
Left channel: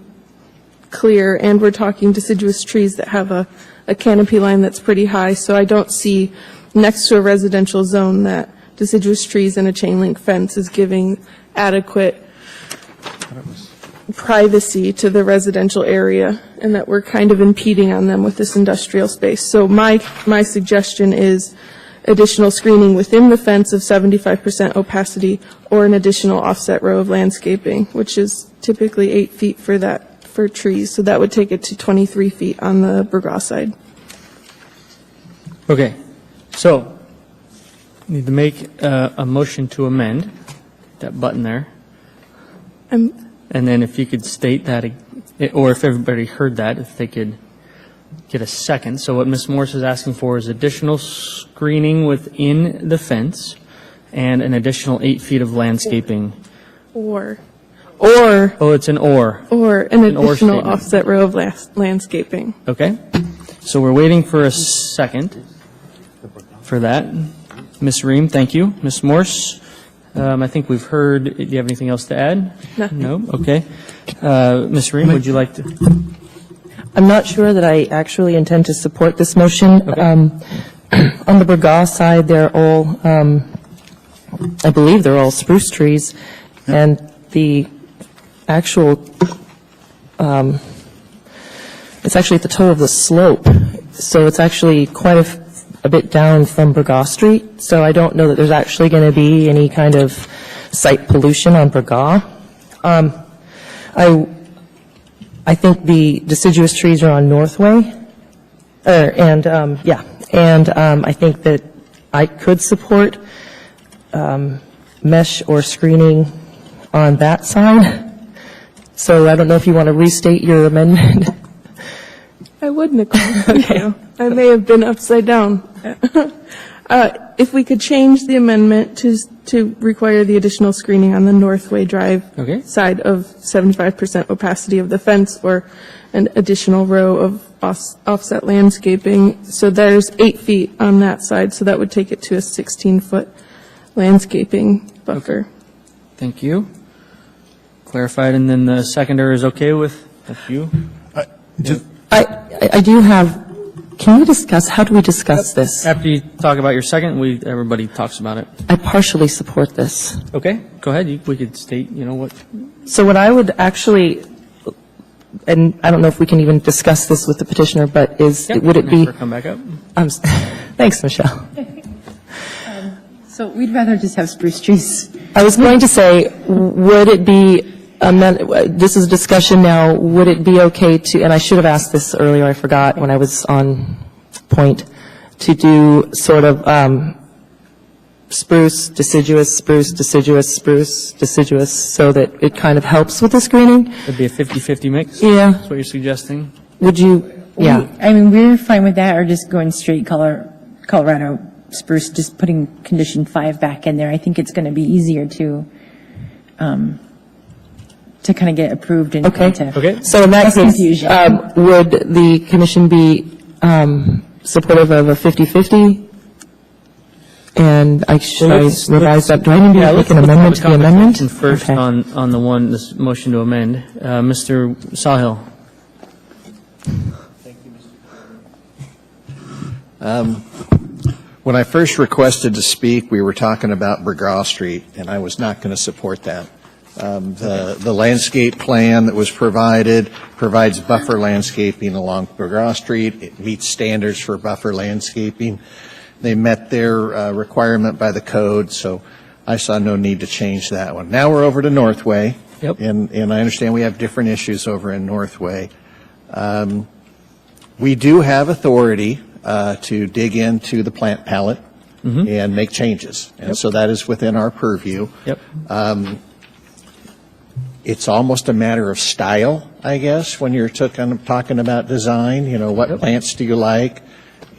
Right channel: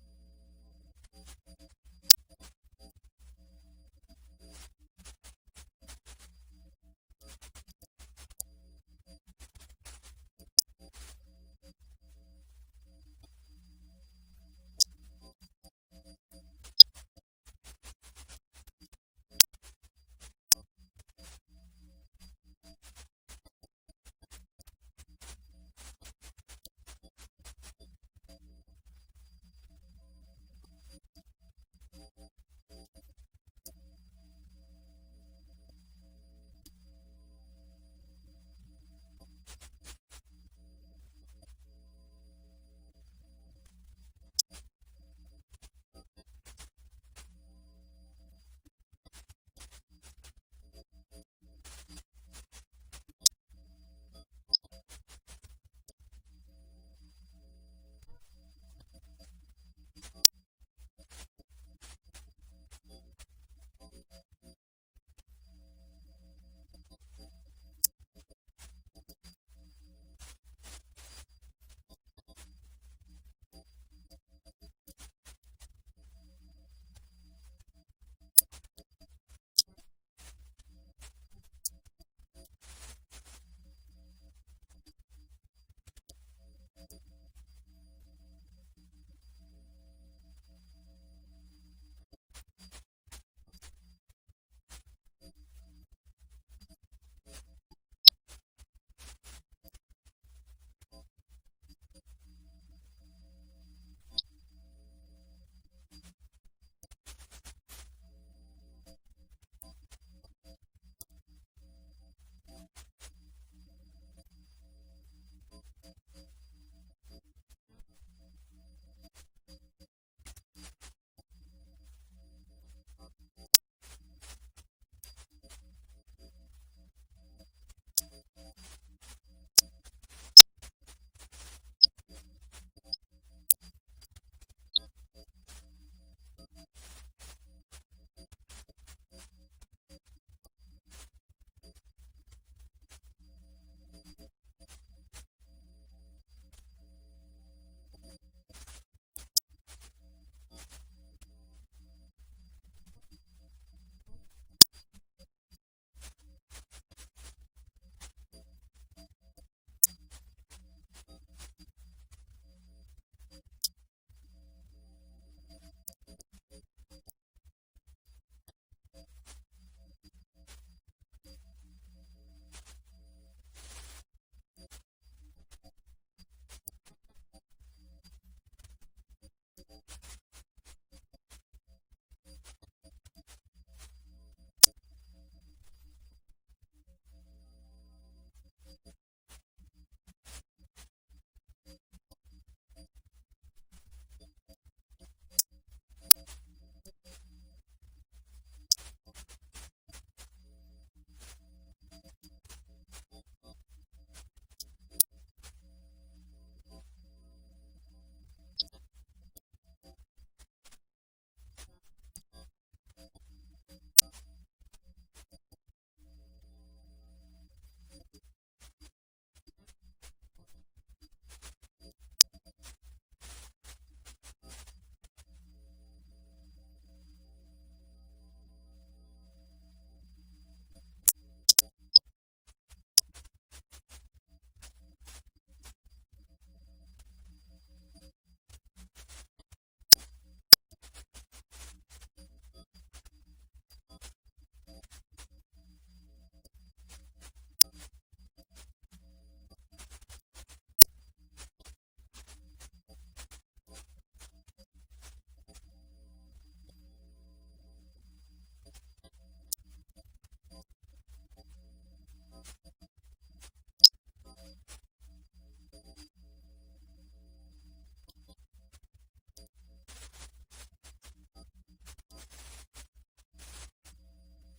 clear, and we're talking deciduous trees that have a canopy line that's pretty high. So I don't see next to a residential zone that deciduous trees and a chain link fence is giving adequate privacy to the residential area, and that we're kind of impeding on them with this industrial space. So my suggestion is additional screening within the fence of 75% opacity, or an additional offset row of landscaping, which is typically 8 feet for trees. So that would take it to 23 feet on the Burgos side. okay. So need to make a motion to amend that button there. And then if you could state that, or if everybody heard that, if they could get a second. So what Ms. Morse is asking for is additional screening within the fence and an additional 8 feet of landscaping. Or Oh, it's an or. an An or additional statement. offset row of landscaping. Okay. So we're waiting for a second for that. Ms. Ream, thank you. Ms. Morse, I think we've heard, do you have anything else to add? Nothing. No? Okay. Ms. Ream, would you like to? I'm not sure that I actually intend to support this motion. Okay. On the Burgaw side, they're all, I believe they're all spruce trees, and the actual, it's actually at the toe of the slope, so it's actually quite a bit down from Burgaw Street, so I don't know that there's actually going to be any kind of site pollution on Burgaw. I think the deciduous trees are on Northway, and I think that I could support mesh or screening on that side. So I don't know if you want to restate your amendment. I would, Nicole. Thank you. I may have been upside down. If we could change the amendment to require the additional screening on the Northway Drive Okay. side of 75% opacity of the fence, or an additional row of offset landscaping. So there's 8 feet on that side, so that would take it to a 16-foot landscaping buffer. Thank you. Clarified, and then the seconder is okay with a few? I do have, can we discuss, how do we discuss this? After you talk about your second, everybody talks about it. I partially support this. Okay, go ahead. We could state, what. So what I would actually, and I don't know if we can even discuss this with the petitioner, but would it be? Come back up. Thanks, Michelle. So we'd rather just have spruce trees. I was going to say, would it be, this is a discussion now, would it be okay to, and I should have asked this earlier, I forgot when I was on point, to do sort of spruce, deciduous, spruce, deciduous, spruce, deciduous, so that it kind of helps with the screening? It'd be a 50-50 mix? Yeah. That's what you're suggesting? Would you, yeah. I mean, we're fine with that, or just going straight Colorado spruce, just putting condition 5 back in there. I think it's going to be easier to kind of get approved and Okay. Okay. So in that Less case, confusion. would the commission be supportive of a 50-50? And should I revise that? Do I need to make an amendment to the amendment? First Okay. on the one, this motion to amend. Mr. Sawhill. When I first requested to speak, we were talking about Burgaw Street, and I was not going to support that. The landscape plan that was provides buffer landscaping along Burgaw Street. It meets standards for buffer landscaping. They met their requirement by the code, so I saw no need to change that one. Now we're over to Northway. Yep. And I understand we have different issues over in Northway. We do have authority to dig into the plant palette and make changes. And so that is within our purview. Yep. It's almost a matter of style, I guess, when you're talking about design, what plants do you like?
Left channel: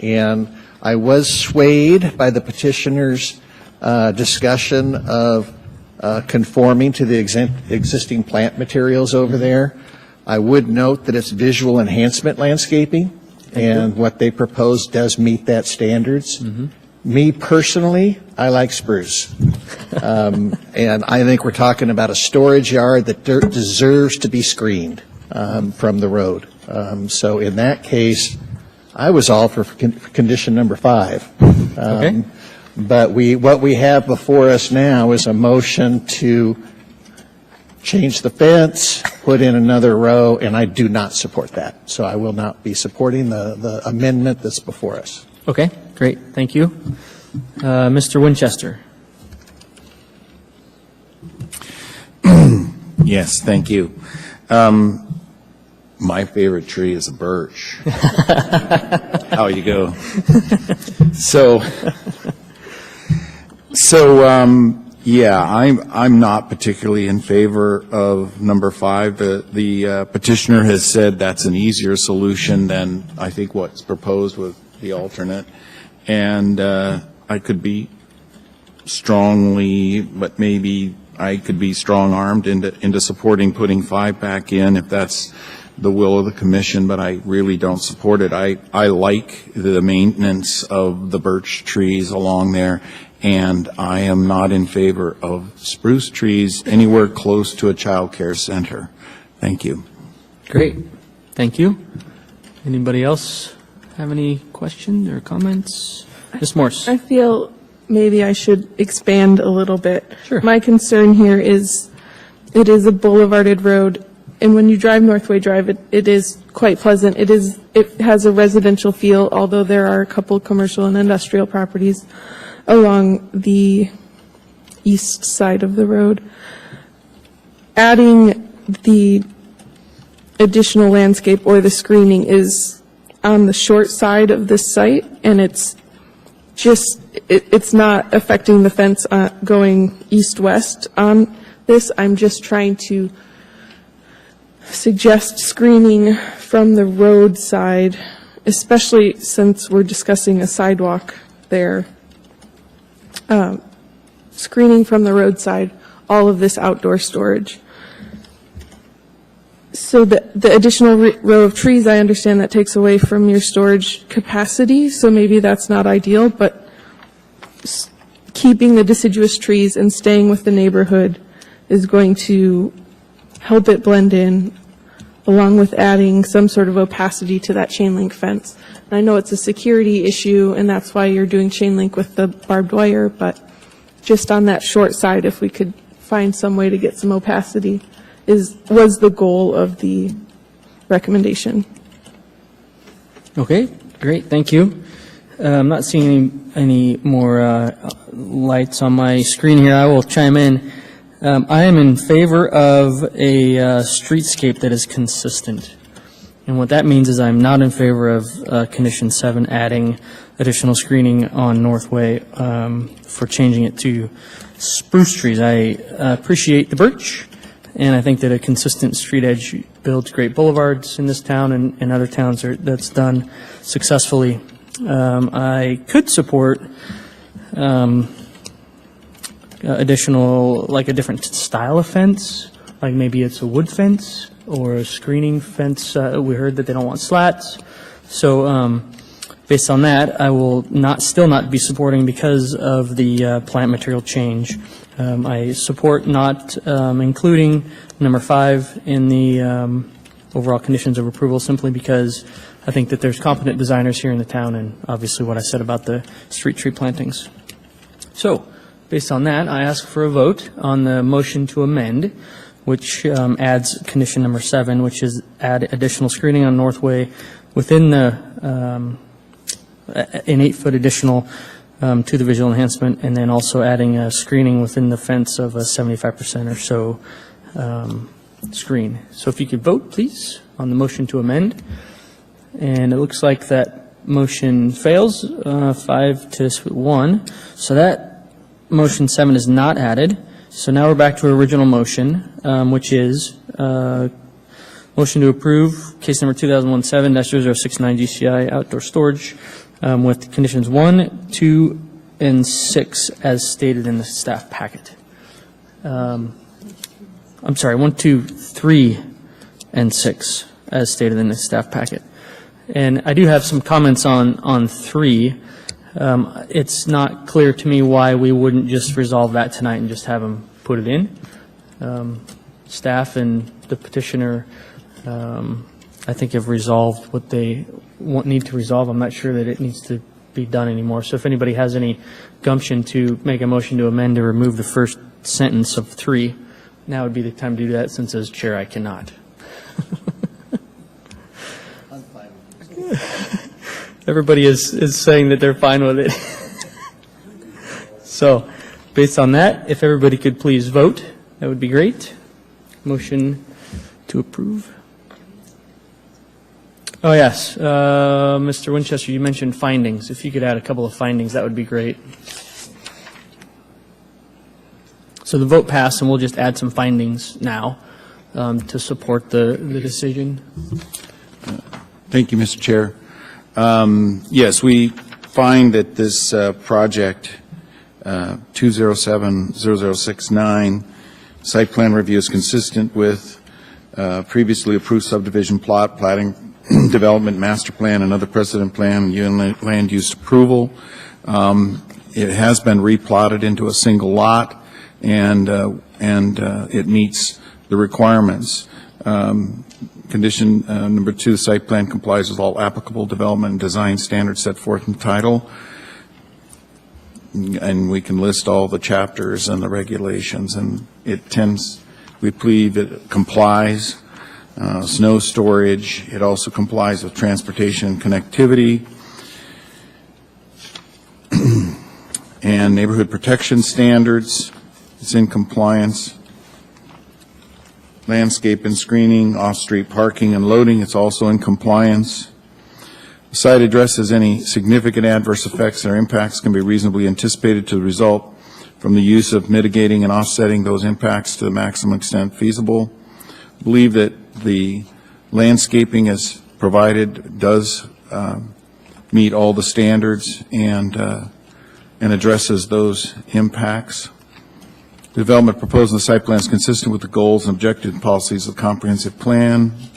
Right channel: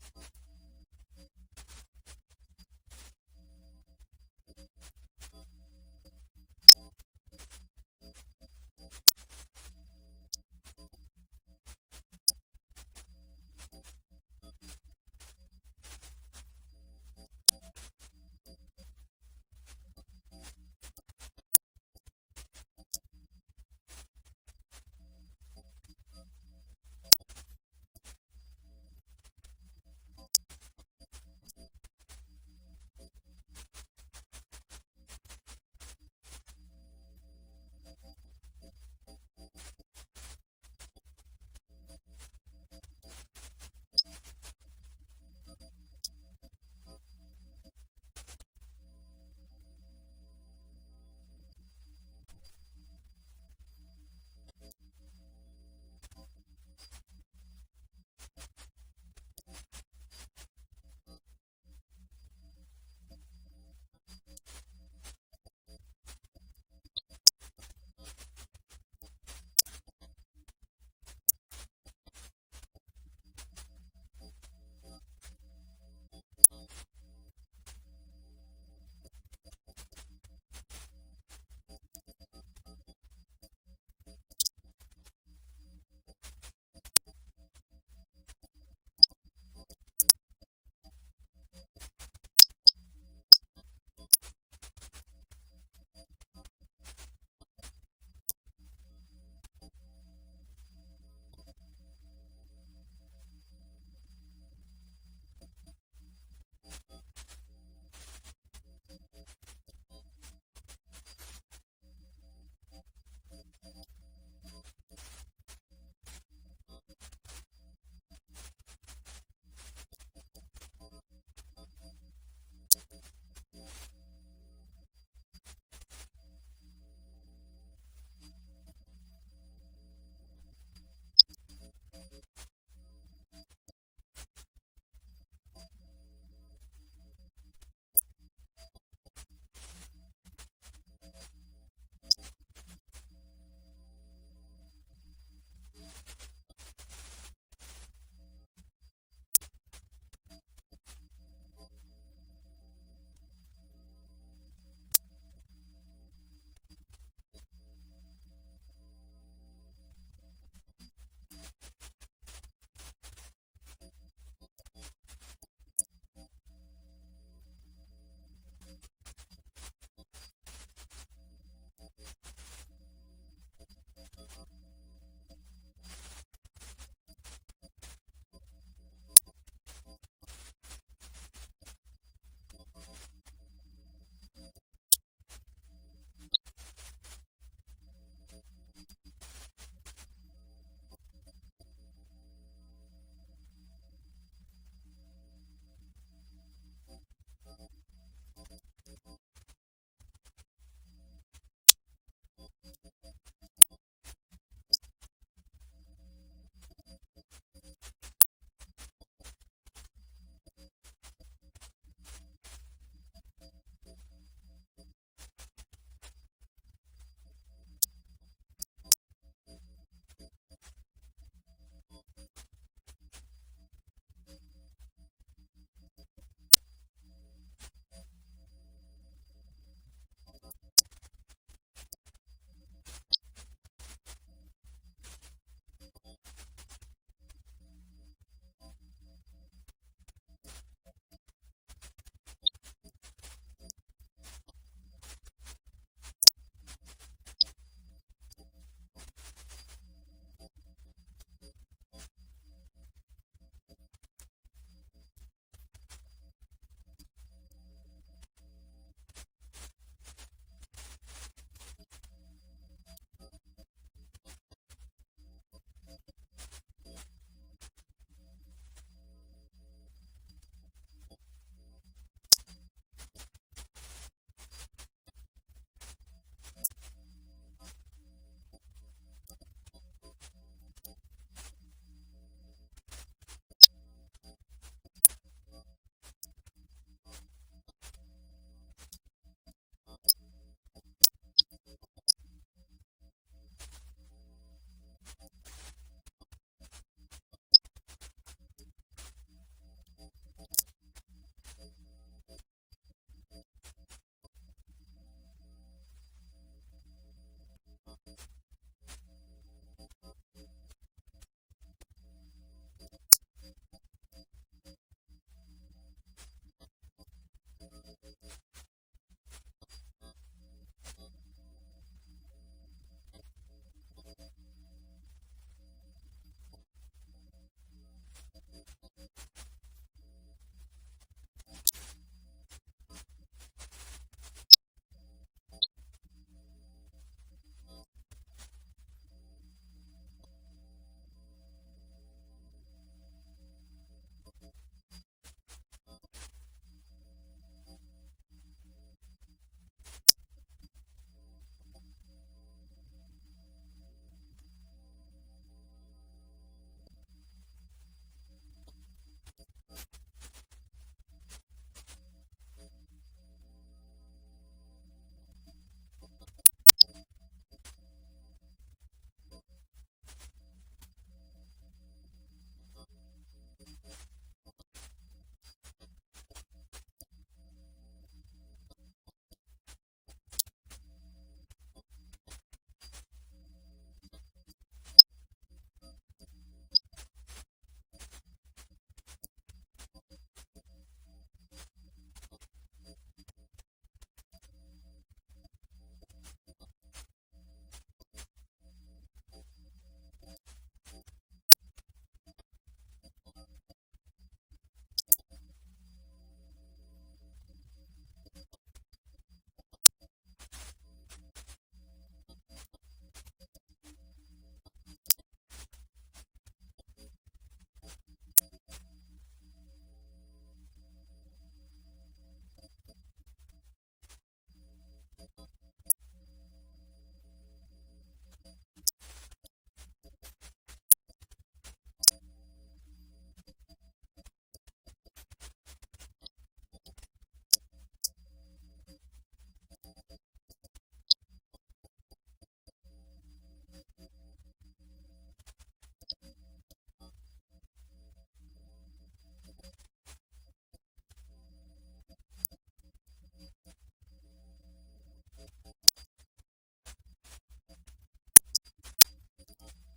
And I was swayed by the petitioner's discussion of conforming to the existing plant materials over there. I would note that it's visual enhancement landscaping, and what they propose does meet that standards. Me personally, I like spruce. And I think we're talking about a storage yard that deserves to be screened from the road. So in that case, I was all for condition number 5. Okay. But what we have before us now is a motion to change the fence, put in another row, and I do not support that. So I will not be supporting the amendment that's before us. Okay, great. Thank you. Mr. Winchester. Yes, thank you. My favorite tree is a birch. How you go? Yeah, I'm not particularly in favor of number 5. The petitioner has said that's an easier solution than I think what's proposed with the alternate, and I could be strongly, but maybe I could be strong-armed into supporting putting 5 back in if that's the will of the commission, but I really don't support it. I like the maintenance of the birch trees along there, and I am not in favor of spruce trees anywhere close to a child care center. Thank you. Great, thank you. Anybody else have any questions or comments? Ms. Morse? I feel maybe I should expand a little bit. Sure. My concern here is it is a boulevarded road, and when you drive Northway Drive, it is quite pleasant. It has a residential feel, although there are a couple commercial and industrial properties along the east side of the road. Adding the additional landscape or the screening is on the short side of this site, and it's not affecting the fence going east-west on this. I'm just trying to suggest screening from the road side, especially since we're discussing a sidewalk there. Screening from the roadside, all of this outdoor storage. So the additional row of trees, I understand that takes away from your storage capacity, so maybe that's not ideal, but keeping the deciduous trees and staying with the neighborhood is going to help it blend in, along with adding some sort of opacity to that chain link fence. And I know it's a security issue, and that's why you're doing chain link with the barbed wire, but just on that short side, if we could find some way to get some opacity, was the goal of the recommendation. Okay, great, thank you. I'm not seeing any more lights on my screen here. I will chime in. I am in favor of a streetscape that is consistent. And what that means is I'm not in favor of Condition 7 adding additional screening on Northway for changing it to spruce trees. I appreciate the birch, and I think that a consistent street edge builds great boulevards in this town and other towns that's done successfully. I could support additional, like a different style of fence, like maybe it's a wood fence or a screening fence. We heard that they don't want slats. So based on that, I will still not be supporting because of the plant material change. I support not including number 5 in the overall conditions of approval simply because I think that there's competent designers here in the town, and obviously what I said about the street tree plantings. So, based on that, I ask for a vote on the motion to amend, which adds condition number 7, which is add additional screening on Northway within the an 8-foot additional to the visual enhancement, and then also adding a screening within the fence of a 75% or so screen. So if you could vote, please, on the motion to amend. And it looks like that motion fails, 5-1. So that motion 7 is not added. So now we're back to our original motion, which is motion to approve case number 2017-0069 GCI outdoor storage with conditions 1, 2, and 6 as stated in the staff packet. I'm sorry, 1, 2, 3, and 6 as stated in the staff packet. And I do have some comments on 3. It's not clear to me why we wouldn't just resolve that tonight and just have them put it in. Staff and the petitioner, I think, have resolved what they need to resolve. I'm not sure that it needs to be done anymore. So if anybody has any gumption to make a motion to amend to remove the first sentence of 3, now would be the time to do that, since as chair I cannot. Everybody is saying that they're fine with it. So, based on that, if everybody could please vote, that would be great. Motion to approve. Oh, yes. Mr. Winchester, you mentioned findings. If you could add a couple of findings, that would be great. So the vote passed, and we'll just add some findings now to support the decision. Thank you, Mr. Chair. Yes, we find that this project 2070069. Site plan review is consistent with previously approved subdivision plot, plating, development master plan, and other precedent plan, and UN land use approval. It has been replotted into a single lot, and it meets the requirements. Condition number 2, the site plan complies with all applicable development and design standards set forth in the title. And we can list all the chapters and the regulations, and we believe it complies. Snow storage, it also complies with transportation and connectivity. And neighborhood protection standards, it's in compliance. Landscape and screening, off-street parking and loading, it's also in compliance. The site addresses any significant adverse effects or impacts can be reasonably anticipated to result from the use of mitigating and offsetting those impacts to the maximum extent feasible. I believe that the landscaping as provided does meet all the standards and addresses those impacts. The development proposed in the site plan is consistent with the goals and objectives and policies of the comprehensive plan. I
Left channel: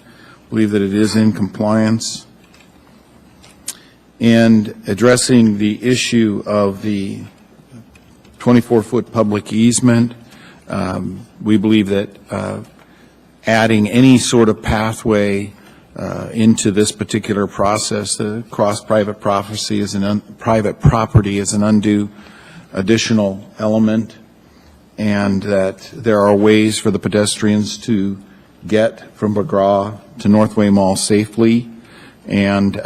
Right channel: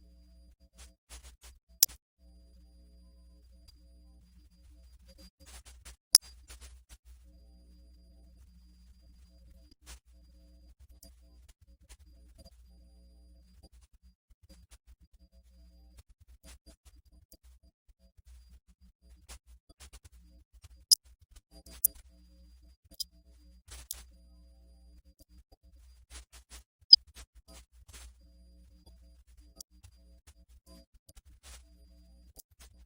believe that it is in compliance. And addressing the issue of the 24-foot public easement, we believe that adding any sort of pathway into this particular process, the cross-private property is an undue additional element, and that there are ways for the pedestrians to get from McGraw to Northway Mall safely. And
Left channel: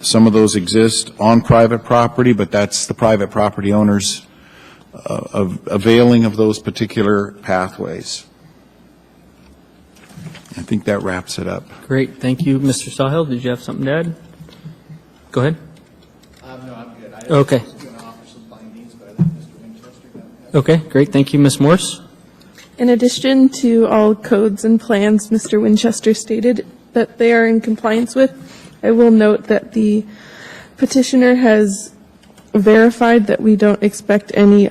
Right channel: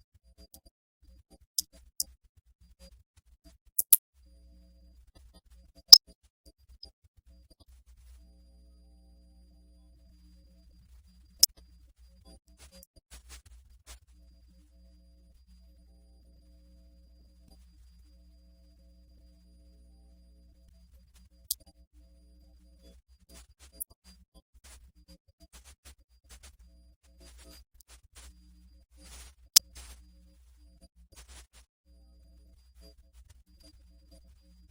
some of those exist on private property, but that's the private property owners availing of those particular pathways. I think that wraps it up. Great, thank you. Mr. Sawhill, did you have something to add? Go ahead. No, I'm good. Okay. I was going to offer some findings, but I think Mr. Winchester got that. Okay, great, thank you. Ms. Morse? In addition to all codes and plans Mr. Winchester stated that they are in compliance with, I will note that the petitioner has verified that we don't expect any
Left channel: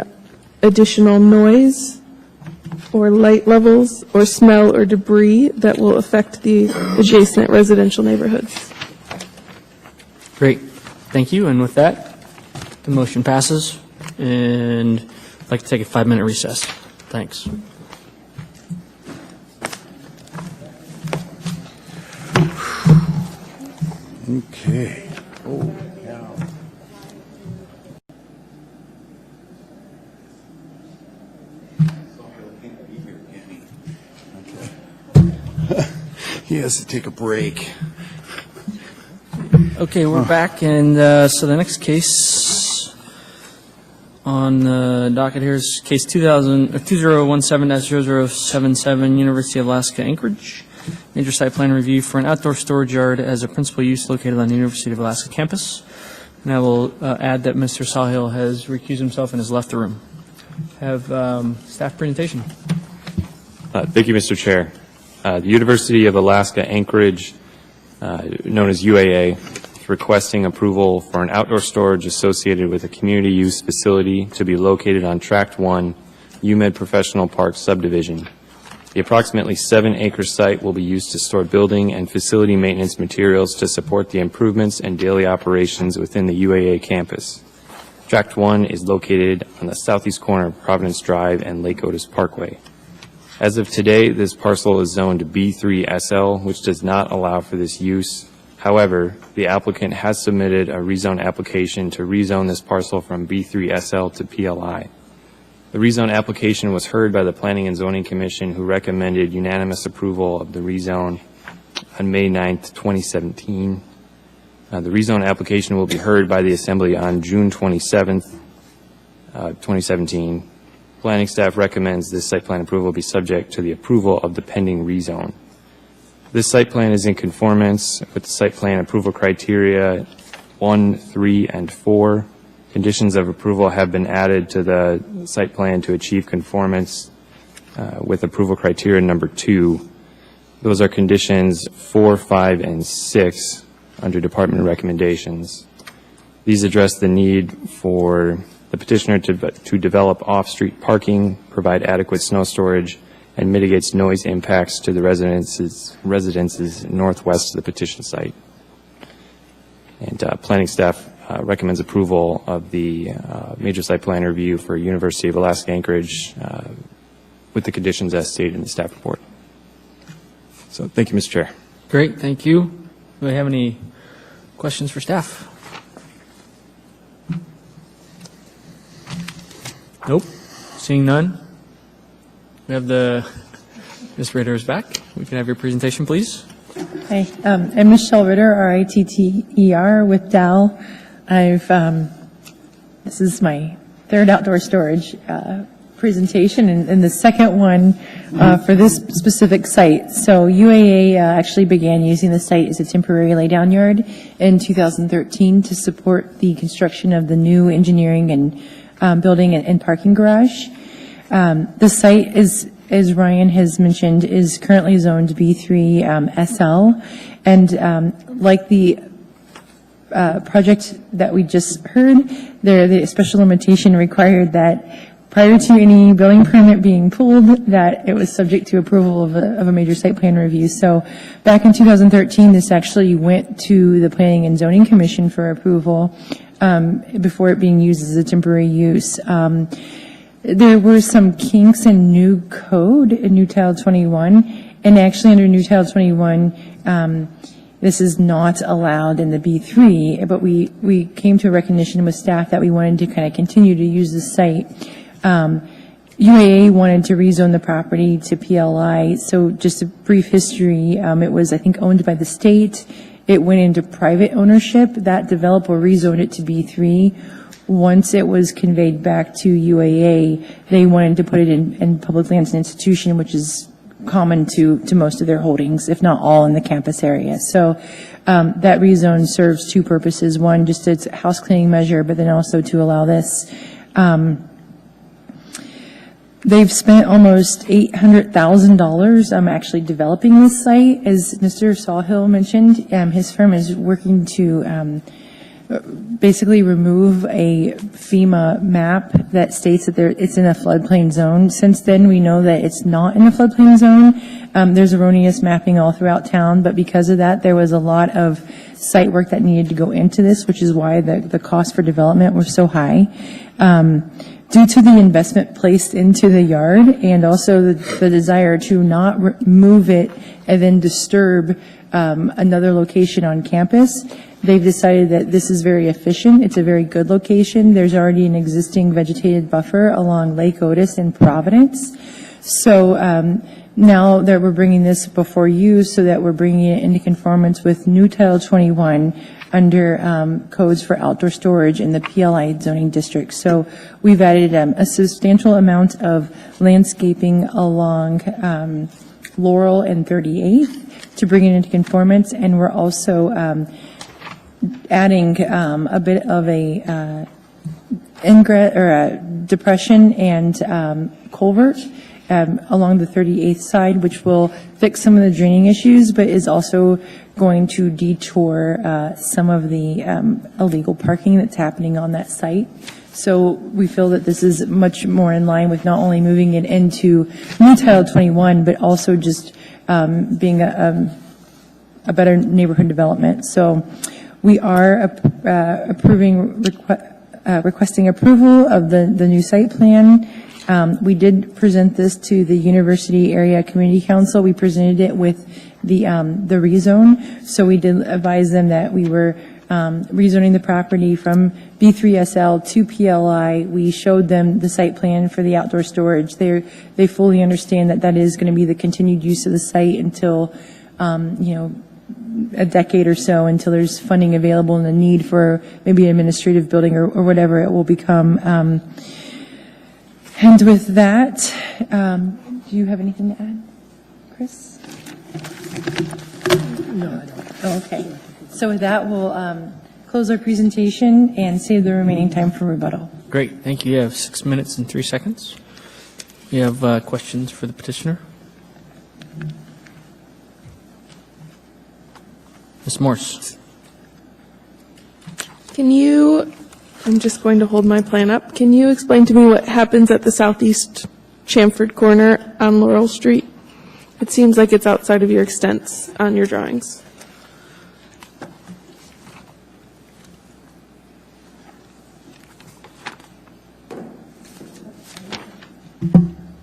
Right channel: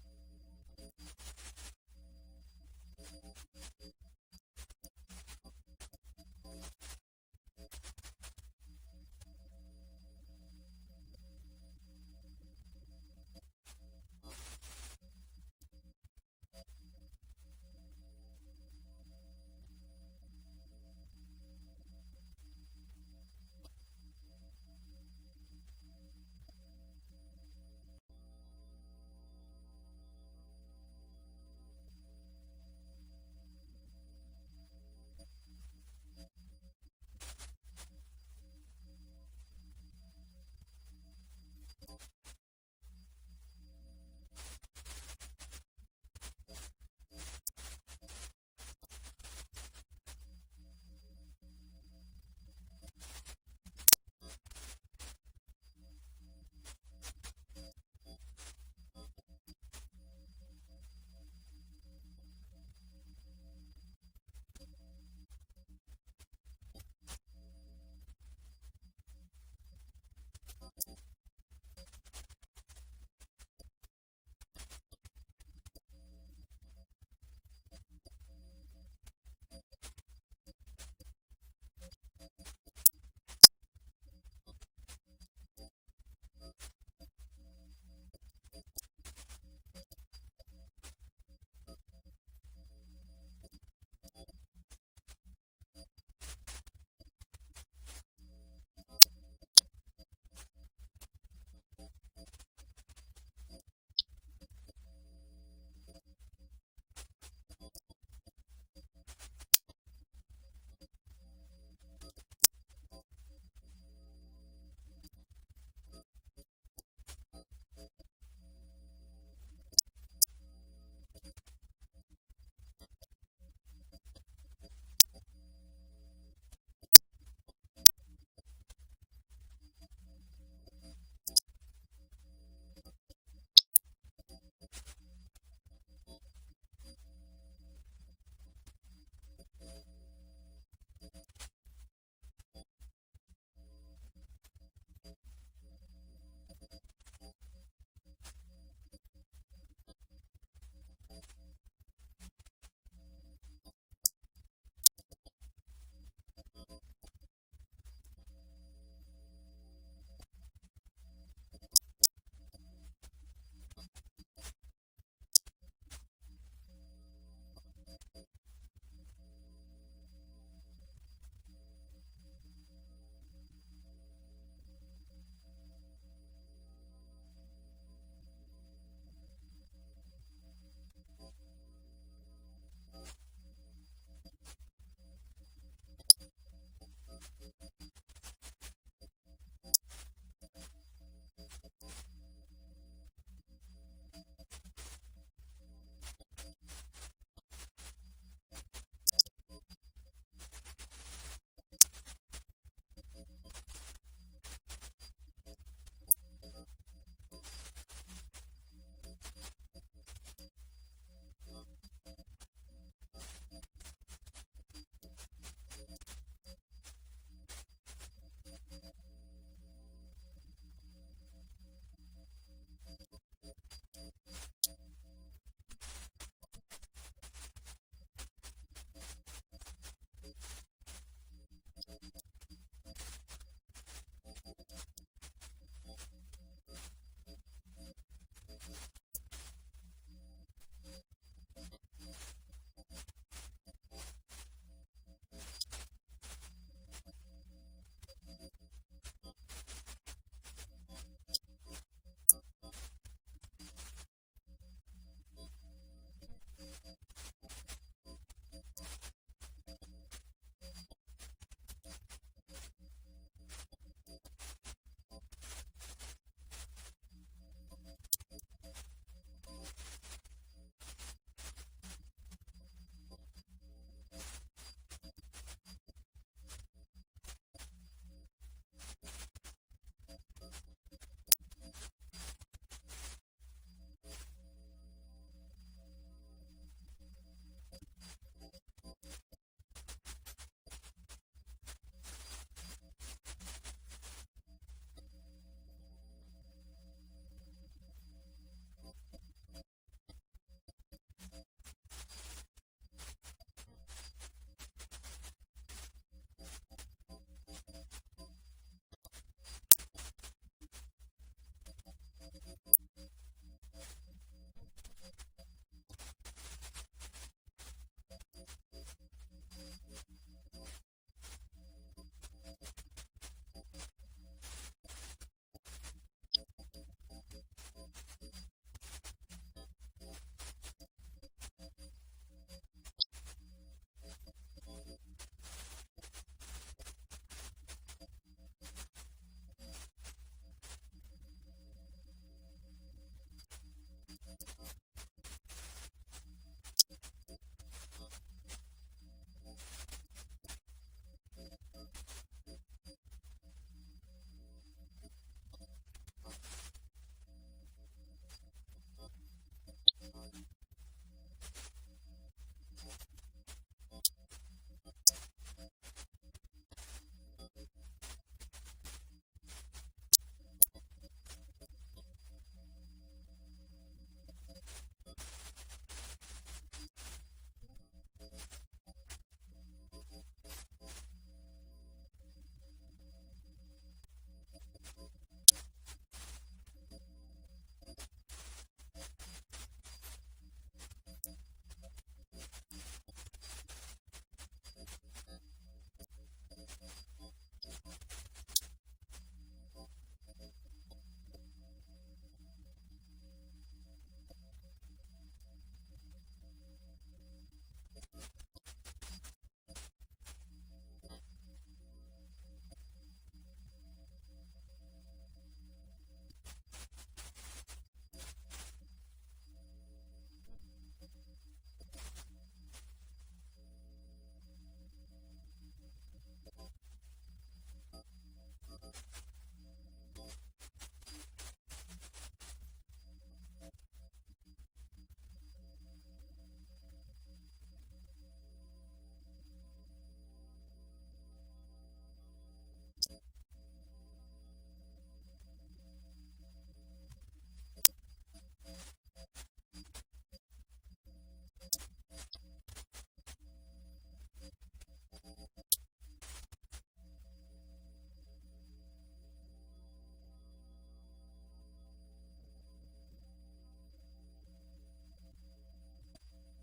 additional noise or light levels or smell or debris that will affect the adjacent residential neighborhoods. Great, thank you. And with that, the motion passes, and I'd like to take a 5-minute recess. Thanks. Okay. Oh, he has to take a break. Okay, we're back, and so the next case on the docket here is case 2017-0077, University of Alaska Anchorage. Major site plan review for an outdoor storage yard as a principal use located on the University of Alaska campus. And I will add that Mr. Sawhill has recused himself and has left the room. Have staff presentation. Thank you, Mr. Chair. The University of Alaska Anchorage, known as UAA, is requesting approval for an outdoor storage associated with a community use facility to be located on Tract 1, UMed Professional Park subdivision. The approximately 7-acre site will be used to store building and facility maintenance materials to support the improvements and daily operations within the UAA campus. Tract 1 is located on the southeast corner of Providence Drive and Lake Otis Parkway. As of today, this parcel is zoned B3SL, which does not allow for this use. However, the applicant has submitted a rezone application to rezone this parcel from B3SL to PLI. The rezone application was heard by the Planning and Zoning Commission, who recommended unanimous approval of the rezone on May 9th, 2017. The rezone application will be heard by the Assembly on June 27th, 2017. Planning staff recommends this site plan approval be subject to the approval of the pending rezone. This site plan is in conformance with the site plan approval criteria 1, 3, and 4. Conditions of approval have been added to the site plan to achieve conformance with approval criteria number 2. Those are conditions 4, 5, and 6 under department recommendations. These address the need for the petitioner to develop off-street parking, provide adequate snow storage, and mitigates noise impacts to the residences northwest of the petition site. And planning staff recommends approval of the major site plan review for University of Alaska Anchorage with the conditions as stated in the staff report. So thank you, Mr. Chair. Great, thank you. Do we have any questions for staff? Nope. Seeing none. We have Ms. Ritter is back. We can have your presentation, please. Hi, I'm Michelle Ritter, R-I-T-T-E-R, with Dow. This is my third outdoor storage presentation and the second one for this specific site. So UAA actually began using the site as a temporary laydown yard in 2013 to support the construction of the new engineering and building and parking garage. The site is, as Ryan has mentioned, is currently zoned B3 SL, and like the project that we just heard, the special limitation required that prior to any building permit being pulled, that it was subject to approval of a major site plan review. So back in 2013, this actually went to the Planning and Zoning Commission for approval before it being used as a temporary use. There were some kinks in new code in New Title 21, and actually under New Title 21, this is not allowed in the B3, but we came to a recognition with staff that we wanted to kind of continue to use the site. UAA wanted to rezone the property to PLI, so just a brief history, it was, I think, owned by the state. It went into private ownership. That developer rezoned it to B3. Once it was conveyed back to UAA, they wanted to put it in public lands and institution, which is common to most of their holdings, if not all in the campus area. So that rezone serves two purposes. One, just as a house cleaning measure, but then also to allow this. They've spent almost $800,000 actually developing this site. As Mr. Sawhill mentioned, his firm is working to basically remove a FEMA map that states that it's in a floodplain zone. Since then, we know that it's not in a floodplain zone. There's erroneous mapping all throughout town, but because of that, there was a lot of site work that needed to go into this, which is why the cost for development was so high. Due to the investment placed into the yard and also the desire to not move it and then disturb another location on campus, they've decided that this is very efficient. It's a very good location. There's already an existing vegetated buffer along Lake Otis and Providence. So now that we're bringing this before you so that we're bringing it into conformance with New Title 21 under codes for outdoor storage in the PLI zoning district. So we've added a substantial amount of landscaping along Laurel and 38th to bring it into conformance, and we're also adding a bit of a ingress or a depression and culvert along the 38th side, which will fix some of the draining issues, but is also going to detour some of the illegal parking that's happening on that site. So we feel that this is much more in line with not only moving it into New Title 21, but also just being a better neighborhood development. So we are requesting approval of the new site plan. We did present this to the University Area Community Council. We presented it with the rezone. So we did advise them that we were rezoning the property from B3SL to PLI. We showed them the site plan for the outdoor storage. They fully understand that that is going to be the continued use of the site until, a decade or so, until there's funding available and the need for maybe an administrative building or whatever it will become. And with that, do you have anything to add, Chris? No, I don't. Oh, okay. So with that, we'll close our presentation and save the remaining time for rebuttal. Great, thank you. You have 6 minutes and 3 seconds. You have questions for the petitioner? Ms. Morse. Can you I'm just going to hold my plan up. Can you explain to me what happens at the southeast Chamford corner on Laurel Street? It seems like it's outside of your extents on your drawings.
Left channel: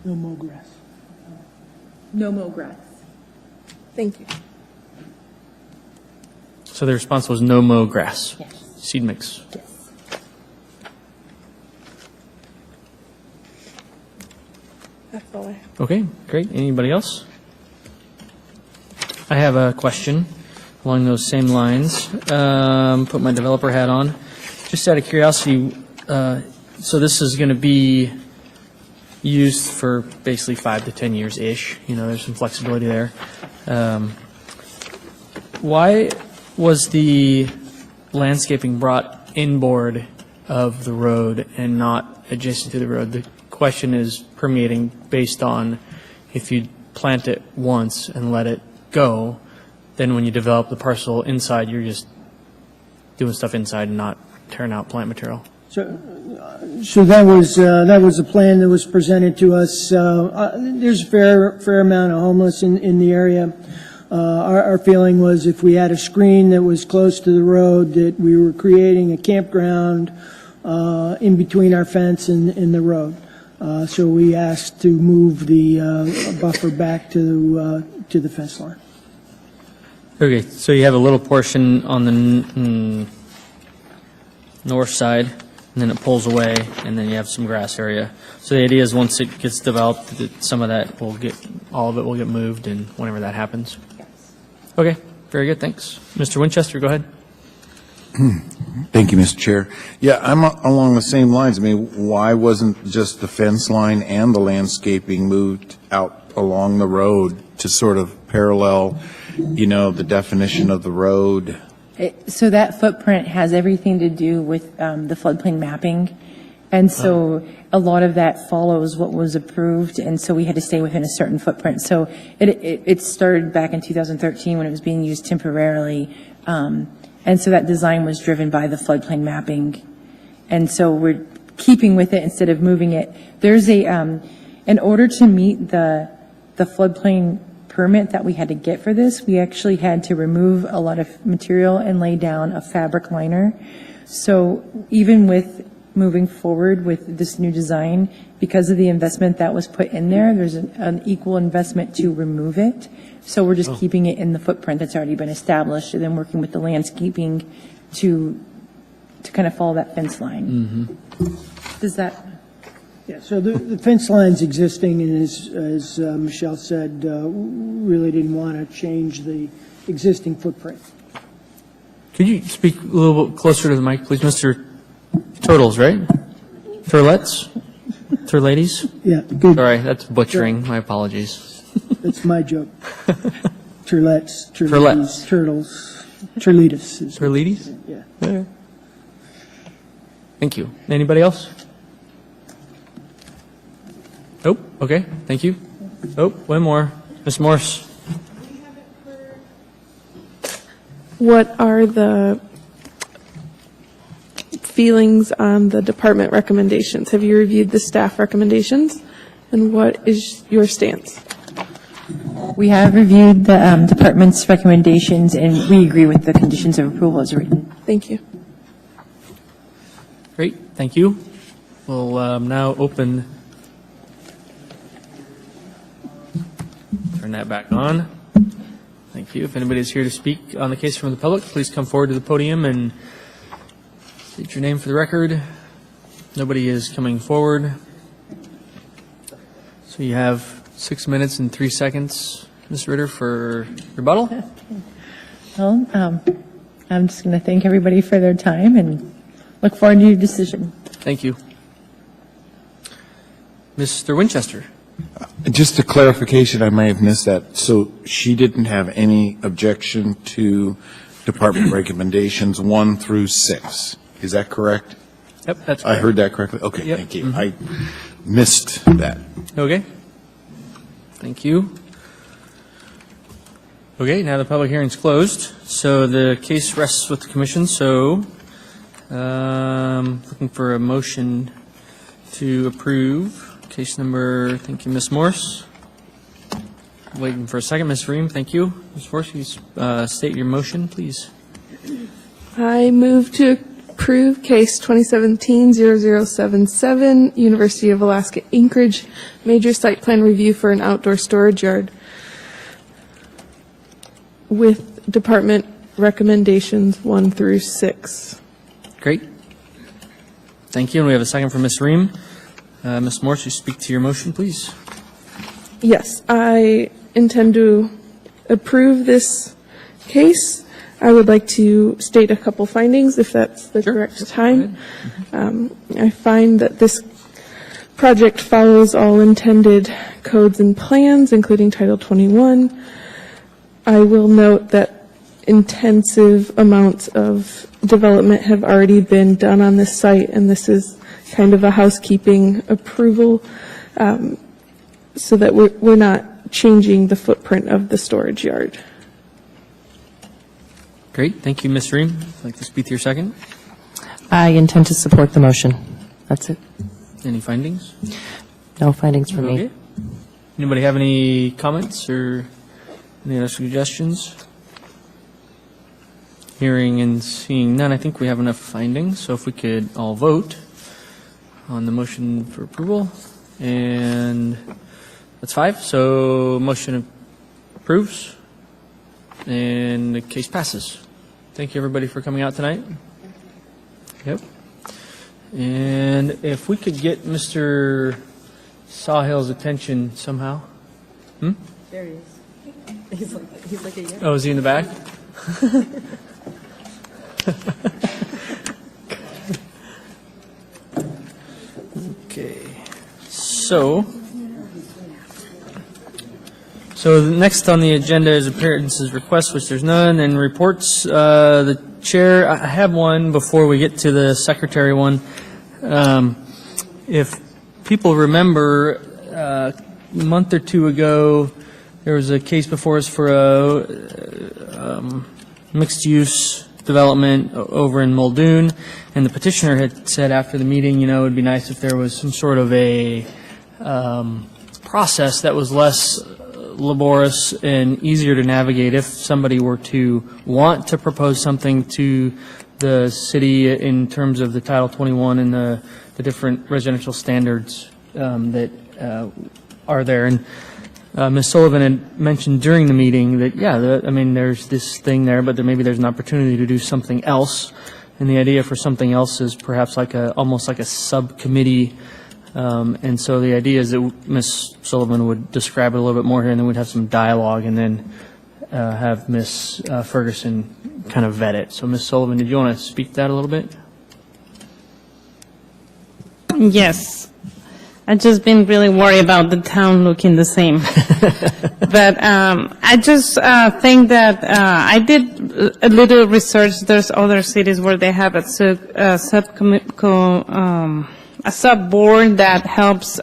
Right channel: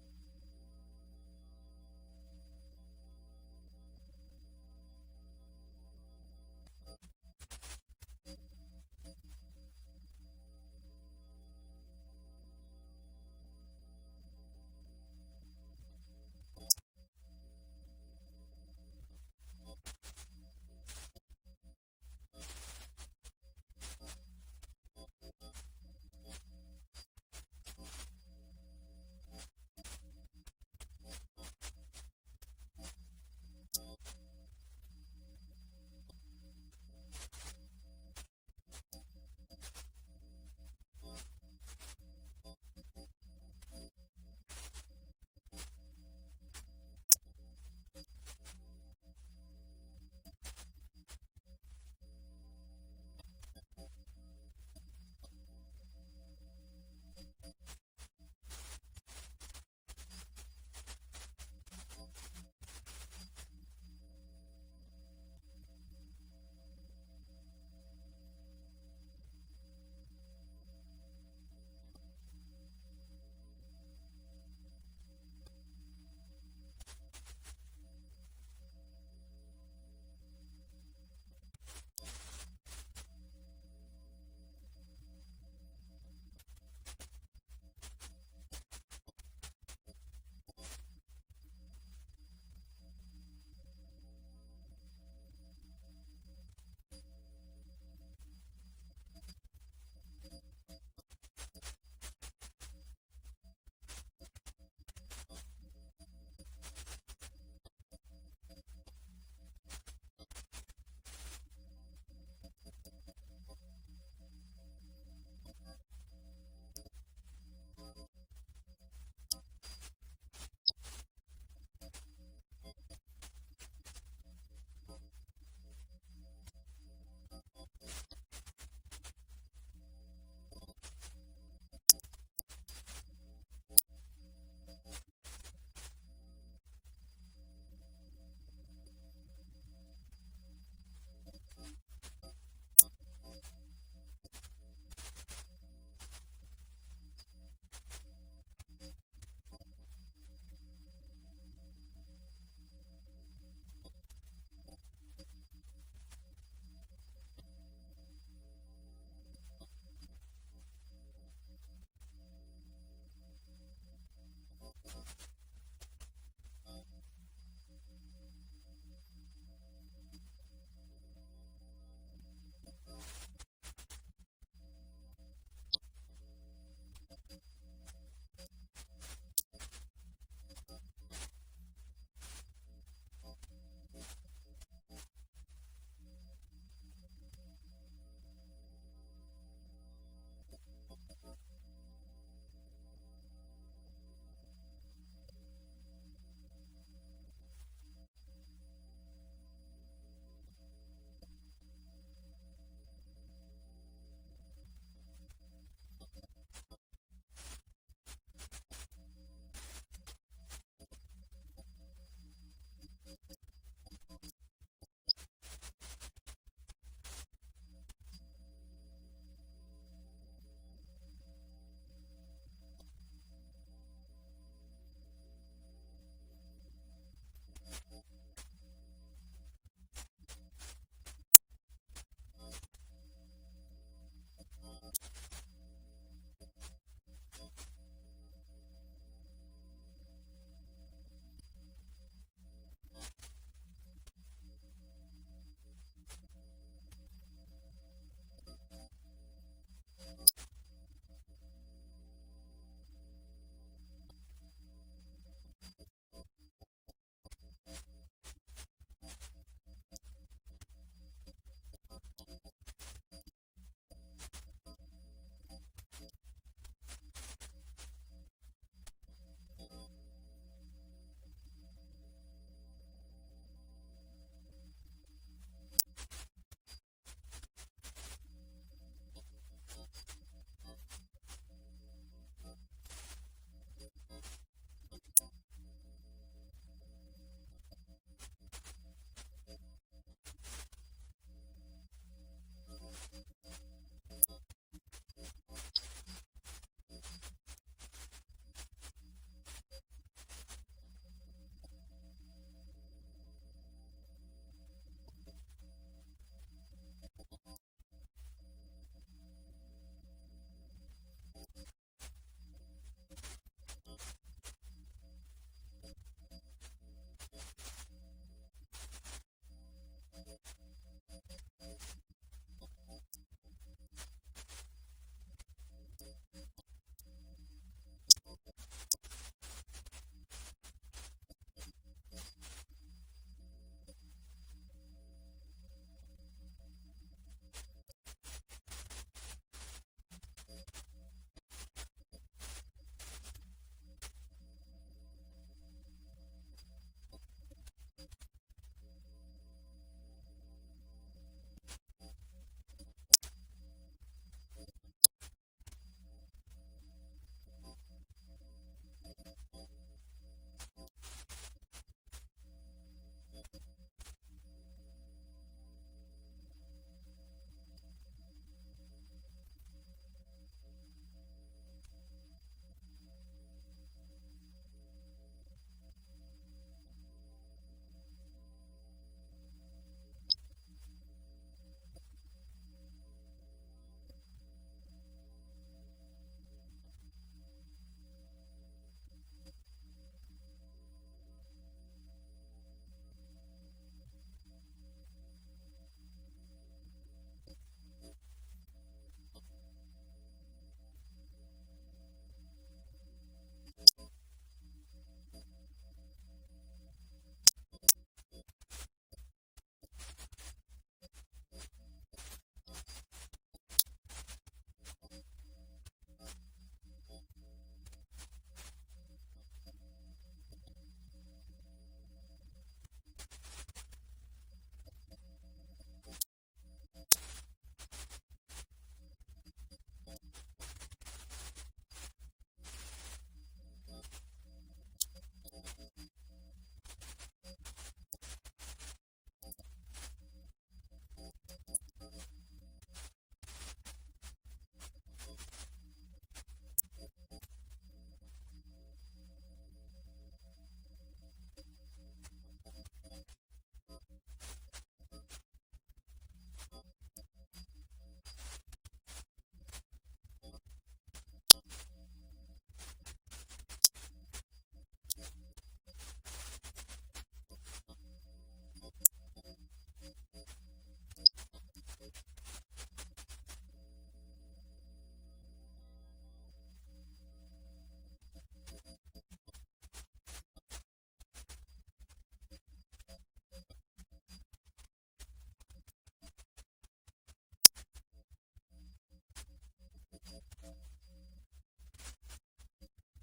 No more grass. No mow grass. Thank you. So the response was no mow grass. Yes. Seed mix. Yes. That's all I have. Okay, great. Anybody else? I have a question along those same lines. Put my developer hat on. Just out of curiosity, so this is going to be used for basically 5 to 10 years-ish. You know, there's some flexibility there. Why was the landscaping brought inboard of the road and not adjacent to the road? The question is permeating based on if you plant it once and let it go, then when you develop the parcel inside, you're just doing stuff inside and not tearing out plant material. So that was a plan that was presented to us. There's a fair amount of homeless in the area. Our feeling was if we had a screen that was close to the road, that we were creating a campground in between our fence and the road. So we asked to move the buffer back to the fence line. Okay, so you have a little portion on the north side, and then it pulls away, and then you have some grass area. So the idea is once it gets developed, that some of that will get, all of it will get moved, and whenever that happens. Okay, very good, thanks. Mr. Winchester, go ahead. Thank you, Mr. Chair. Yeah, I'm along the same lines. I mean, why wasn't just the fence line and the landscaping moved out along the road to sort of parallel, the definition of the road? So that footprint has everything to do with the floodplain mapping. And so a lot of that follows what was approved, and so we had to stay within a certain footprint. So it started back in 2013 when it was being used temporarily. And so that design was driven by the floodplain mapping. And so we're keeping with it instead of moving it. There's in order to meet the floodplain permit that we had to get for this, we actually had to remove a lot of material and lay down a fabric liner. So even with moving forward with this new design, because of the investment that was put in there, there's an equal investment to remove it. So we're just keeping it in the footprint that's already been established, and then working with the landscaping to kind of follow that fence line. Does that? Yeah, so the fence line's existing, and as Michelle said, really didn't want to change the existing footprint. Could you speak a little bit closer to the mic, please? Mr. Turtles, right? Turlettes? Turladies? Yeah, good. Sorry, that's butchering. My apologies. That's my joke. Turlettes, Turlettes. turtles, turlitas. Turlides? Yeah. Okay. Thank you. Anybody else? Nope. Okay. Thank you. Oh, one more. Ms. Morse. What are the feelings on the department recommendations? Have you reviewed the staff recommendations? And what is your stance? We have reviewed the department's recommendations, and we agree with the conditions of approval as written. Thank you. Great. Thank you. We'll now open. Turn that back on. Thank you. If anybody's here to speak on the case from the public, please come forward to the podium and state your name for the record. Nobody is coming forward. So you have 6 minutes and 3 seconds, Ms. Ritter, for rebuttal. Well, I'm just going to thank everybody for their time and look forward to your decision. Thank you. Mr. Winchester. Just a clarification, I may have missed that. So she didn't have any objection to department recommendations 1 through 6. Is that correct? Yep, that's I correct. heard that correctly? Okay, Yep. thank you. I missed that. Okay. Thank you. Okay, now the public hearing's closed, so the case rests with the commission, so Looking for a motion to approve case number, thank you, Ms. Morse. Waiting for a second, Ms. Ream, thank you. Ms. Morse, you state your motion, please. I move to approve case 2017-0077, University of Alaska Anchorage, major site plan review for an outdoor storage yard with department recommendations 1 through 6. Great. Thank you, and we have a second from Ms. Ream. Ms. Morse, you speak to your motion, please. Yes, I intend to approve this case. I would like to state a couple findings, if that's the correct time. I find that this project follows all intended codes and plans, including Title 21. I will note that intensive amounts of development have already been done on this site, and this is kind of a housekeeping approval, so that we're not changing the footprint of the storage yard. Great, thank you, Ms. Ream. Would you like to speak to your second? I intend to support the motion. That's it. Any findings? No findings from me. Okay. Anybody have any comments or any other suggestions? Hearing and seeing none, I think we have enough findings, so if we could all vote on the motion for approval, and that's 5, so motion approves, and the case passes. Thank you, everybody, for coming out tonight. Yep. And if we could get Mr. Sawhill's attention somehow. There he is. He's like a yes. Oh, is he in the back? Okay. So next on the agenda is appearances, requests, which there's none, and reports. The chair, I have one before we get to the secretary one. If people remember, a month or two ago, there was a case before us for a mixed-use development over in Muldoon, and the petitioner had said after the meeting, it would be nice if there was some sort of a process that was less laborious and easier to navigate if somebody were to want to propose something to the city in terms of the Title 21 and the different residential standards that are there. And Ms. Sullivan had mentioned during the meeting that, there's this thing there, but maybe there's an opportunity to do something else. And the idea for something else is perhaps almost like a subcommittee. And so the idea is that Ms. Sullivan would describe it a little bit more here, and then we'd have some dialogue, and then have Ms. Ferguson kind of vet it. So Ms. Sullivan, did you want to speak to that a little bit? Yes. I've just been really worried about the town looking the same. But I just think that I did a little research. There's other cities where they have a sub-board that helps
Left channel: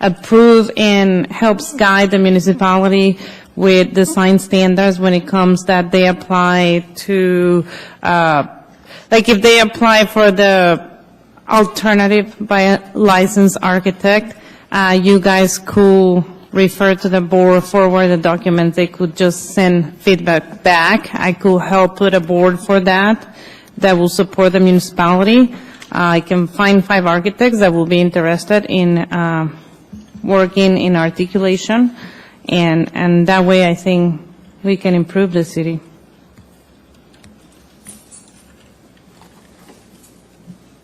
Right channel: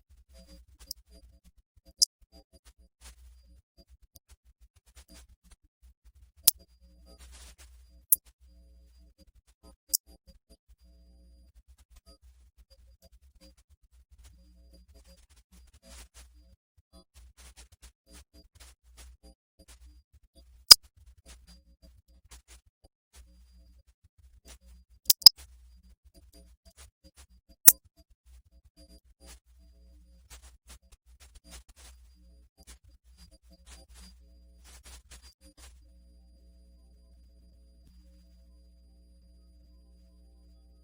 approve and helps guide the municipality with design standards when it comes that they apply to, like if they apply for the alternative by a licensed architect, you guys could refer to the board, forward the documents. They could just send feedback back. I could help put a board for that will support the municipality. I can find 5 architects that will be interested in working in articulation, and that way I think we can improve the city.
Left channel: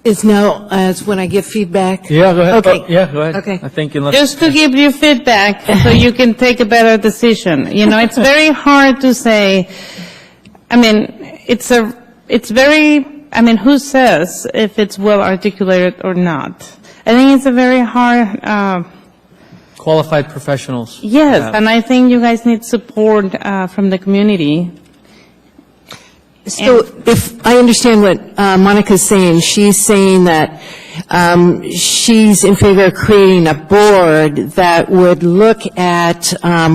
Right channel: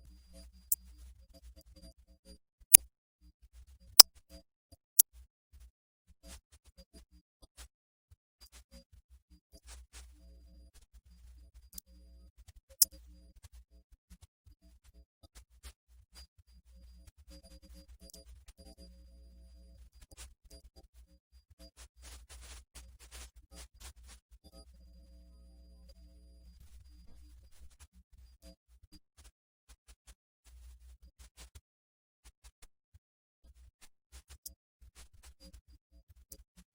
Is now as when I give feedback? Yeah, go ahead. Okay. Go ahead. Okay. I think unless. Just to give you feedback so you can take a better decision. It's very hard to say, who says if it's well articulated or not? I think it's a very hard. Qualified professionals. Yes, and I think you guys need support from the community. So if I understand what Monica's saying, she's saying that she's in favor of creating a board that would look at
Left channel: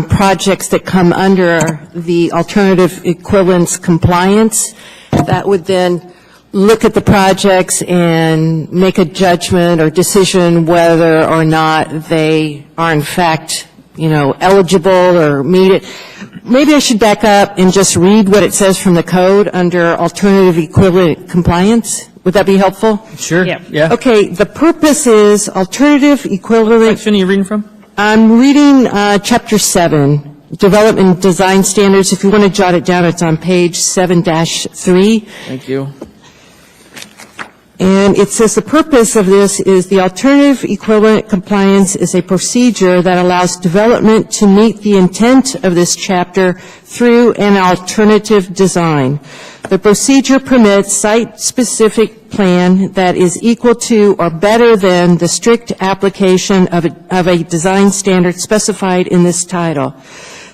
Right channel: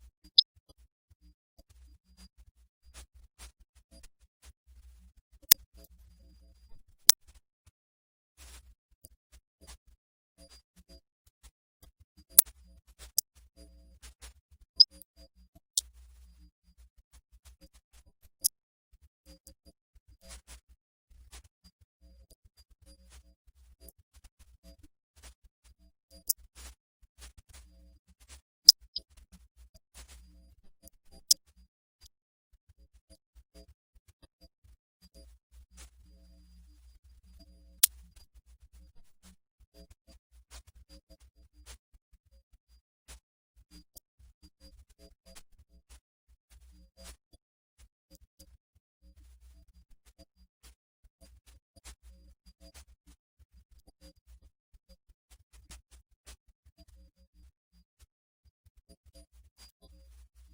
projects that come under the alternative equivalence compliance that would then look at the projects and make a judgment or decision whether or not they are in fact, eligible or meet it. Maybe I should back up and just read what it says from the code under alternative equivalent compliance. Would that be helpful? Sure. Yeah. Yeah. Okay, the purpose is alternative equivalent. Section are you reading from? I'm reading Chapter 7, Development Design Standards. If you want to jot it down, it's on page 7-3. Thank you. And it says the purpose of this is the alternative equivalent compliance is a procedure that allows development to meet the intent of this chapter through an alternative design. The procedure permits site-specific plan that is equal to or better than the strict application of a design standard specified in this title.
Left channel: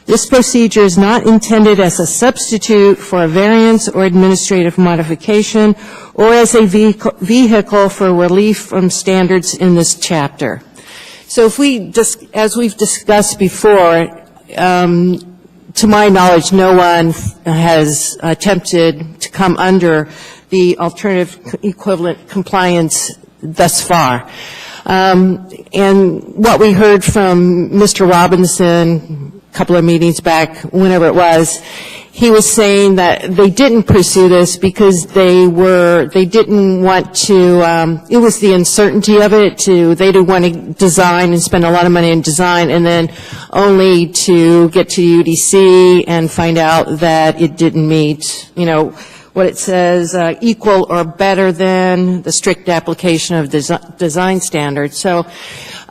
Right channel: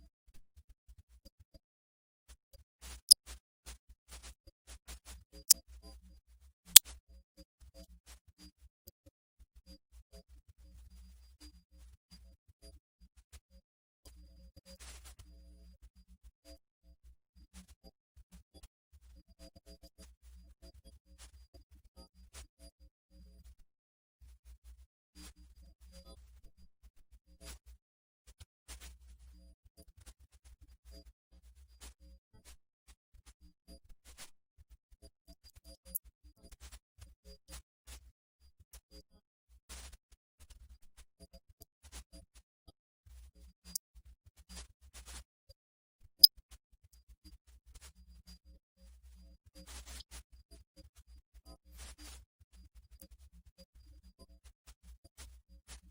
This procedure is not intended as a substitute for a variance or administrative modification or as a vehicle for relief from standards in this chapter. So if we, as we've discussed before, to my knowledge, no one has attempted to come under the alternative equivalent compliance thus far. And what we heard from Mr. Robinson a couple of meetings back, whenever it was, he was saying that they didn't pursue this because they didn't want to, it was the uncertainty of it, they didn't want to design and spend a lot of money in design and then only to get to UDC and find out that it didn't meet, what it says, equal or better than the strict application of design standards. So,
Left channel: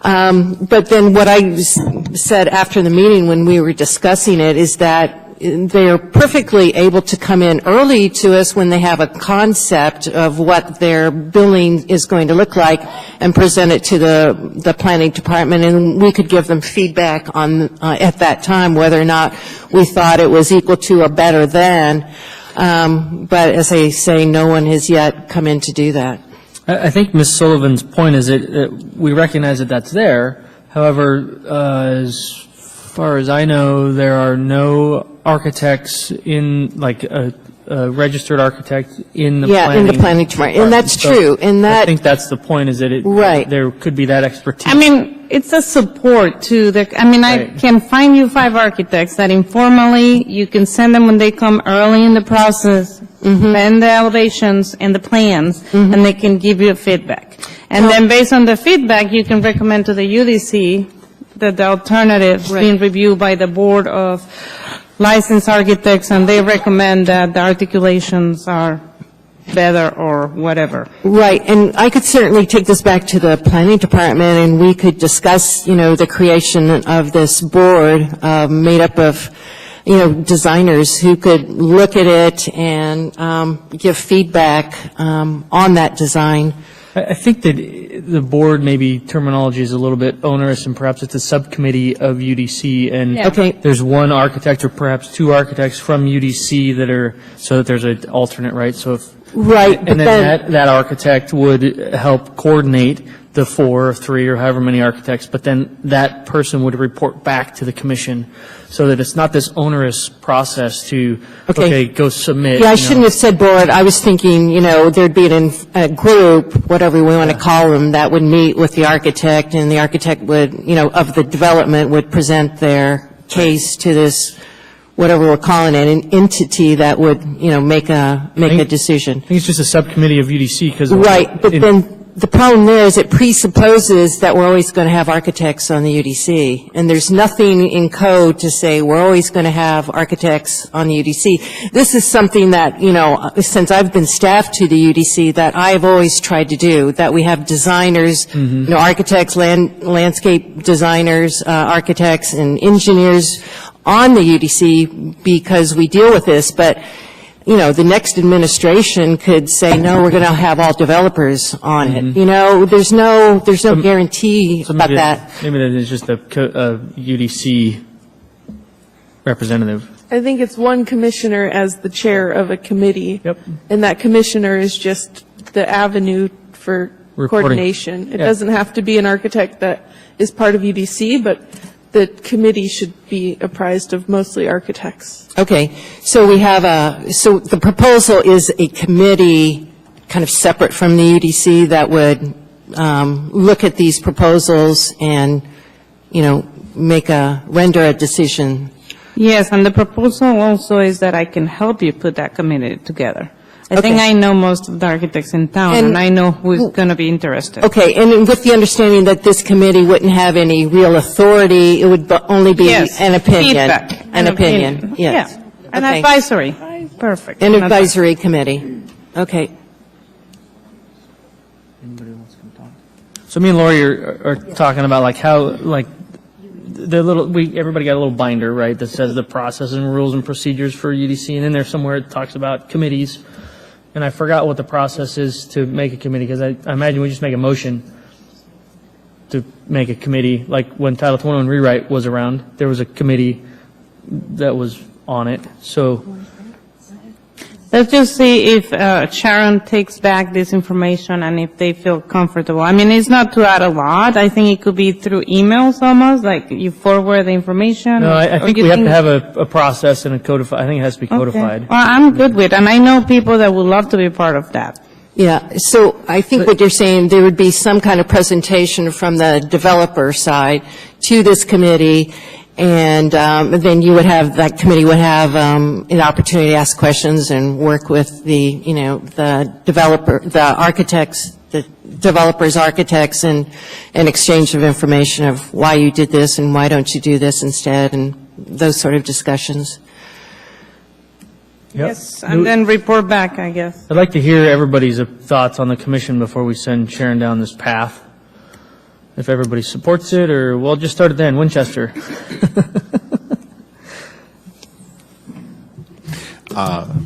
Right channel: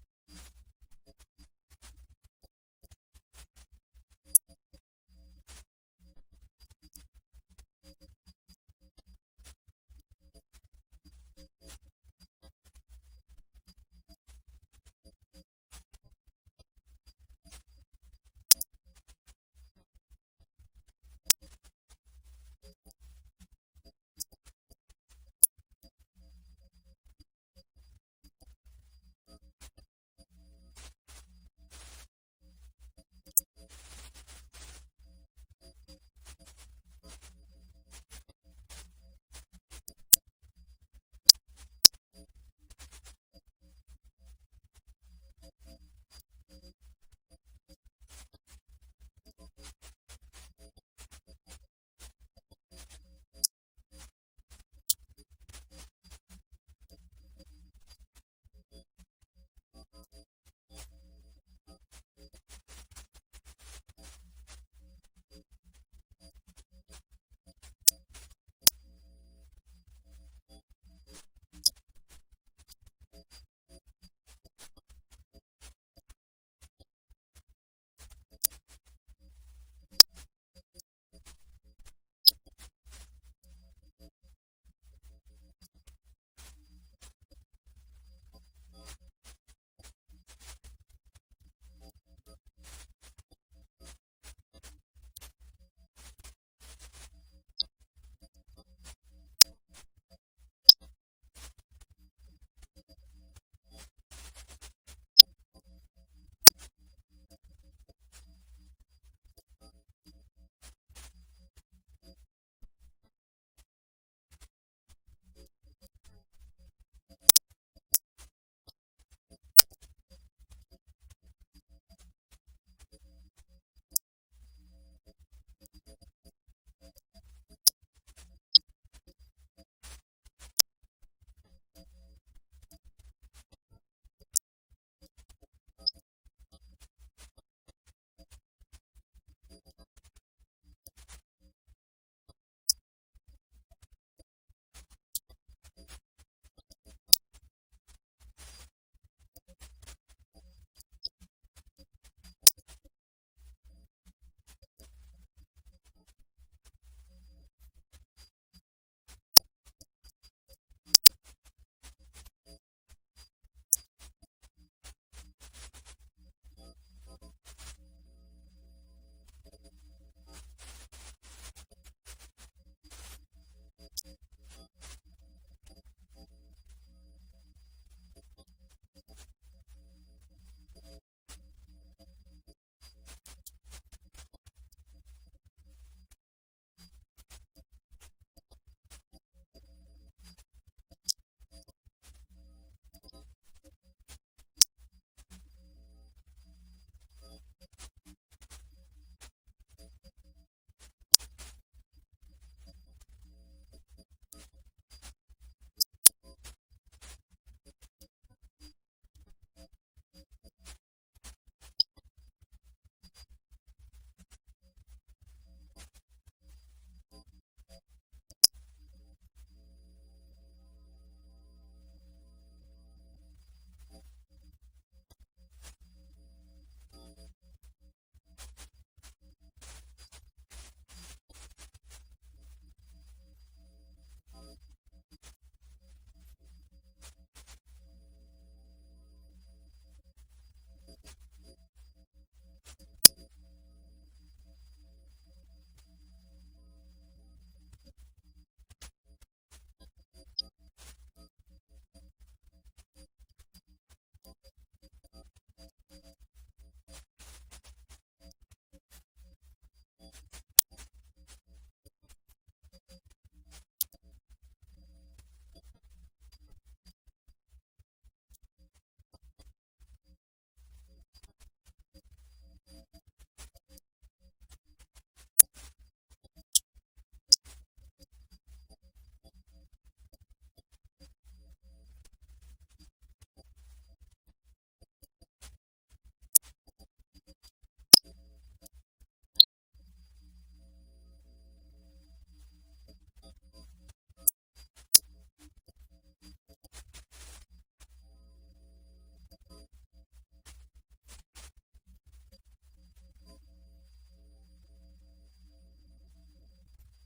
but then what I said after the meeting when we were discussing it is that they are perfectly able to come in early to us when they have a concept of what their building is going to look like and present it to the planning department, and we could give them feedback on at that time whether or not we thought it was equal to or better than. But as I say, no one has yet come in to do that. I think Ms. Sullivan's point is that we recognize that that's there. However, as far as I know, there are no architects in, like a registered architect in the planning. Yeah, in the planning department, and that's true. And I that, think that's the point, is that Right. there could be that expertise. I mean, it's a support to the, I Right. can find you 5 architects that informally, you can send them when they come early in the process, send the elevations and the plans, and they can give you feedback. And then based on the feedback, you can recommend to the UDC that the alternatives Right. being reviewed by the Board of Licensed Architects, and they recommend that the articulations are better or whatever. Right, and I could certainly take this back to the planning department, and we could discuss, the creation of this board made up of, designers who could look at it and give feedback on that design. I think that the board, maybe terminology is a little bit onerous, and perhaps it's a subcommittee of UDC, and Yeah. Okay. there's one architect or perhaps 2 architects from UDC that are, so that there's an alternate, right? So if, Right, but and then then, that architect would help coordinate the 4 or 3 or however many architects, but then that person would report back to the commission, so that it's not this onerous process to, Okay. go submit. yeah, I shouldn't have said board. I was thinking, there'd be a group, whatever we want to call them, that would meet with the architect, and the architect would, of the development would present their case to this, whatever we're calling it, an entity that would, make a decision. I think it's just a subcommittee of UDC, because. Right, but then the problem there is it presupposes that we're always going to have architects on the UDC, and there's nothing in code to say we're always going to have architects on the UDC. This is something that, since I've been staff to the UDC, that I've always tried to do, that we have designers, architects, landscape designers, architects, and engineers on the UDC because we deal with this, but the next administration could say, no, we're going to have all developers on it. There's no guarantee So about maybe that. Maybe that is just a UDC representative. I think it's one commissioner as the chair of a committee. Yep. And that commissioner is just the avenue for Reporting. coordination. It Yeah. doesn't have to be an architect that is part of UDC, but the committee should be apprised of mostly architects. Okay, so we have so the proposal is a committee kind of separate from the UDC that would look at these proposals and, render a decision. Yes, and the proposal also is that I can help you put that committee together. I think I know most of the architects in town, and I know who's going to be interested. Okay, and with the understanding that this committee wouldn't have any real authority, it would only be Yes, an opinion. feedback. An opinion, yes. Yeah, an Okay. advisory. Perfect. An advisory committee. Okay. So me and Lori are talking about like how, like, everybody got a little binder, right, that says the process and rules and procedures for UDC, and in there somewhere it talks about committees. And I forgot what the process is to make a committee, because I imagine we just make a motion to make a committee. Like when Title 21 rewrite was around, there was a committee that was on it. So Let's just see if Sharon takes back this information and if they feel comfortable. I mean, it's not to add a lot. I think it could be through emails almost, like you forward the information. no, I or think you we have to have a process and a codified. I think it has to be Okay. codified. Well, I'm good with, and I know people that would love to be part of that. Yeah, so I think what you're saying, there would be some kind of presentation from the developer side to this committee, and then you would have, that committee would have an opportunity to ask questions and work with the, the developer, the architects, the developers' architects, and an exchange of information of why you did this and why don't you do this instead, and those sort of discussions. Yes, and then report back, I guess. I'd like to hear everybody's thoughts on the commission before we send Sharon down this path. If everybody supports it, or we'll just start it then, Winchester.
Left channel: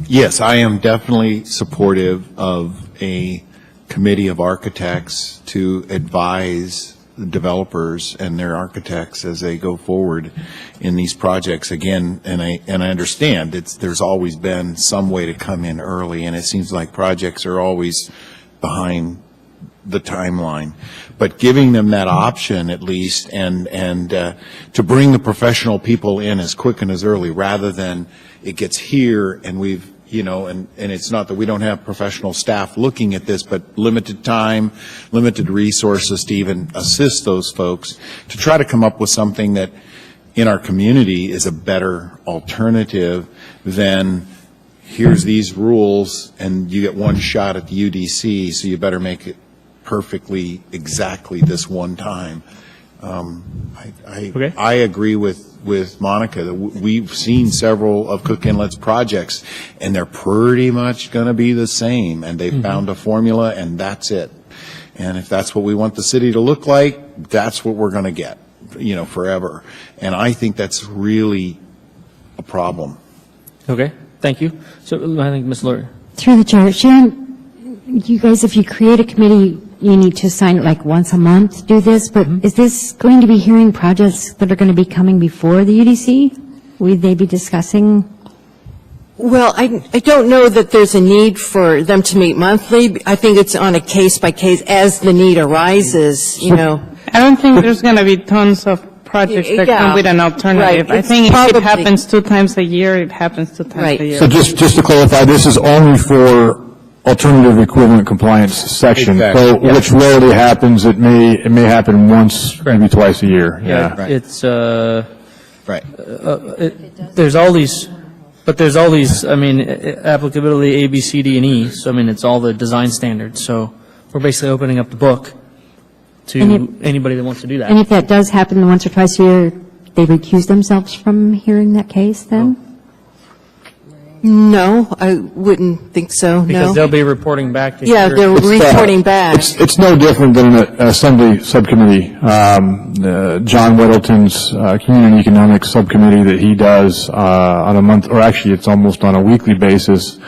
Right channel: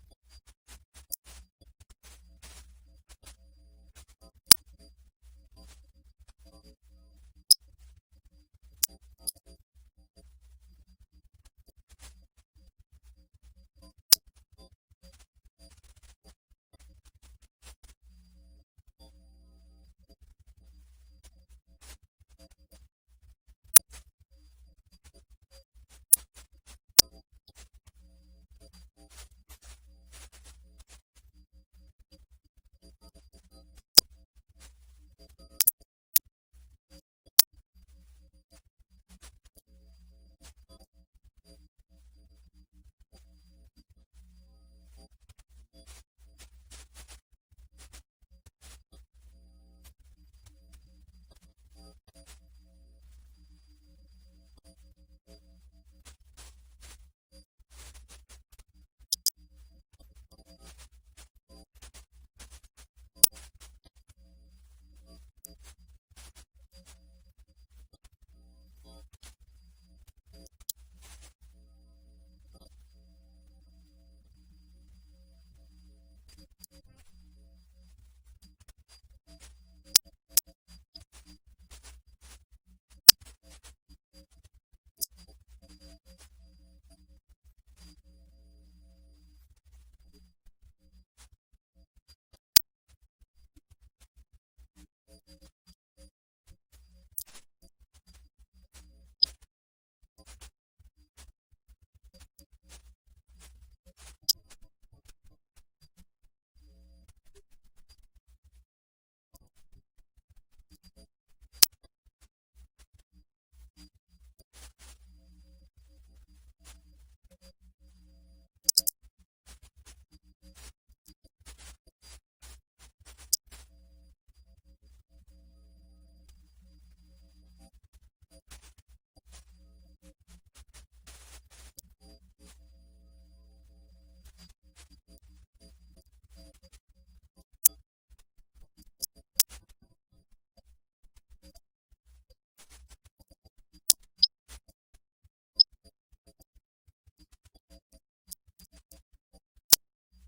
Yes, I am definitely supportive of a committee of architects to advise the developers and their architects as they go forward in these projects. Again, and I understand there's always been some way to come in early, and it seems like projects are always behind the timeline, but giving them that option at least, and to bring the professional people in as quick and as early, rather than it gets here and we've, and it's not that we don't have professional staff looking at this, but limited time, limited resources to even assist those folks, to try to come up with something that in our community is a better alternative than here's these rules and you get one shot at the UDC, so you better make it perfectly exactly this one time. Okay. I agree with Monica that we've seen several of Cook Inlet's projects, and they're pretty much going to be the same, and they've found a formula, and that's it. And if that's what we want the city to look like, that's what we're going to get, forever. And I think that's really a problem. Okay, thank you. So I think Ms. Lori. Through the chair, Sharon, you guys, if you create a committee, you need to sign it like once a month to do this, but is this going to be hearing projects that are going to be coming before the UDC? Would they be discussing? Well, I don't know that there's a need for them to meet monthly. I think it's on a case-by-case, as the need arises, I don't think there's going to be tons of projects that Yeah, come with an alternative. right. I think It's if it probably- happens 2 times a year, it happens 2 times Right. a year. So just to clarify, this is only for alternative equivalent compliance section. Exactly. So, which rarely happens. It may happen once, maybe twice a year. Yeah. Right. It's, Right. there's all these, applicability A, B, C, D, and E. So, it's all the design standards. So we're basically opening up the book to anybody that wants to do that. And if that does happen once or twice a year, they recuse themselves from hearing that case then? No, I wouldn't think so, Because no. they'll be reporting back to Yeah, your- they're reporting back. It's no different than an assembly subcommittee. John Weddleton's community economics subcommittee that he does on a month, or actually it's almost on a weekly basis.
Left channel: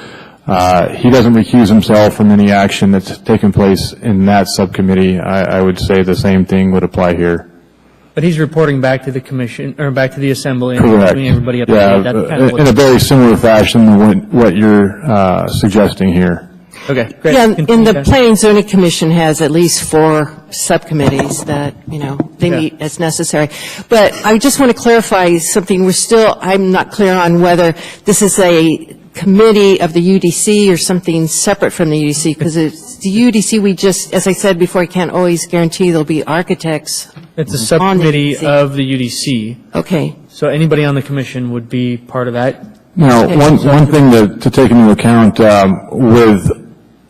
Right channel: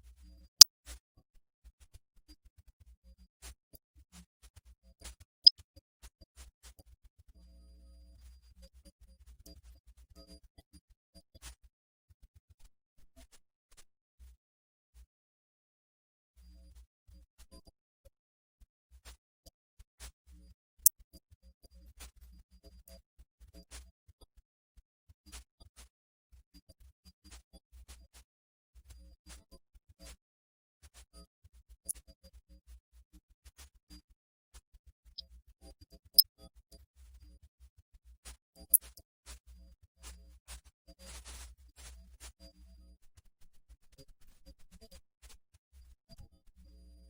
He doesn't recuse himself from any action that's taken place in that subcommittee. I would say the same thing would apply here. But he's reporting back to the commission, or back to the assembly, and Correct. keeping everybody up to Yeah, date. That's kind of in a what. very similar fashion to what you're suggesting here. Okay, great. Yeah, and Continue, the guys. Planning and Zoning Commission has at least 4 subcommittees that, they Yeah. meet as necessary. But I just want to clarify something. I'm not clear on whether this is a committee of the UDC or something separate from the UDC? Because it's the UDC, we just, as I said before, I can't always guarantee there'll be architects. It's a on the subcommittee UDC. of the UDC. Okay. So anybody on the commission would be part of that. Now, one thing to take into account with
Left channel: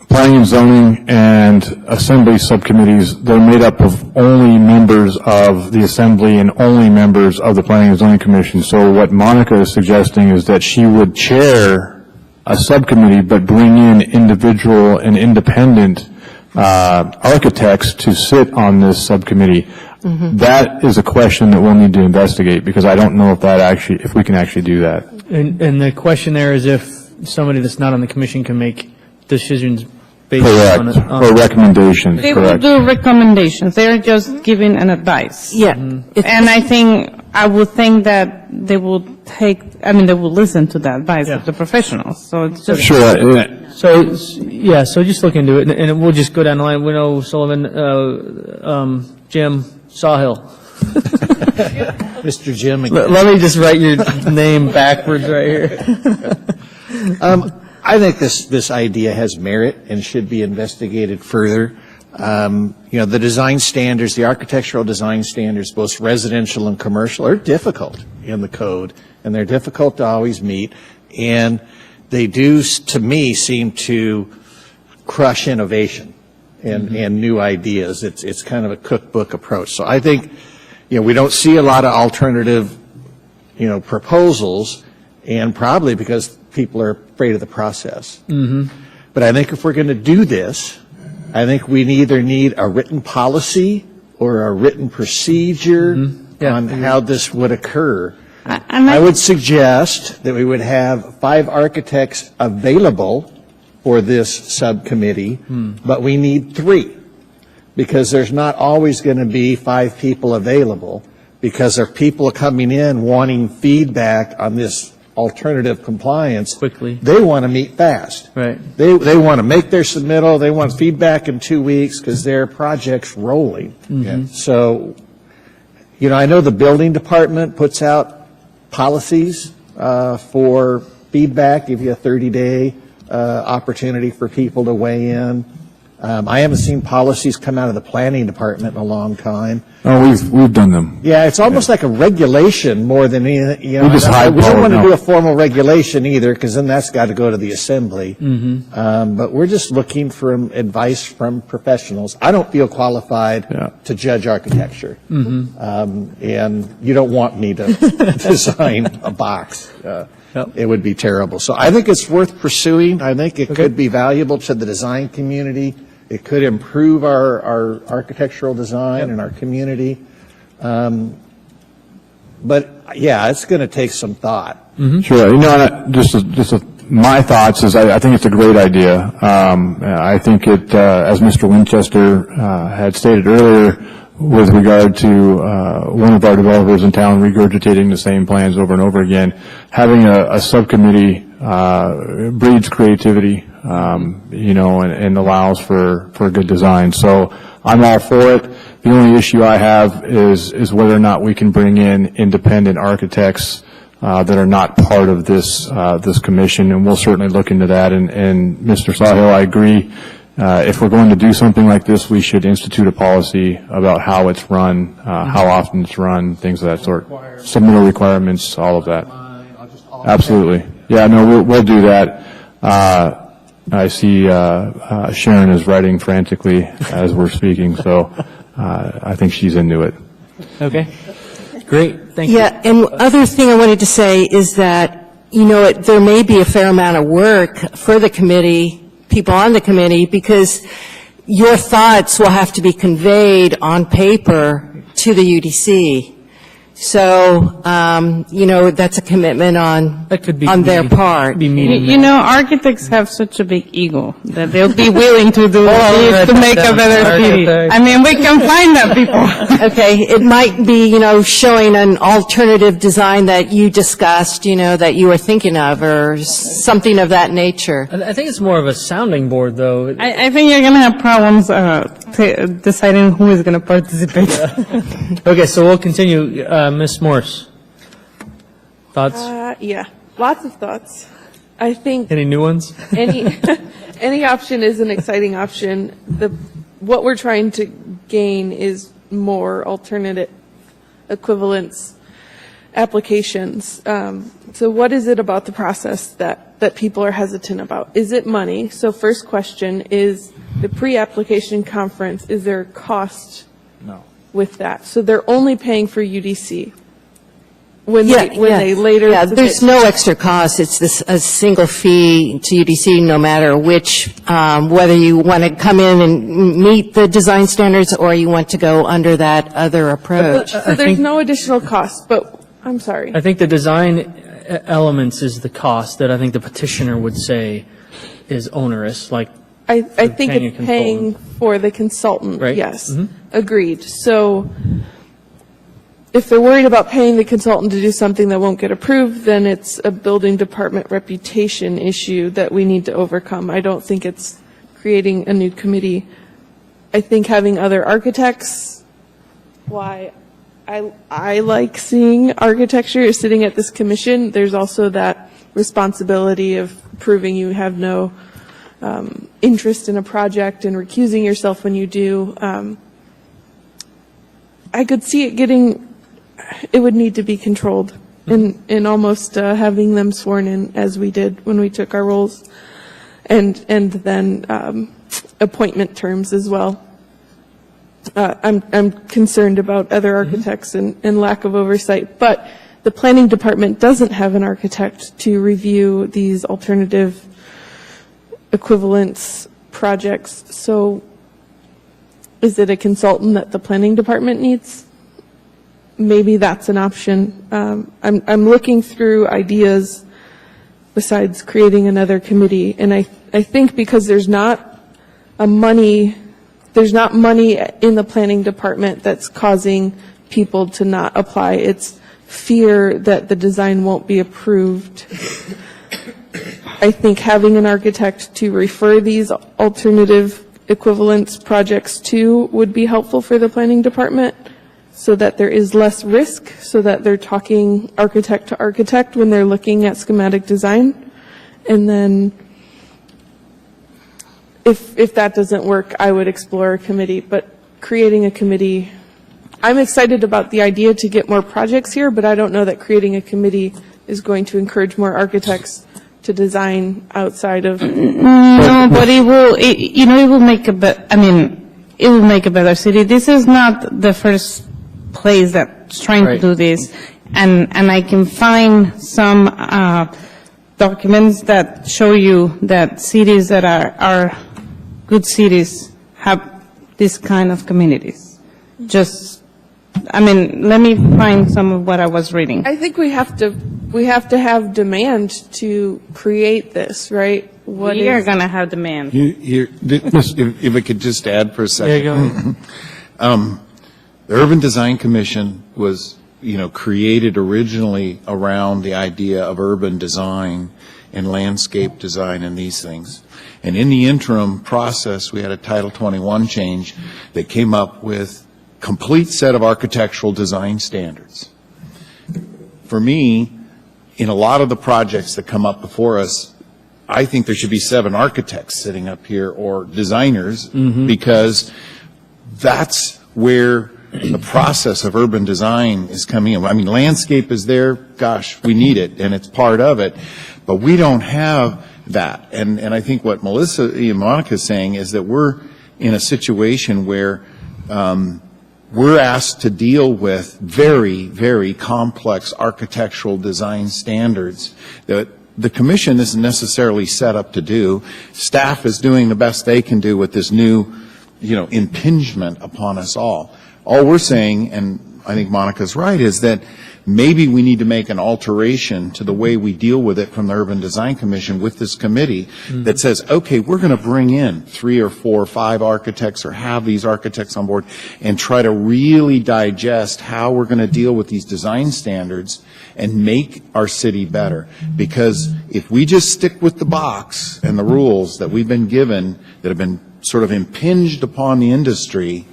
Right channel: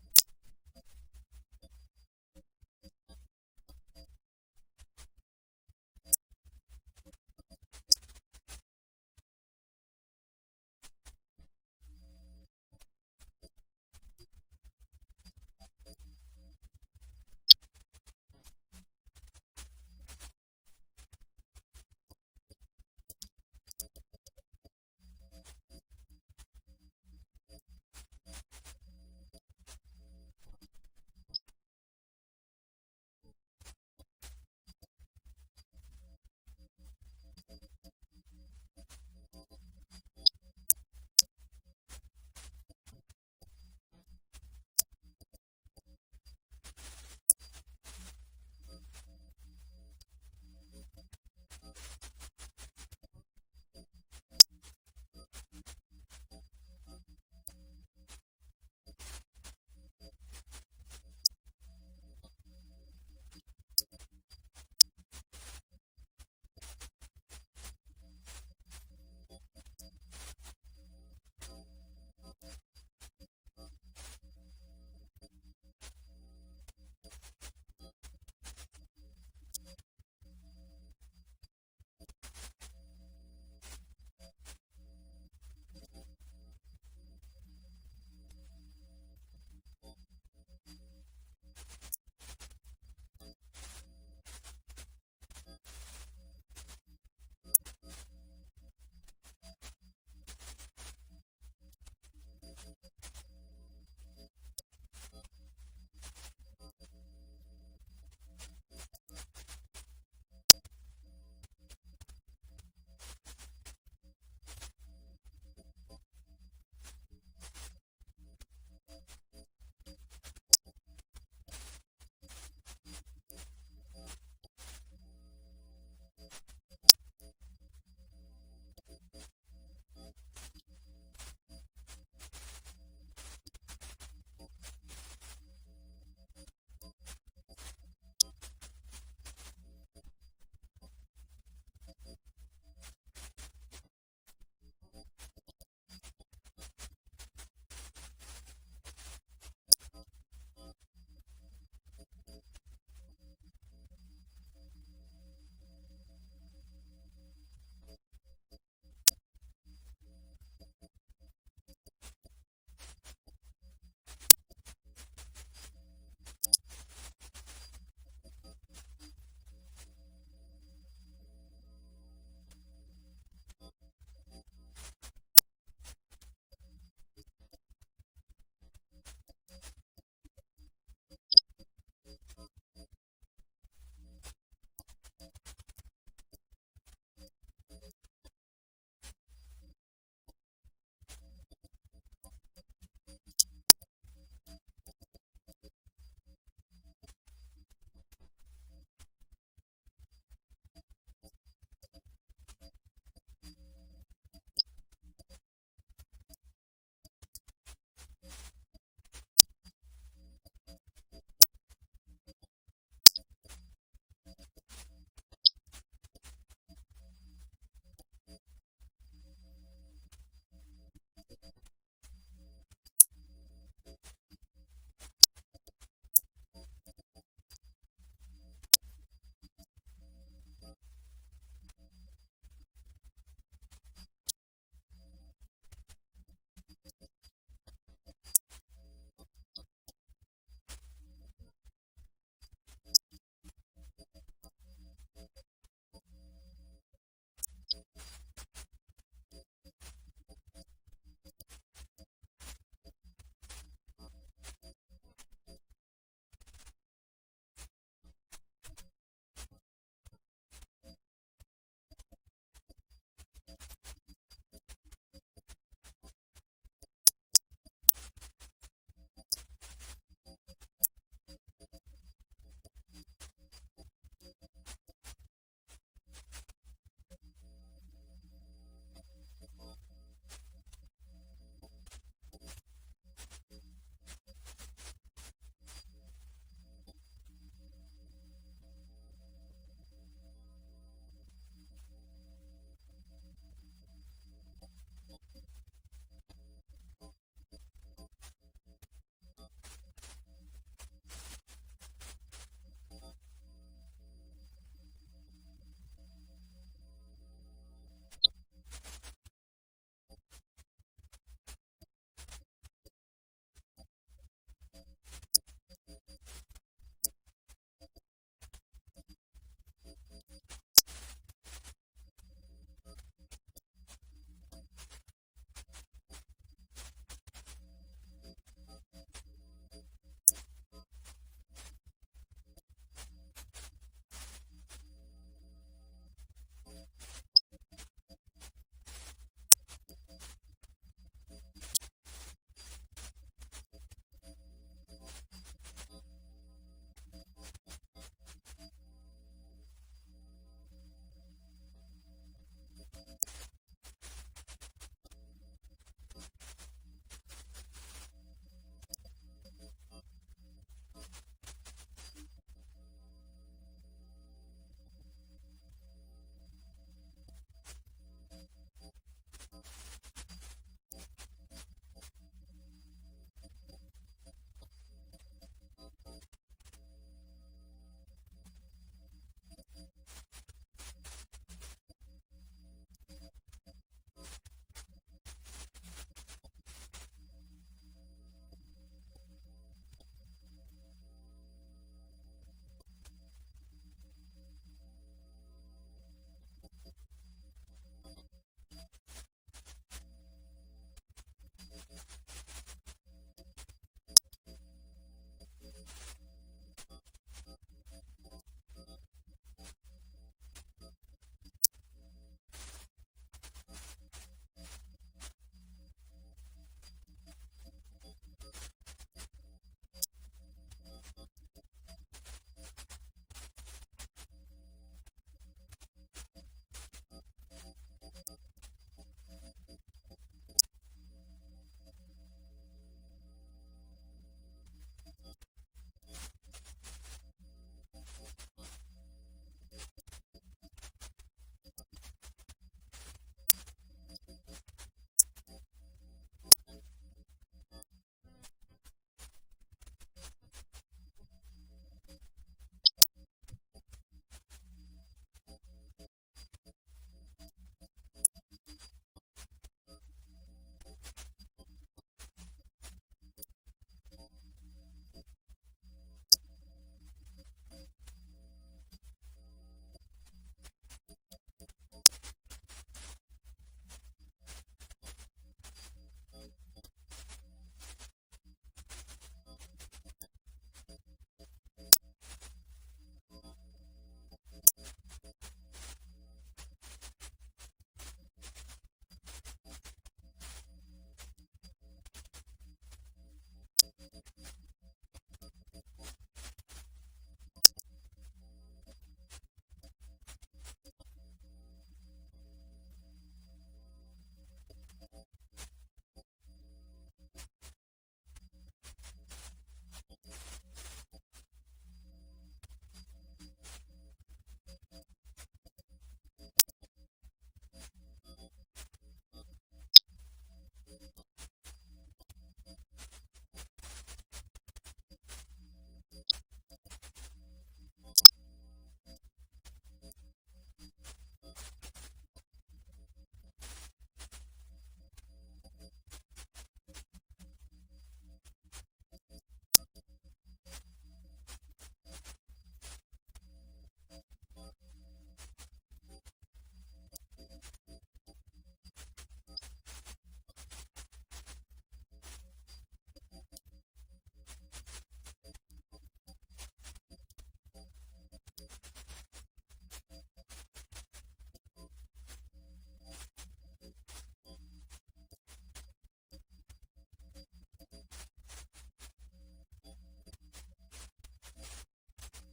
planning and zoning and assembly subcommittees, they're made up of only members of the assembly and only members of the planning and zoning commission. So what Monica is suggesting is that she would chair a subcommittee, but bring in individual and independent architects to sit on this subcommittee. That is a question that we'll need to investigate, because I don't know if we can actually do that. And the question there is if somebody that's not on the commission can make decisions based Correct, on. or recommendations, They will correct. do recommendations. They're just giving an advice. Yeah. And I would think that they will they will listen to the advice of the professionals. So it's just. Sure, So, so just look into it, and we'll just go down the line. We know Sullivan, Jim, Sawhill. Mr. Jim again. Let me just write your name backwards right here. I think this idea has merit and should be investigated further. The design standards, the architectural design standards, both residential and commercial, are difficult in the code, and they're difficult to always meet. And they do, to me, seem to crush innovation and new ideas. It's kind of a cookbook approach. So I think, we don't see a lot of alternative, proposals, and probably because people are afraid of the process. But I think if we're going to do this, I think we either need a written policy or a written procedure on how this would occur. I would suggest that we would have 5 architects available for this subcommittee, but we need 3, because there's not always going to be 5 people available, because there are people coming in wanting feedback on this alternative compliance. Quickly. They want to meet fast. Right. They want to make their submittal, they want feedback in 2 weeks because their project's rolling. So, I know the building department puts out policies for feedback, give you a 30-day opportunity for people to weigh in. I haven't seen policies come out of the planning department in a long time. Oh, we've done them. Yeah, it's almost like a regulation more than anything. We just We don't want to no. do a formal regulation either, because then that's got to go to the assembly. But we're just looking for advice from professionals. I don't feel qualified to judge architecture, and you don't want me to design a box. It would be terrible. So I think it's worth pursuing. I think it could be valuable to the design community. It could improve our architectural design in our community. But, it's going to take some thought. Sure. My thoughts is I think it's a great idea. I think it, as Mr. Winchester had stated earlier, with regard to one of our developers in town regurgitating the same plans over and over again, having a subcommittee breeds creativity, and allows for good design. So I'm all for it. The only issue I have is whether or not we can bring in independent architects that are not part of this commission, and we'll certainly look into that. And Mr. Sawhill, I agree. If we're going to do something like this, we should institute a policy about how it's run, how often it's run, things of that sort. Submittal requirements, all of that. Absolutely. Yeah, no, we'll do that. I see Sharon is writing frantically as we're speaking, so I think she's into it. Okay. Great. Thank you. Yeah, and other thing I wanted to say is that, there may be a fair amount of work for the committee, people on the committee, because your thoughts will have to be conveyed on paper to the UDC. So, that's a commitment on their part. Architects have such a big ego that they'll be willing to do this to make a better city. We can find that people. Okay, it might be, showing an alternative design that you discussed, that you were thinking of, or something of that nature. I think it's more of a sounding board, though. I think you're going to have problems deciding who is going to participate. Okay, so we'll continue. Ms. Morse, thoughts? Yeah, lots of thoughts. I think Any new ones? any any option is an exciting option. What we're trying to gain is more alternative equivalence applications. So what is it about the process that people are hesitant about? Is it money? So first question is the pre-application conference, is there a cost with that? So they're only paying for UDC when they later. Yeah, submit- there's no extra cost. It's a single fee to UDC, no matter which, whether you want to come in and meet the design standards or you want to go under that other approach. So there's no additional cost, but, I'm sorry. I think the design elements is the cost that I think the petitioner would say is onerous, like, I think paying a it's paying consultant. for the consultant, Right. yes. Mhm. Agreed. So if they're worried about paying the consultant to do something that won't get approved, then it's a building department reputation issue that we need to overcome. I don't think it's creating a new committee. I think having other architects, why I like seeing architecture sitting at this commission. There's also that responsibility of proving you have no interest in a project and recusing yourself when you do. I could see it would need to be controlled in almost having them sworn in as we did when we took our roles, and then appointment terms as well. I'm concerned about other architects and lack of oversight, but the planning department doesn't have an architect to review these alternative equivalence projects. So is it a consultant that the planning department needs? Maybe that's an option. I'm looking through ideas besides creating another committee, and I think because there's not money in the planning department that's causing people to not apply. It's fear that the design won't be approved. I think having an architect to refer these alternative equivalence projects to would be helpful for the planning department, so that there is less risk, so that they're talking architect to architect when they're looking at schematic design. And then if that doesn't work, I would explore a committee. But creating a committee, I'm excited about the idea to get more projects here, but I don't know that creating a committee is going to encourage more architects to design outside of. No, but it will make it will make a better city. This is not the first place that's trying to Right. do this. And I can find some documents that show you that cities that are good cities have this kind of communities. Let me find some of what I was reading. I think we have to have demand to create this, right? We are going to have demand. If I could just add for a second. Yeah, go The Urban Design Commission was, created originally around the idea of urban design and landscape design and these things. And in the interim process, we had a Title 21 change that came up with complete set of architectural design standards. For me, in a lot of the projects that come up before us, I think there should be 7 architects sitting up here or designers, because that's where the process of urban design is coming in. I mean, landscape is there, gosh, we need it, and it's part of it, but we don't have that. And I think what Melissa and Monica is saying is that we're in a situation where we're asked to deal with very, very complex architectural design standards that the commission isn't necessarily set up to do. Staff is doing the best they can do with this new, impingement upon us all. All we're saying, and I think Monica's right, is that maybe we need to make an alteration to the way we deal with it from the Urban Design Commission with this committee that says, okay, we're going to bring in 3 or 4 or 5 architects or have these architects on board and try to really digest how we're going to deal with these design standards and make our city better. Because if we just stick with the box and the rules that we've been given that have been sort of impinged upon the industry,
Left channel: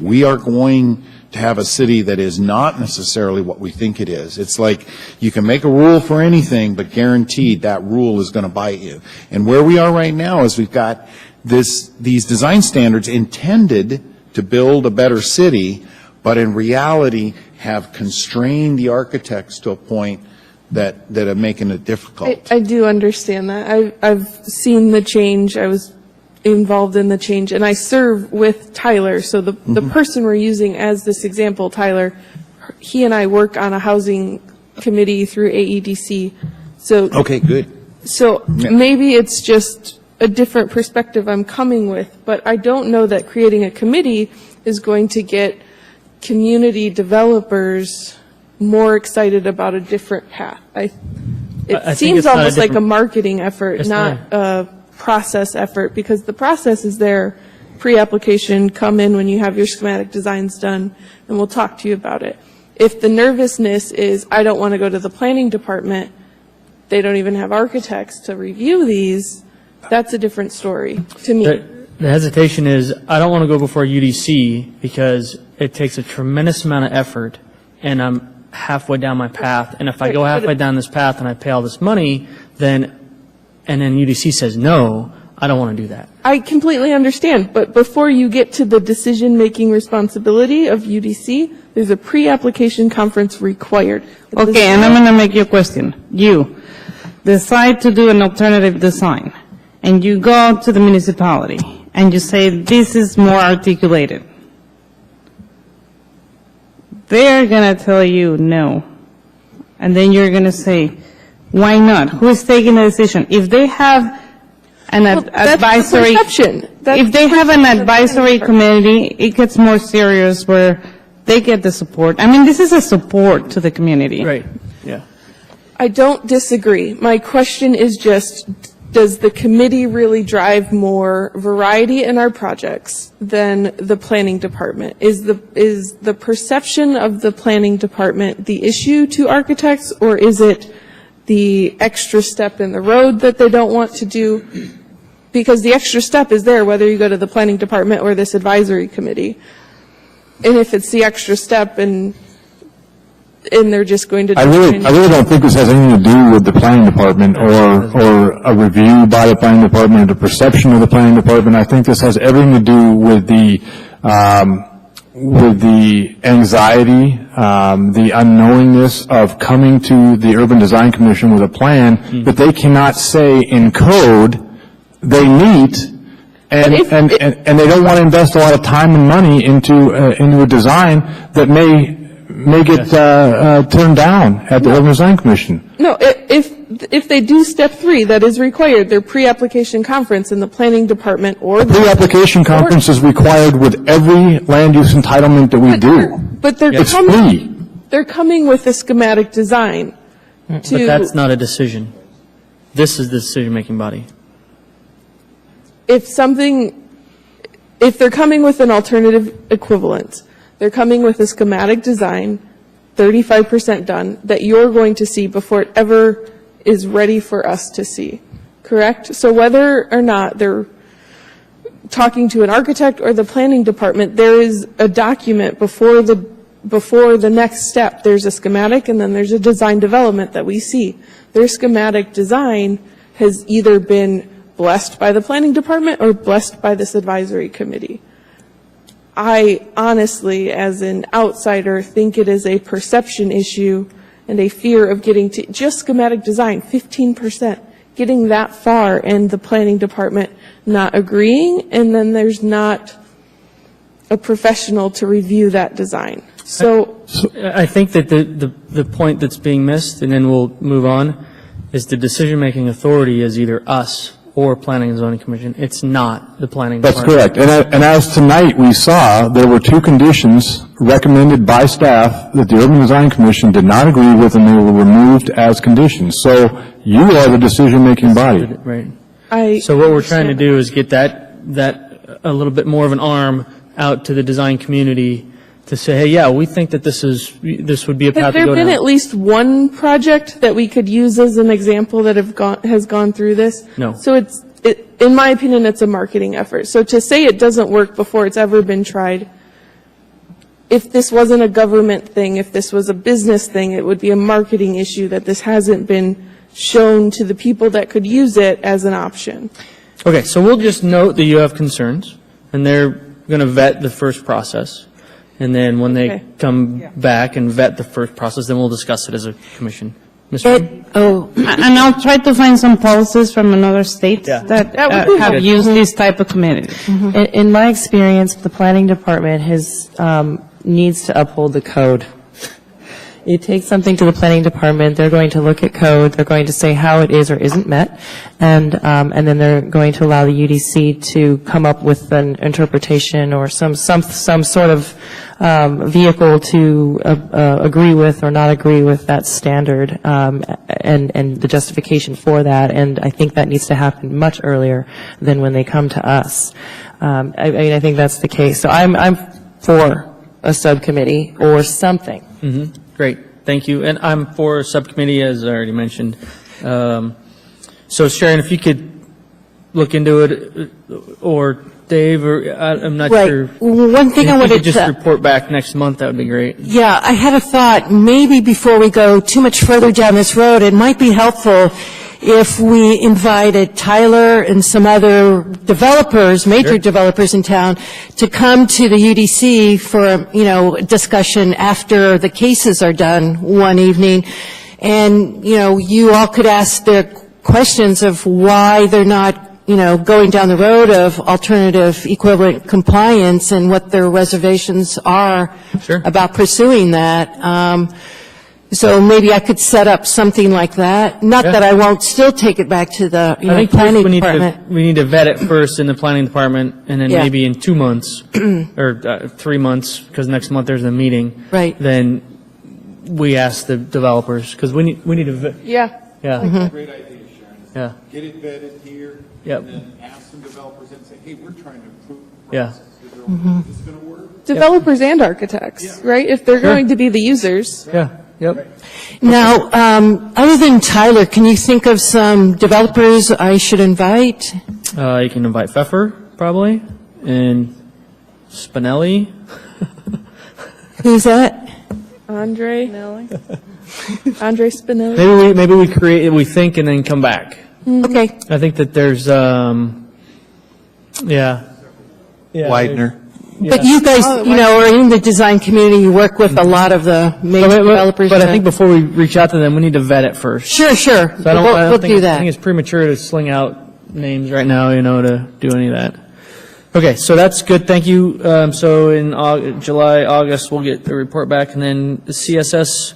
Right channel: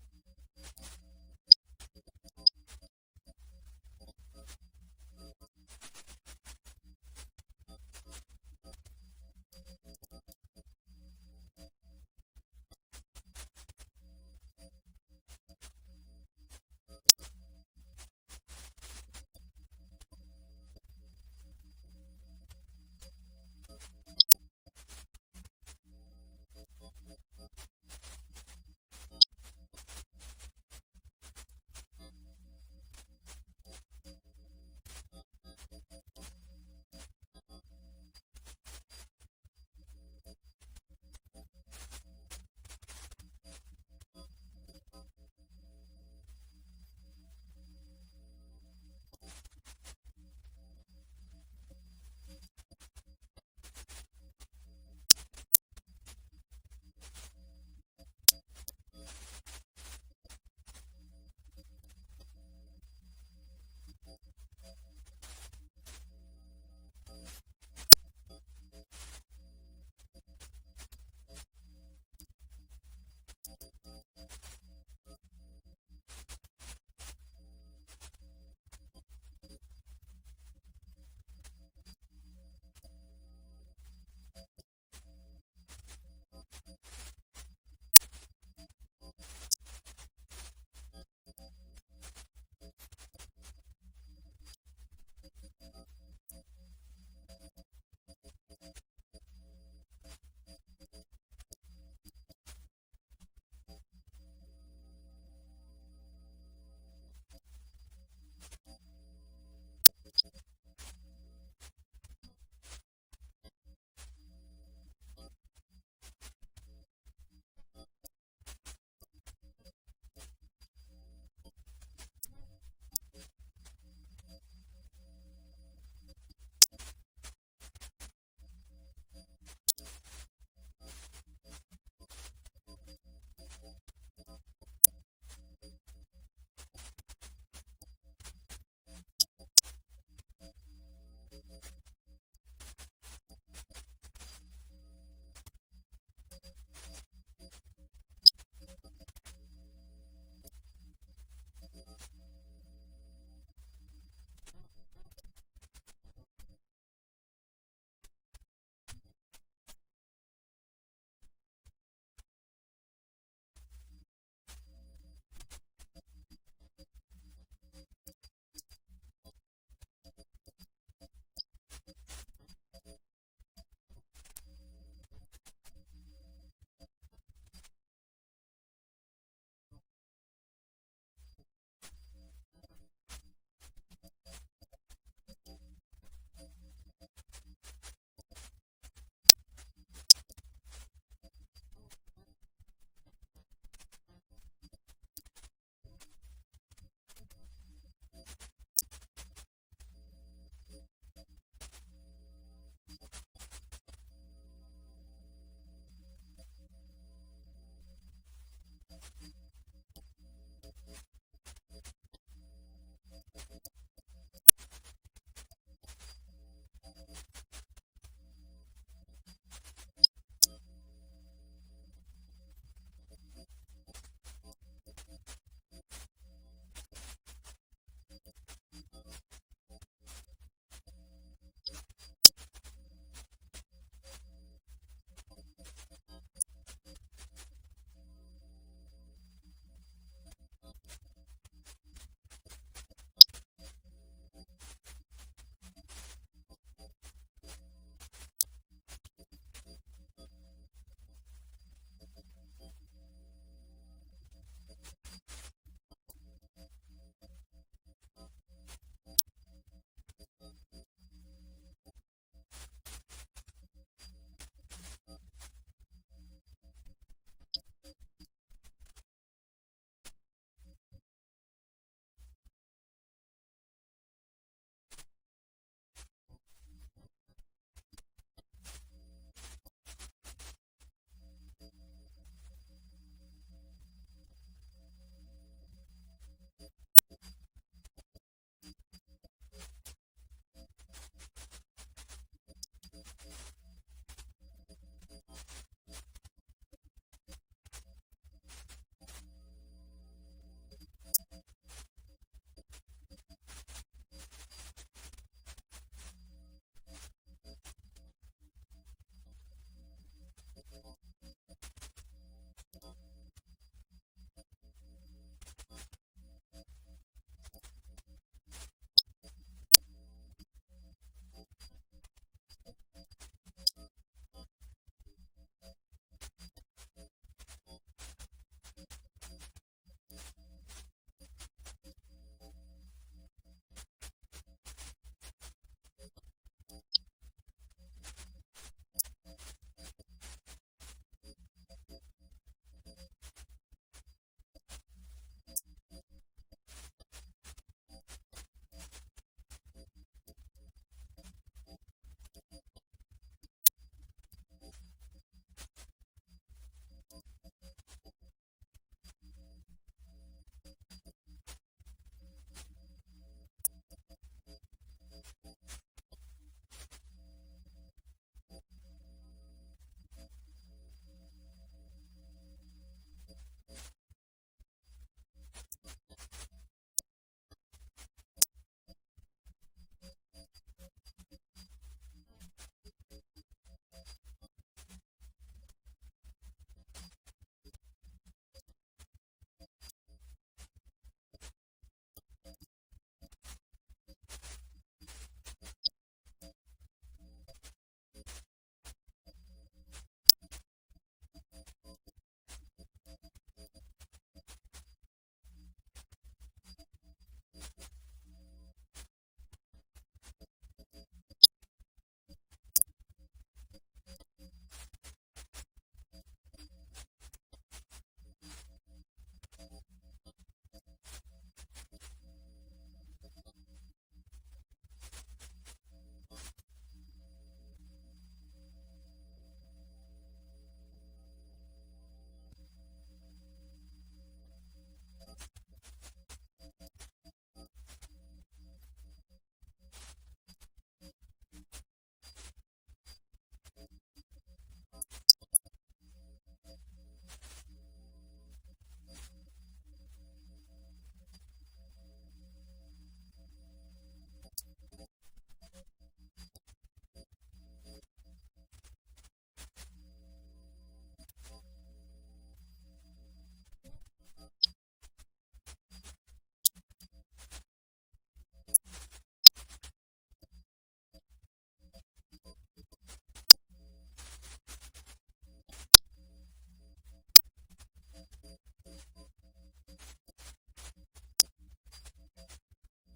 we are going to have a city that is not necessarily what we think it is. It's like you can make a rule for anything, but guaranteed that rule is going to bite you. And where we are right now is we've got these design standards intended to build a better city, but in reality have constrained the architects to a point that are making it difficult. I do understand that. I've seen the change. I was involved in the change, and I serve with Tyler. So the person we're using as this example, Tyler, he and I work on a housing committee through AEDC. So Okay, good. So maybe it's just a different perspective I'm coming with, but I don't know that creating a committee is going to get community developers more excited about a different path. I It think seems it's not a almost like a different- marketing effort, It's not a process effort, because the process is there, pre-application, come in when you have your schematic designs done, and we'll talk to you about it. If the nervousness is, I don't want to go to the planning department, they don't even have architects to review these, that's a different story to me. The hesitation is, I don't want to go before UDC because it takes a tremendous amount of effort, and I'm halfway down my path, and if I go halfway down this path and I pay all this money, then UDC says no, I don't want to do that. I completely understand, but before you get to the decision-making responsibility of UDC, there's a pre-application conference required. Okay, and I'm going to make you a question. You decide to do an alternative design, and you go to the municipality, and you say, this is more articulated. They're going to tell you no. And then you're going to say, why not? Who's taking the decision? If they have an That's the advisory, perception. That's if they the have an perception of the advisory planning committee, it gets more serious where they get the support. I mean, this is a support to the community. Right, yeah. I don't disagree. My question is just, does the committee really drive more variety in our projects than the planning department? Is the perception of the planning department the issue to architects, or is it the extra step in the road that they don't want to do? Because the extra step is there whether you go to the planning department or this advisory committee. And if it's the extra step and they're just going to. I really don't think this has anything to do with the planning department or a review by the planning department or the perception of the planning department. I think this has everything to do with the anxiety, the unknowingness of coming to the Urban Design Commission with a plan that they cannot say in code they meet, and they don't want to invest a lot of time and money into a design that may get turned down at the Urban Design Commission. No, if they do step 3, that is required, their pre-application conference in the planning department or the. Pre-application conference is required with every land use entitlement that we do. But they're It's free. They're coming with a schematic design But to. that's not a decision. This is the decision-making body. If they're coming with an alternative equivalent, they're coming with a schematic design, 35% done, that you're going to see before it ever is ready for us to see, correct? So whether or not they're talking to an architect or the planning department, there is a document before the next step. There's a schematic, and then there's a design development that we see. Their schematic design has either been blessed by the planning department or blessed by this advisory committee. I honestly, as an outsider, think it is a perception issue and a fear of getting to just schematic design, 15%, getting that far and the planning department not agreeing, and then there's not a professional to review that design. So I think that the point that's being missed, and then we'll move on, is the decision-making authority is either us or Planning and Zoning Commission. It's not the planning That's department. correct. And as tonight we saw, there were 2 conditions recommended by staff that the Urban Design Commission did not agree with, and they were removed as conditions. So you are the decision-making body. Right. So what we're trying to do is get that a little bit more of an arm out to the design community to say, hey, yeah, we think that this would be a path Has to there go been down. at least one project that we could use as an example that has gone through this? No. So in my opinion, it's a marketing effort. So to say it doesn't work before it's ever been tried, if this wasn't a government thing, if this was a business thing, it would be a marketing issue that this hasn't been shown to the people that could use it as an option. Okay, so we'll just note that you have concerns, and they're going to vet the first process. And then when they Okay. come back and vet the first process, then we'll discuss it as a commission. Mr. And I'll try to find some policies from another state Yeah. that That would be have good. used these type of committees. In my experience, the planning department needs to uphold the code. You take something to the planning department, they're going to look at code, they're going to say how it is or isn't met, and then they're going to allow the UDC to come up with an interpretation or some sort of vehicle to agree with or not agree with that standard, and the justification for that. And I think that needs to happen much earlier than when they come to us. I think that's the case. So I'm for a subcommittee or something. Great, thank you. And I'm for a subcommittee, as I already mentioned. So Sharon, if you could look into it, or Dave, or I'm not Right. sure. One thing I If you wanted could just to- report back next month, that would be great. Yeah, I had a thought, maybe before we go too much further down this road, it might be helpful if we invited Tyler and some other developers, major developers in town, to come to the UDC for, discussion after the cases are done one evening. And, you all could ask their questions of why they're not going down the road of alternative equivalent compliance and what their reservations are Sure. about pursuing that. So maybe I could set up something like that. Not Yeah. that I won't still take it back to the I think planning we department. need to vet it first in the planning department, and then Yeah. maybe in 2 months, or 3 months, because next month there's a meeting. Right. Then we ask the developers, because we need to, Yeah. yeah, Great idea, Sharon. yeah, Get it vetted here. Yep. And then ask some developers and say, hey, we're trying to improve the Yeah. process. Is this going to work? Developers and architects, right? If they're going to be the users. yeah, yep. Now, other than Tyler, can you think of some developers I should invite? You can invite Pfeffer, probably, and Spinelli. Who's that? Andre Spinelli. Maybe we think and then come back. Okay. I think that there's, yeah. Widener. But you guys, are in the design community, you work with a lot of the major developers. But I think before we reach out to them, we need to vet it first. Sure. So I don't We'll think, do I that. think it's premature to sling out names right now, to do any of that. Okay, so that's good, thank you. So in July, August, we'll get the report back, and then the CSS,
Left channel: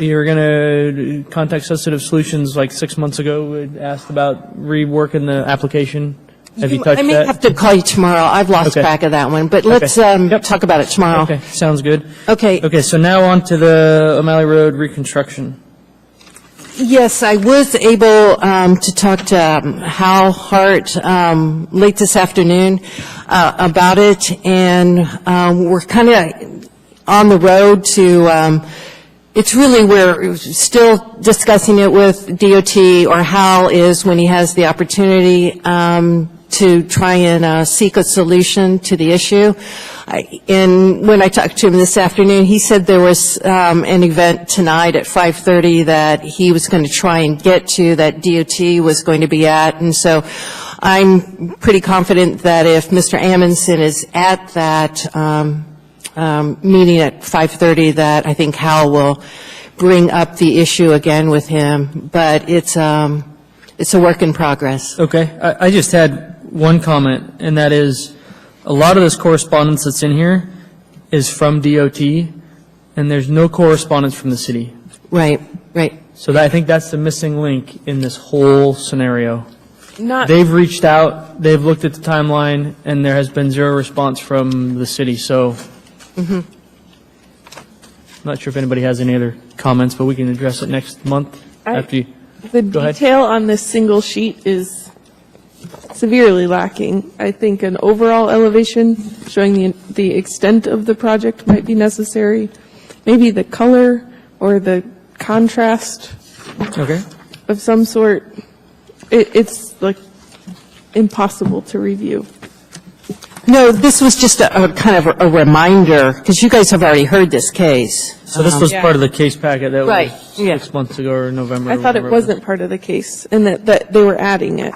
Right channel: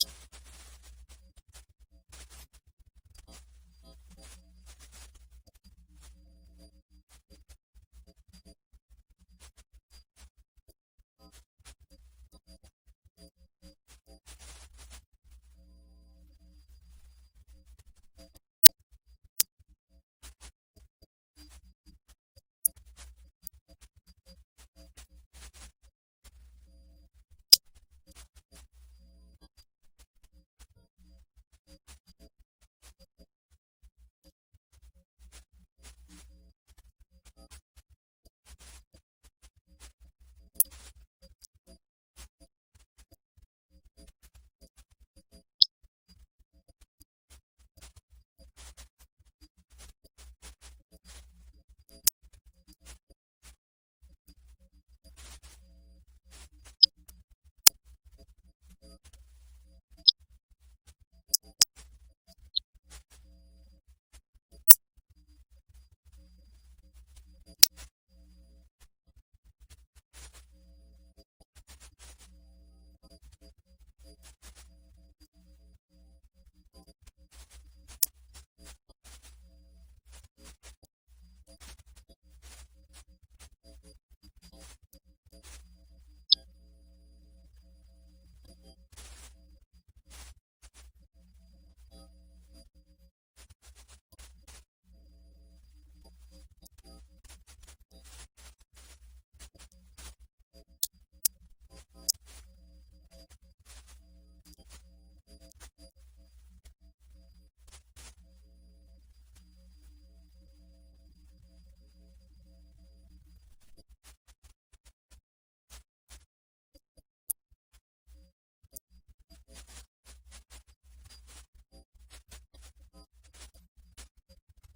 you're going to contact Sensitive Solutions like 6 months ago, had asked about reworking the application. Have you touched I may that? have to call you tomorrow. I've lost Okay. track of that one, but let's talk about it tomorrow. Okay, sounds good. Okay. Okay, so now on to the O'Malley Road reconstruction. Yes, I was able to talk to Hal Hart late this afternoon about it, and we're kind of on the road to, it's really, we're still discussing it with DOT, or Hal is when he has the opportunity to try and seek a solution to the issue. And when I talked to him this afternoon, he said there was an event tonight at 5:30 that he was going to try and get to, that DOT was going to be at. And so I'm pretty confident that if Mr. Amundson is at that meeting at 5:30, that I think Hal will bring up the issue again with him. But it's a work in progress. Okay, I just had one comment, and that is, a lot of this correspondence that's in here is from DOT, and there's no correspondence from the city. Right. So I think that's the missing link in this whole scenario. Not, They've reached out, they've looked at the timeline, and there has been zero response from the city, so. I'm not sure if anybody has any other comments, but we can address it next month after you. the Go ahead. detail on this single sheet is severely lacking. I think an overall elevation showing the extent of the project might be necessary. Maybe the color or the contrast Okay. of some sort. It's like impossible to review. No, this was just a kind of a reminder, because you guys have already heard this case. So this was part of the case packet that Right, was yeah. 6 months ago or November. I thought it whatever wasn't part of the case, and that they were adding it.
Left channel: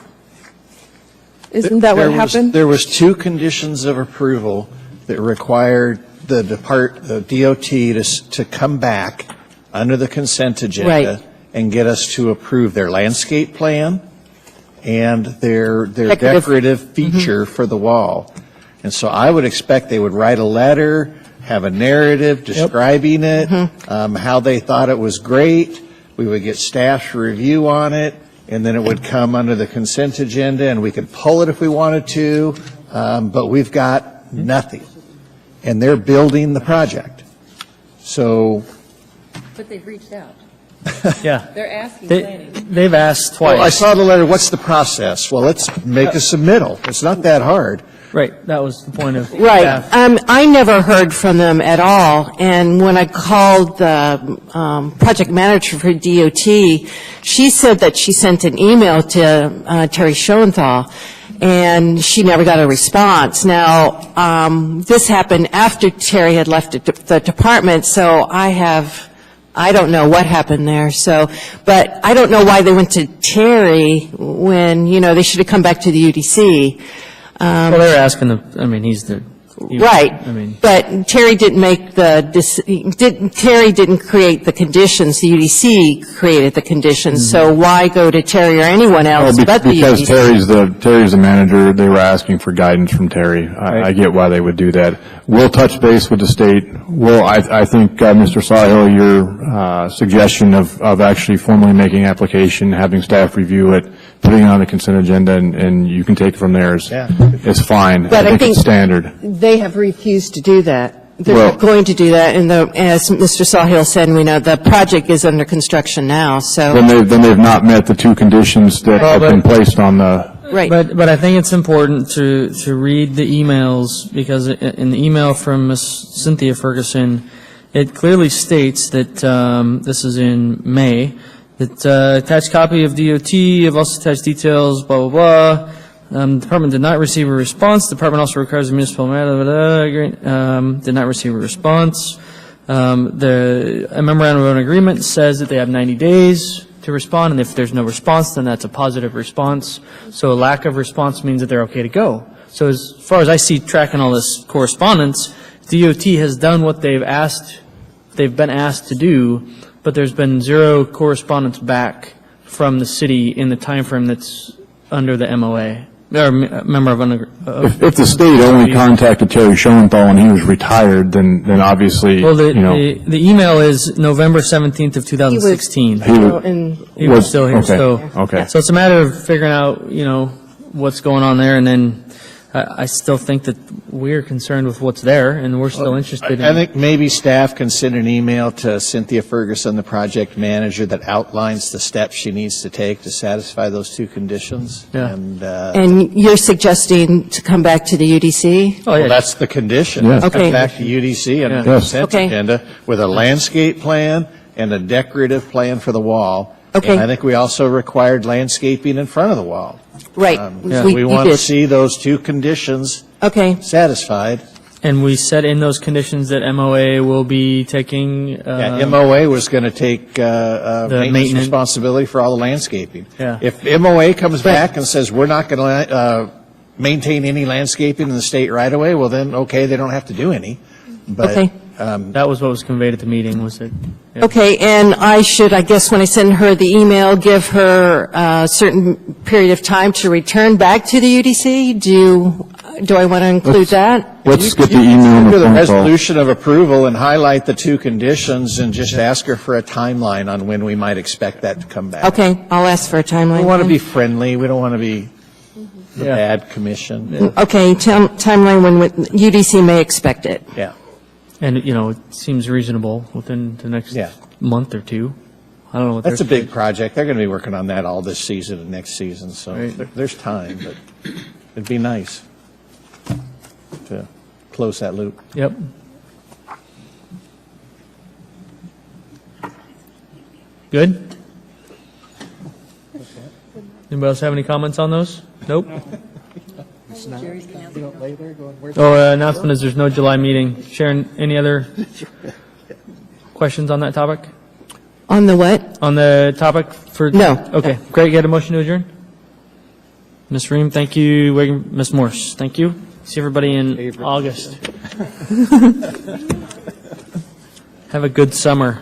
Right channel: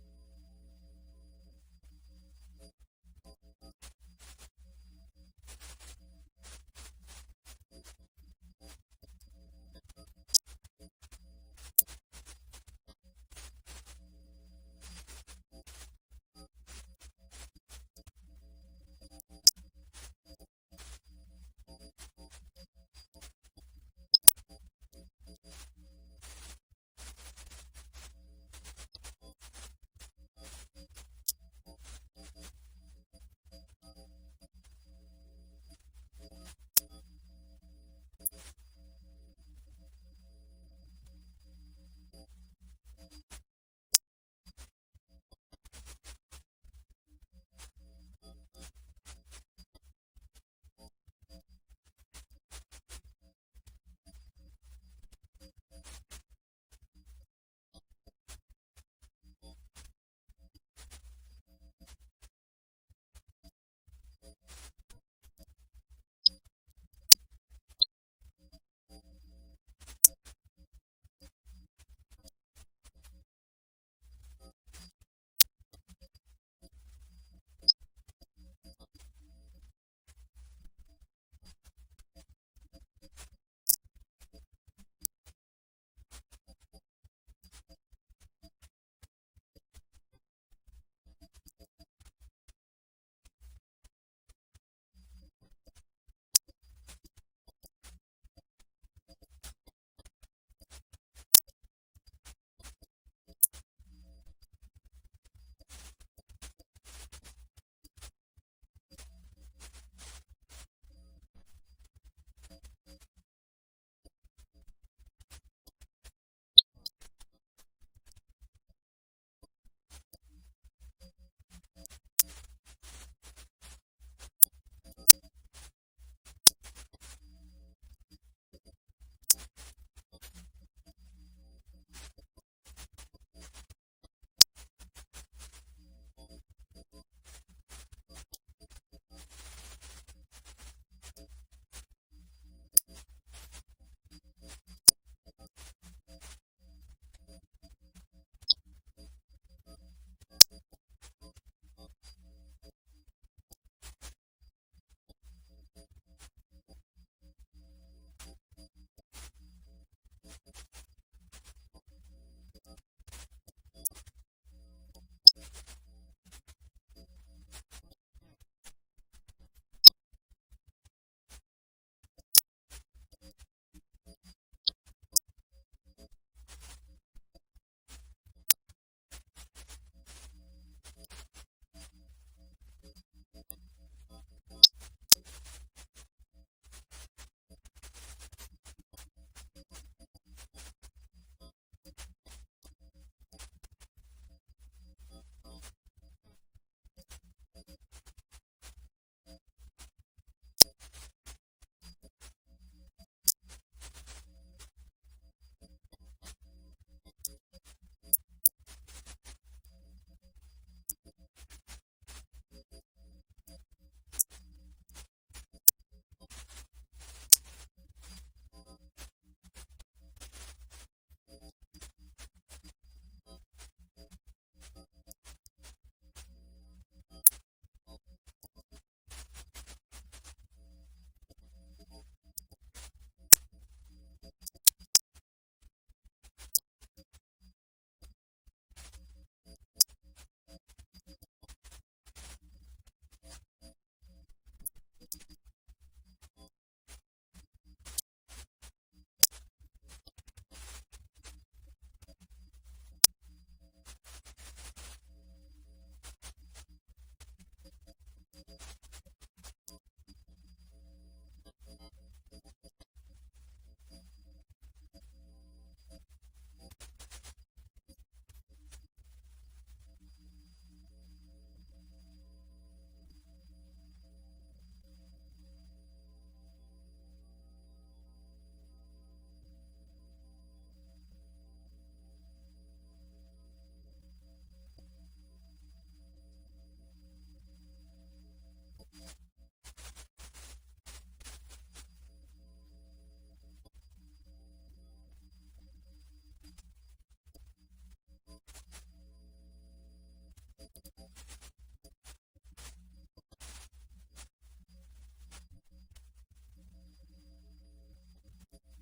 Isn't that what happened? There was two conditions of approval that required the DOT to come back under the consent agenda Right. and get us to approve their landscape plan and their Decorative. decorative feature for the wall. And so I would expect they would write a letter, have a narrative describing it, how they thought it was great. We would get staff's review on it, and then it would come under the consent agenda, and we could pull it if we wanted to, but we've got nothing. And they're building the project. So, But they've reached out. Yeah. They're asking They've asked twice. well, I saw the letter, what's the process? Well, let's make a submittal. It's not that hard. Right, that was the point of. Right. staff. I never heard from them at all, and when I called the project manager for DOT, she said that she sent an email to Terry Schoenthal, and she never got a response. Now, this happened after Terry had left the department, so I don't know what happened there, but I don't know why they went to Terry when, they should have come back to the UDC. Well, they were asking he's the. Right, I mean, but Terry didn't make Terry didn't create the conditions, the UDC created the conditions, so why go to Terry or anyone else but the Because UDC? Terry's the manager, they were asking for guidance from Terry. I get why they would do that. We'll touch base with the state. I think, Mr. Sawhill, your suggestion of actually formally making application, having staff review it, putting it on the consent agenda, and you can take it from there is fine. But I think it's standard. they have refused to do that. They're Well- not going to do that, and as Mr. Sawhill said, we know the project is under construction now, so, Then they've not met the two conditions that have been placed on the, right. but I think it's important to read the emails, because in the email from Ms. Cynthia Ferguson, it clearly states that, this is in May, that attached copy of DOT, have also attached details, blah, blah, blah. Department did not receive a response. Department also requires the municipal matter, did not receive a response. A memorandum of agreement says that they have 90 days to respond, and if there's no response, then that's a positive response. So a lack of response means that they're okay to go. So as far as I see tracking all this correspondence, DOT has done what they've been asked to do, but there's been zero correspondence back from the city in the timeframe that's under the MOA, or member of. if the state only contacted Terry Schoenthal when he was retired, then obviously, Well, the email is November 17th of 2016. He was still here, okay. So it's a matter of figuring out, what's going on there, and then I still think that we're concerned with what's there, and we're still interested in. I think maybe staff can send an email to Cynthia Ferguson, the project manager, that outlines the steps she needs to take to satisfy those two conditions. Yeah. And you're suggesting to come back to the UDC? Oh, yeah. Well, that's the condition. Yes. Come Okay. back to UDC and Yeah. the Yes. consent Okay. agenda with a landscape plan and a decorative plan for the wall. Okay. And I think we also required landscaping in front of the wall. Right. We you want to did. see those two conditions Okay, satisfied. And we said in those conditions that MOA will be taking. MOA was going to take maintenance maintenance. responsibility for all the landscaping. Yeah. If MOA comes back and says, we're not going to maintain any landscaping in the state right away, well then, okay, they don't have to do any. But Okay. That was what was conveyed at the meeting, was that. yeah. okay, and I should, I guess, when I send her the email, give her a certain period of time to return back to the UDC? Do I want to include that? Let's get the email and do the the phone call. resolution of approval and highlight the two conditions and just ask her for a timeline on when we might expect that to come back. Okay, I'll ask for a timeline. We want to then. be friendly. We don't want to be the Yeah. bad commission. Okay, timeline when UDC may expect it. Yeah. And, it seems reasonable within the next Yeah. month or two. I don't know what That's a their- big project. They're going to be working on that all this season and next season, so Right. there's time, but it'd be nice to close that loop. Yep. Good? Anybody else have any comments on those? Nope? Announcement is there's no July meeting. Sharon, any other questions on that topic? On the what? On the topic for? No. Okay, great. Get a motion to adjourn? Ms. Ream, thank you. Ms. Morse, thank you. See everybody in August. Have a good summer.